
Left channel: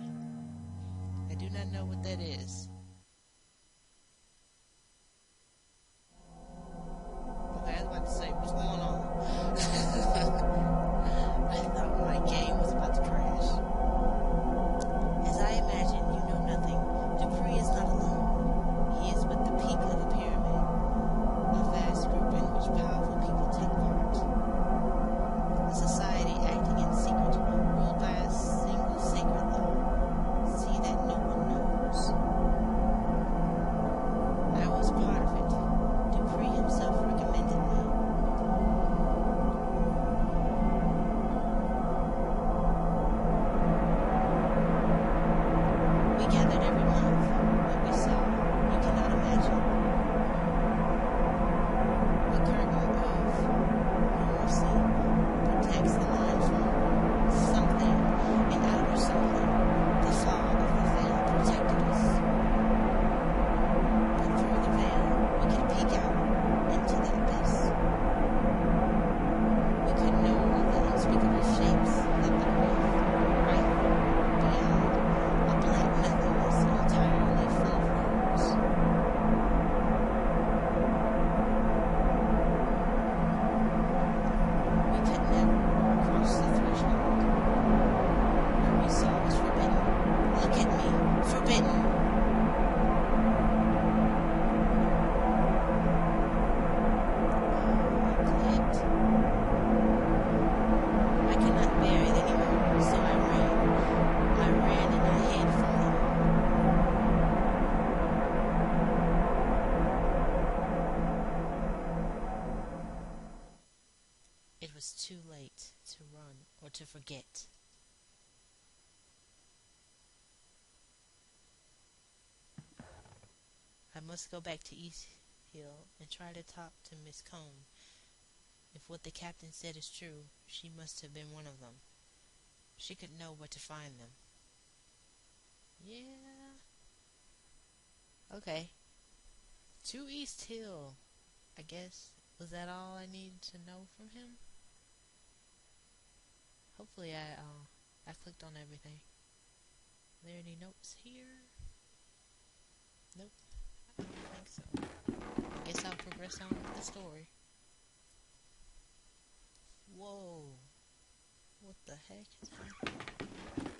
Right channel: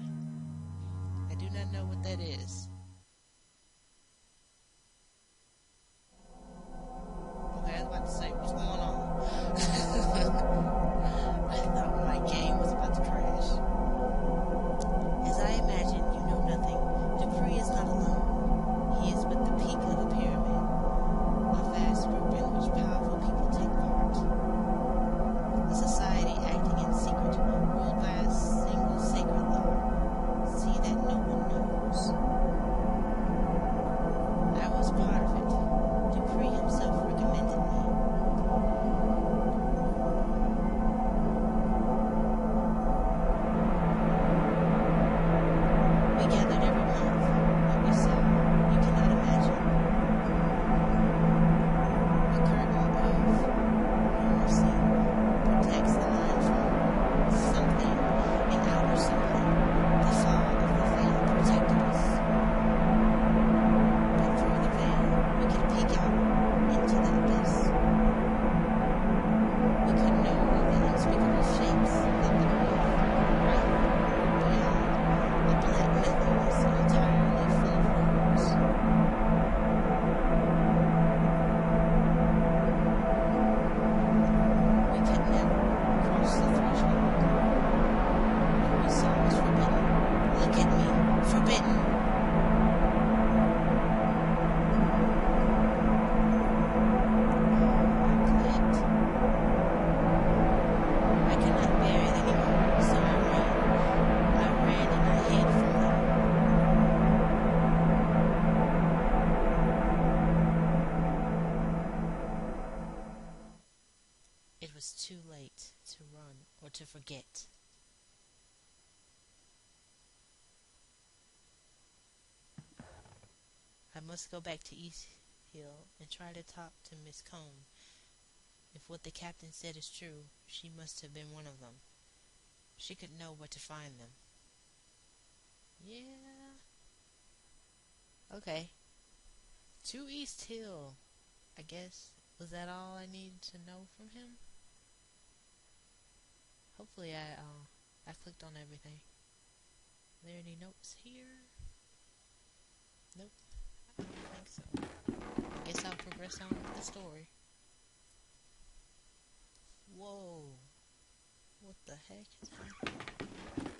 I do not know what that is. Okay, I was about to say, what's going on? I thought my game was about to crash. As I imagine, you know nothing. Dupree is not alone. He is but the peak of the pyramid, a vast group in which powerful people take part. A society acting in secret, ruled by a single sacred law. See that no one knows. I was part of it. Dupree himself recommended me. We gathered every month. What we saw, you cannot imagine. A curtain of normalcy protects the mind from something and outer something. The fog of the veil protected us. But through the veil, we could peek out into the abyss. We could know of the unspeakable shapes that the earth, right beyond, a black nothingness entirely full of horrors. We could never cross the threshold. What we saw was forbidden. Look at me, forbidden. I clicked. I could not bear it anymore, so I ran. I ran and I hid from them. It was too late to run or to forget. I must go back to East Hill and try to talk to Miss Combe. If what the captain said is true, she must have been one of them. She could know where to find them. Yeah. Okay. To East Hill, I guess. Was that all I needed to know from him? Hopefully I clicked on everything. Are there any notes here? Nope. I don't think so. I guess I'll progress on with the story. Whoa. What the heck is happening?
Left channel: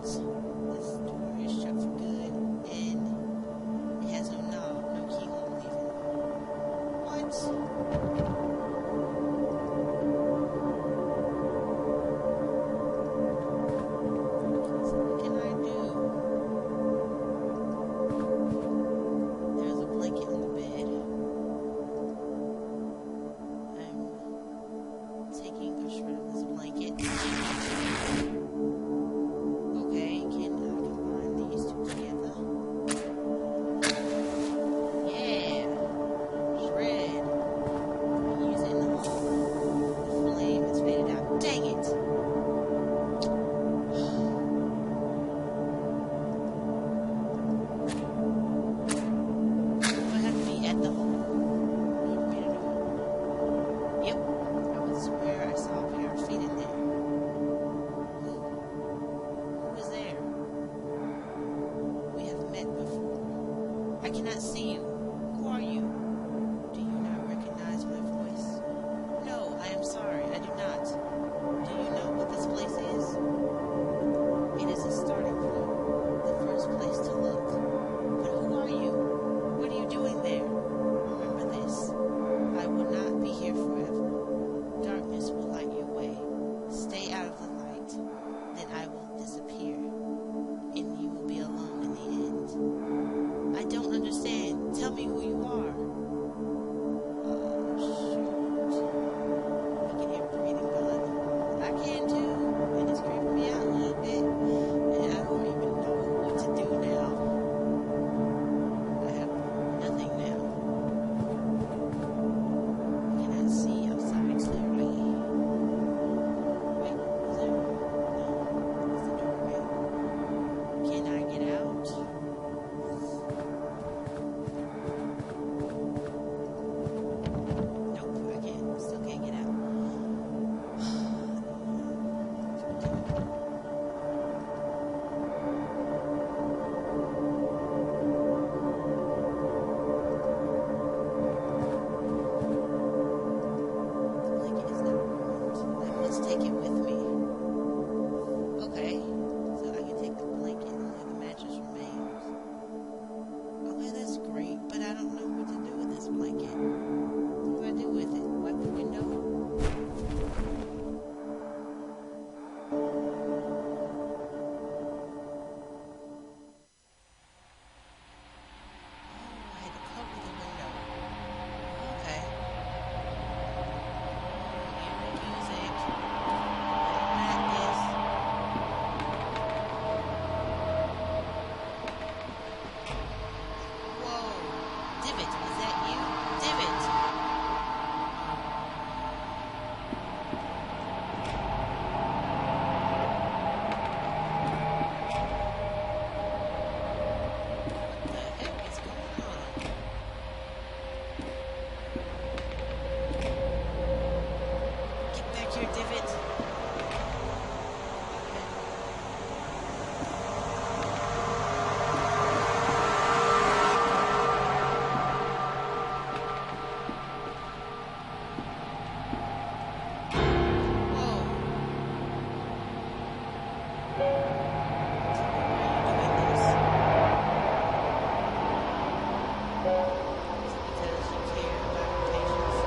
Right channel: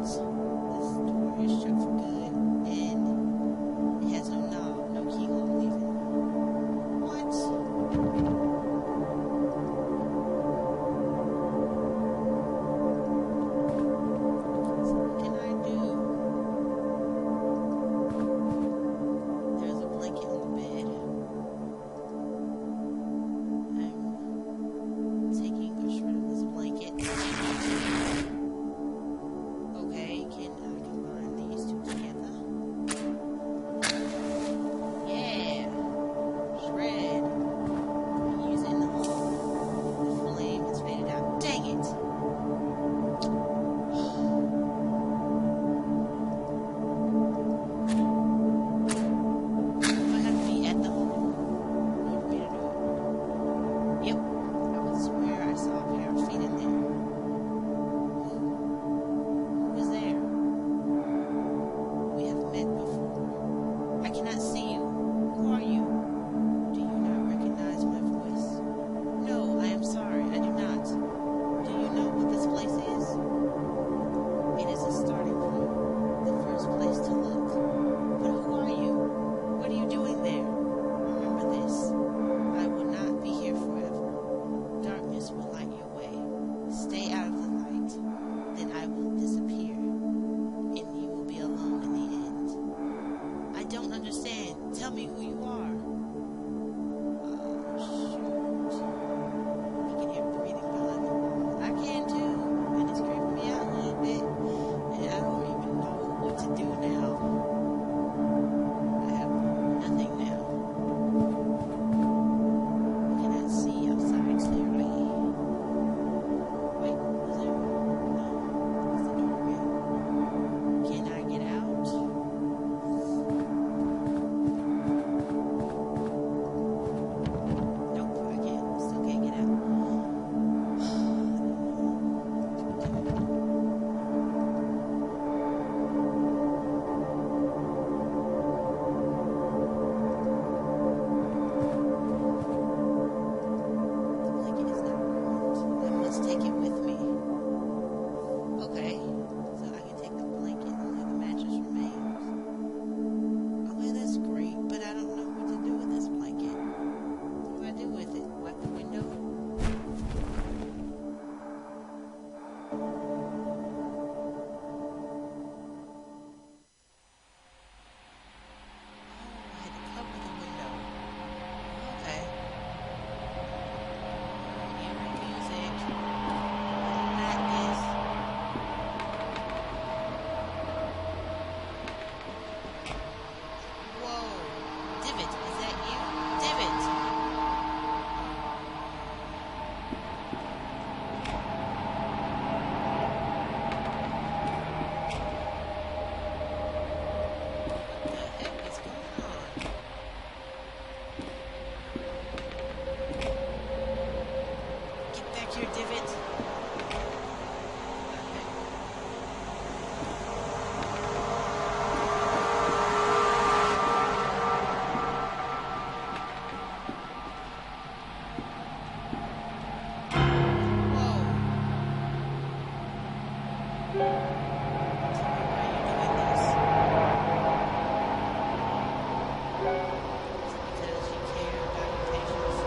What? This door is shut for good, and it has no knob, no keyhole even. What? So what can I do? There's a blanket on the bed. I'm taking a shred of this blanket. Okay, can I combine these two together? Yeah, shred. Using the flame has faded out. Dang it! Do I have to be at the hole in order for me to do it? Yep, I would swear I saw a pair of feet in there. Who is there? We have met before. I cannot see you. Who are you? Do you not recognize my voice? No, I am sorry, I do not. Do you know what this place is? It is a starting point, the first place to look. But who are you? What are you doing there? Remember this. I will not be here forever. Darkness will light your way. Stay out of the light. Then I will disappear. And you will be alone in the end. I don't understand. Tell me who you are. Oh, shoot. I can hear breathing behind the wall. I can too. And it's creeping me out a little bit. And I don't even know what to do now. I have nothing now. I cannot see outside clearly. Wait, is there? No, it's the door again. Can I get out? Nope, I can't. Still can't get out. The blanket is not warmed. I must take it with me. Okay, so I can take the blanket, only the mattress remains. Okay, that's great, but I don't know what to do with this blanket. What do I do with it? Wipe the window? Oh, I had to cover the window. Okay. Eerie music. Little madness. Whoa. Divot, is that you? Divot! What the heck is going on? Get back here, Divot. Okay. Whoa. Tell me why you're doing this. Is it because you care about your patients?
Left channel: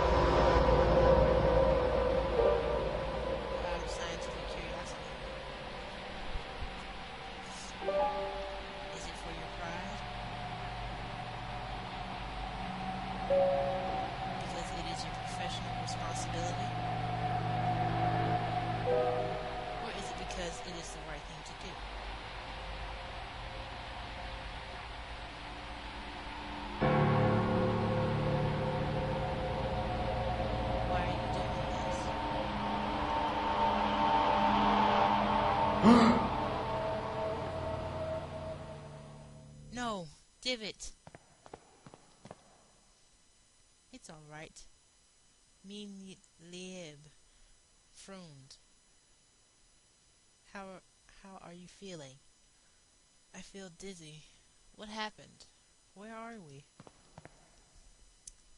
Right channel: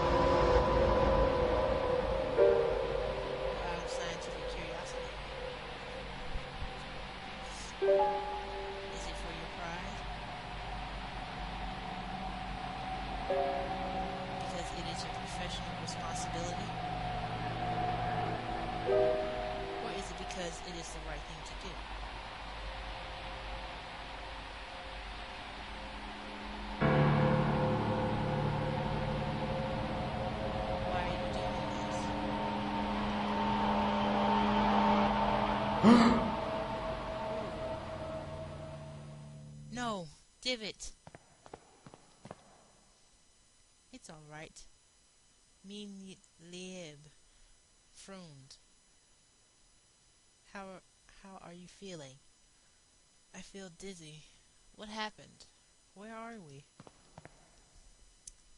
Or out of scientific curiosity? Is it for your pride? Because it is your professional responsibility? Or is it because it is the right thing to do? Why are you doing this? No, Divot. It's all right. Me lieb, Freund. How are you feeling? I feel dizzy. What happened? Where are we?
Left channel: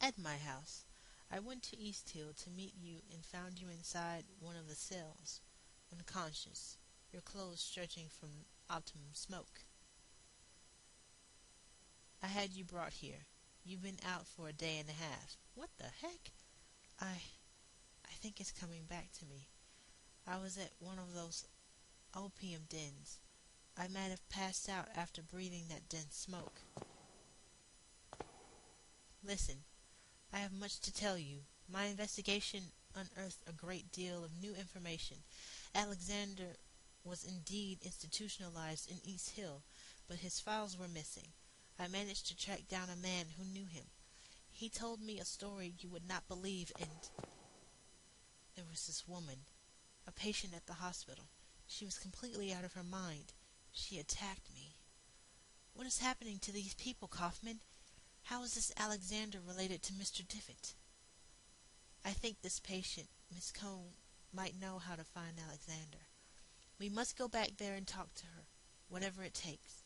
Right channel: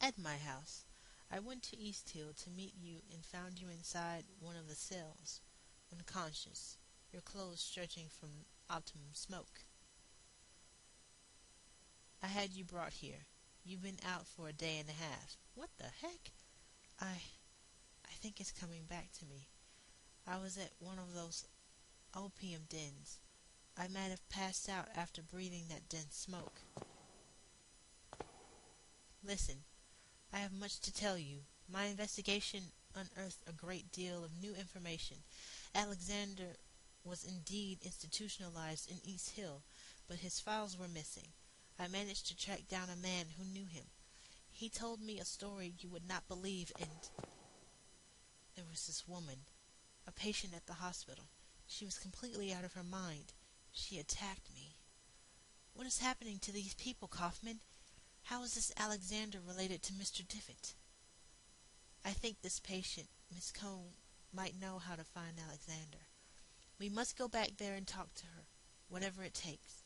At my house. I went to East Hill to meet you and found you inside one of the cells, unconscious. your clothes stretching from optimum smoke. I had you brought here. You've been out for a day and a half. What the heck? I think it's coming back to me. I was at one of those opium dens. I might have passed out after breathing that dense smoke. Listen, I have much to tell you. My investigation unearthed a great deal of new information. Alexander was indeed institutionalized in East Hill, but his files were missing. I managed to track down a man who knew him. He told me a story you would not believe, and there was this woman, a patient at the hospital. She was completely out of her mind. She attacked me. What is happening to these people, Kaufman? How is this Alexander related to Mr. Diffett? I think this patient, Miss Cone, might know how to find Alexander. We must go back there and talk to her, whatever it takes.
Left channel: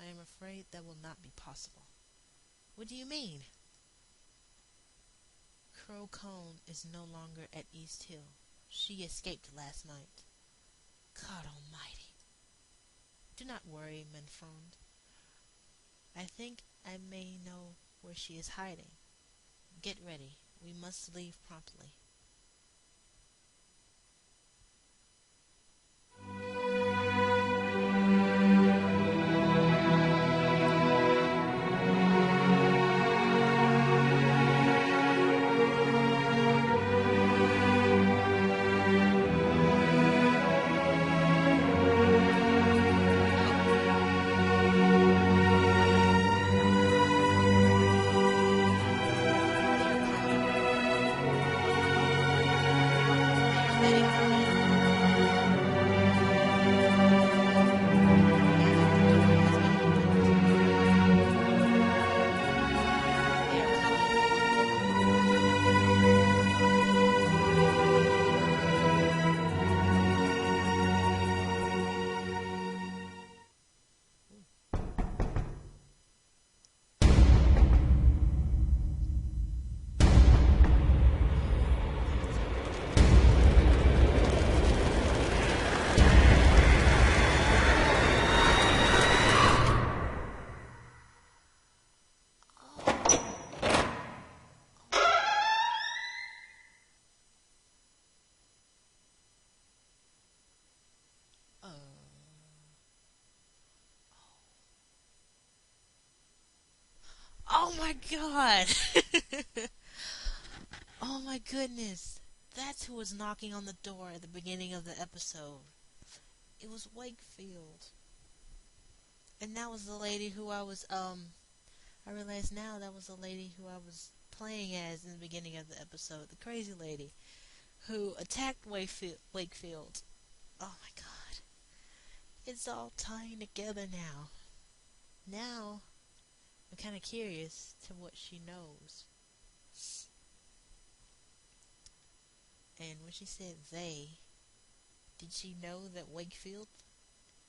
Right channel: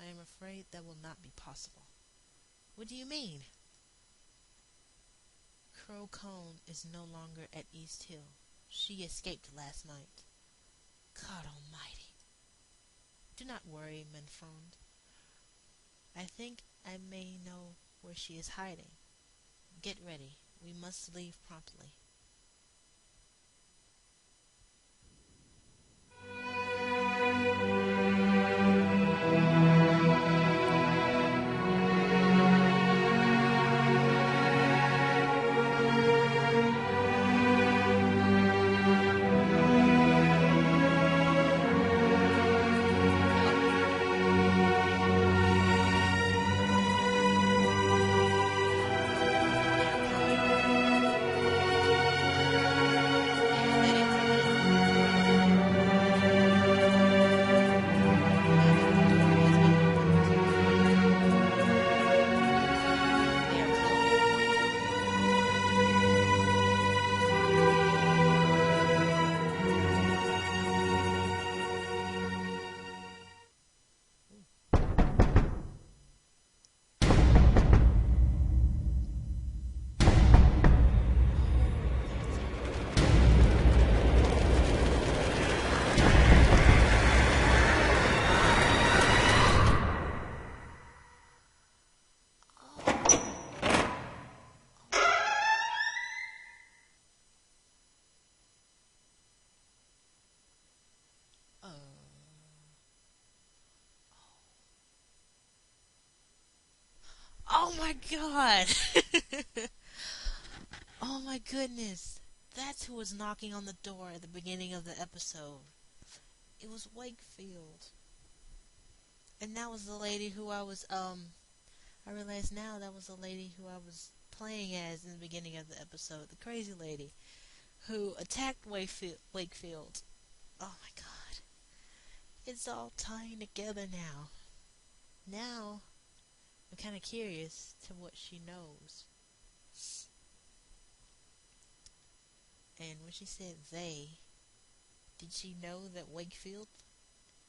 I am afraid that will not be possible. What do you mean? Crow Cone is no longer at East Hill. She escaped last night. God almighty. Do not worry, Menfrond. I think I may know where she is hiding. Get ready. We must leave promptly. Oh my god! Oh my goodness! That's who was knocking on the door at the beginning of the episode. It was Wakefield. And that was the lady who I realize now that was the lady who I was playing as in the beginning of the episode. The crazy lady who attacked Wakefield. Oh my god. It's all tying together now. Now, I'm kind of curious to what she knows. And when she said they, did she know that Wakefield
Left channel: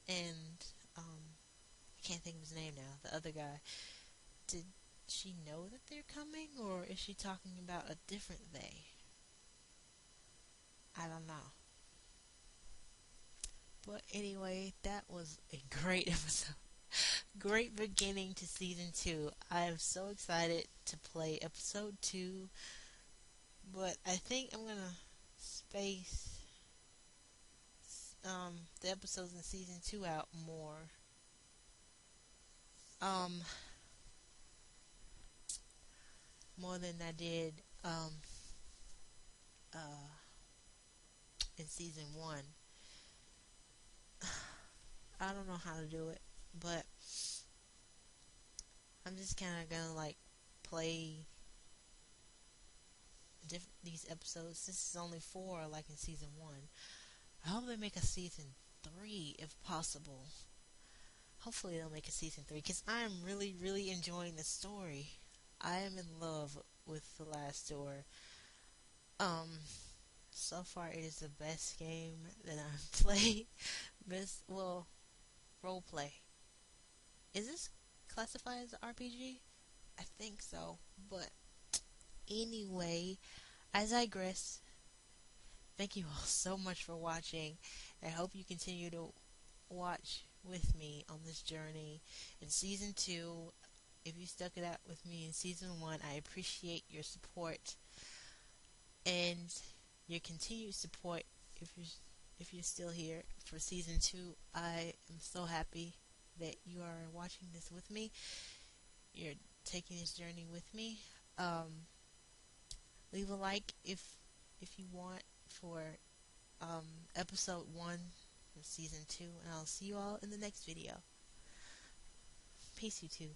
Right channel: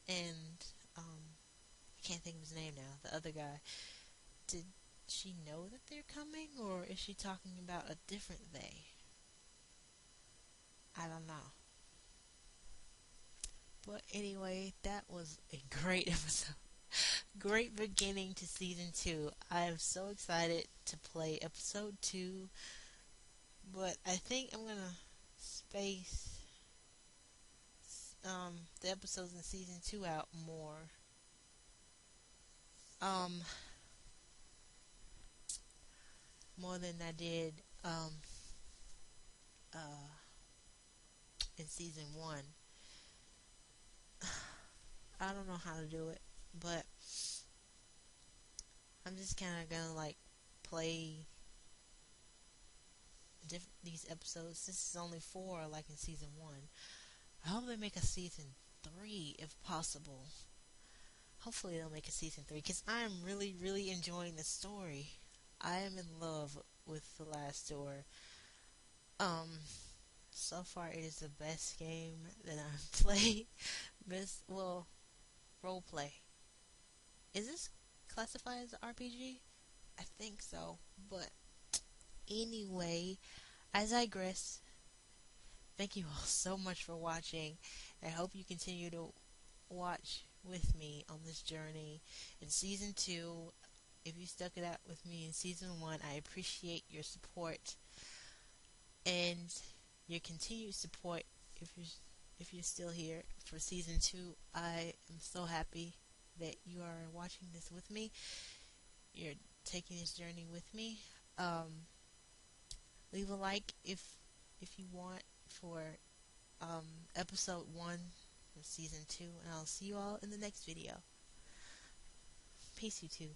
and, I can't think of his name now, the other guy, did she know that they're coming, or is she talking about a different they? I don't know. But anyway, that was a great episode. Great beginning to season 2. I am so excited to play episode 2, but I think I'm gonna space the episodes in season 2 out more. More than I did uh, in season 1. I don't know how to do it, but I'm just kind of gonna like play these episodes. This is only 4, like in season 1. I hope they make a season 3 if possible. Hopefully they'll make a season 3, because I am really, really enjoying the story. I am in love with The Last Door. So far it is the best game that I've played. Role play. Is this classified as an RPG? I think so. But anyway, I digress. Thank you all so much for watching. I hope you continue to watch with me on this journey. In season 2, if you stuck it out with me in season 1, I appreciate your support and your continued support. If you're still here for season 2, I am so happy that you are watching this with me. You're taking this journey with me. Leave a like if you want for episode 1 of season 2, and I'll see you all in the next video. Peace, YouTube.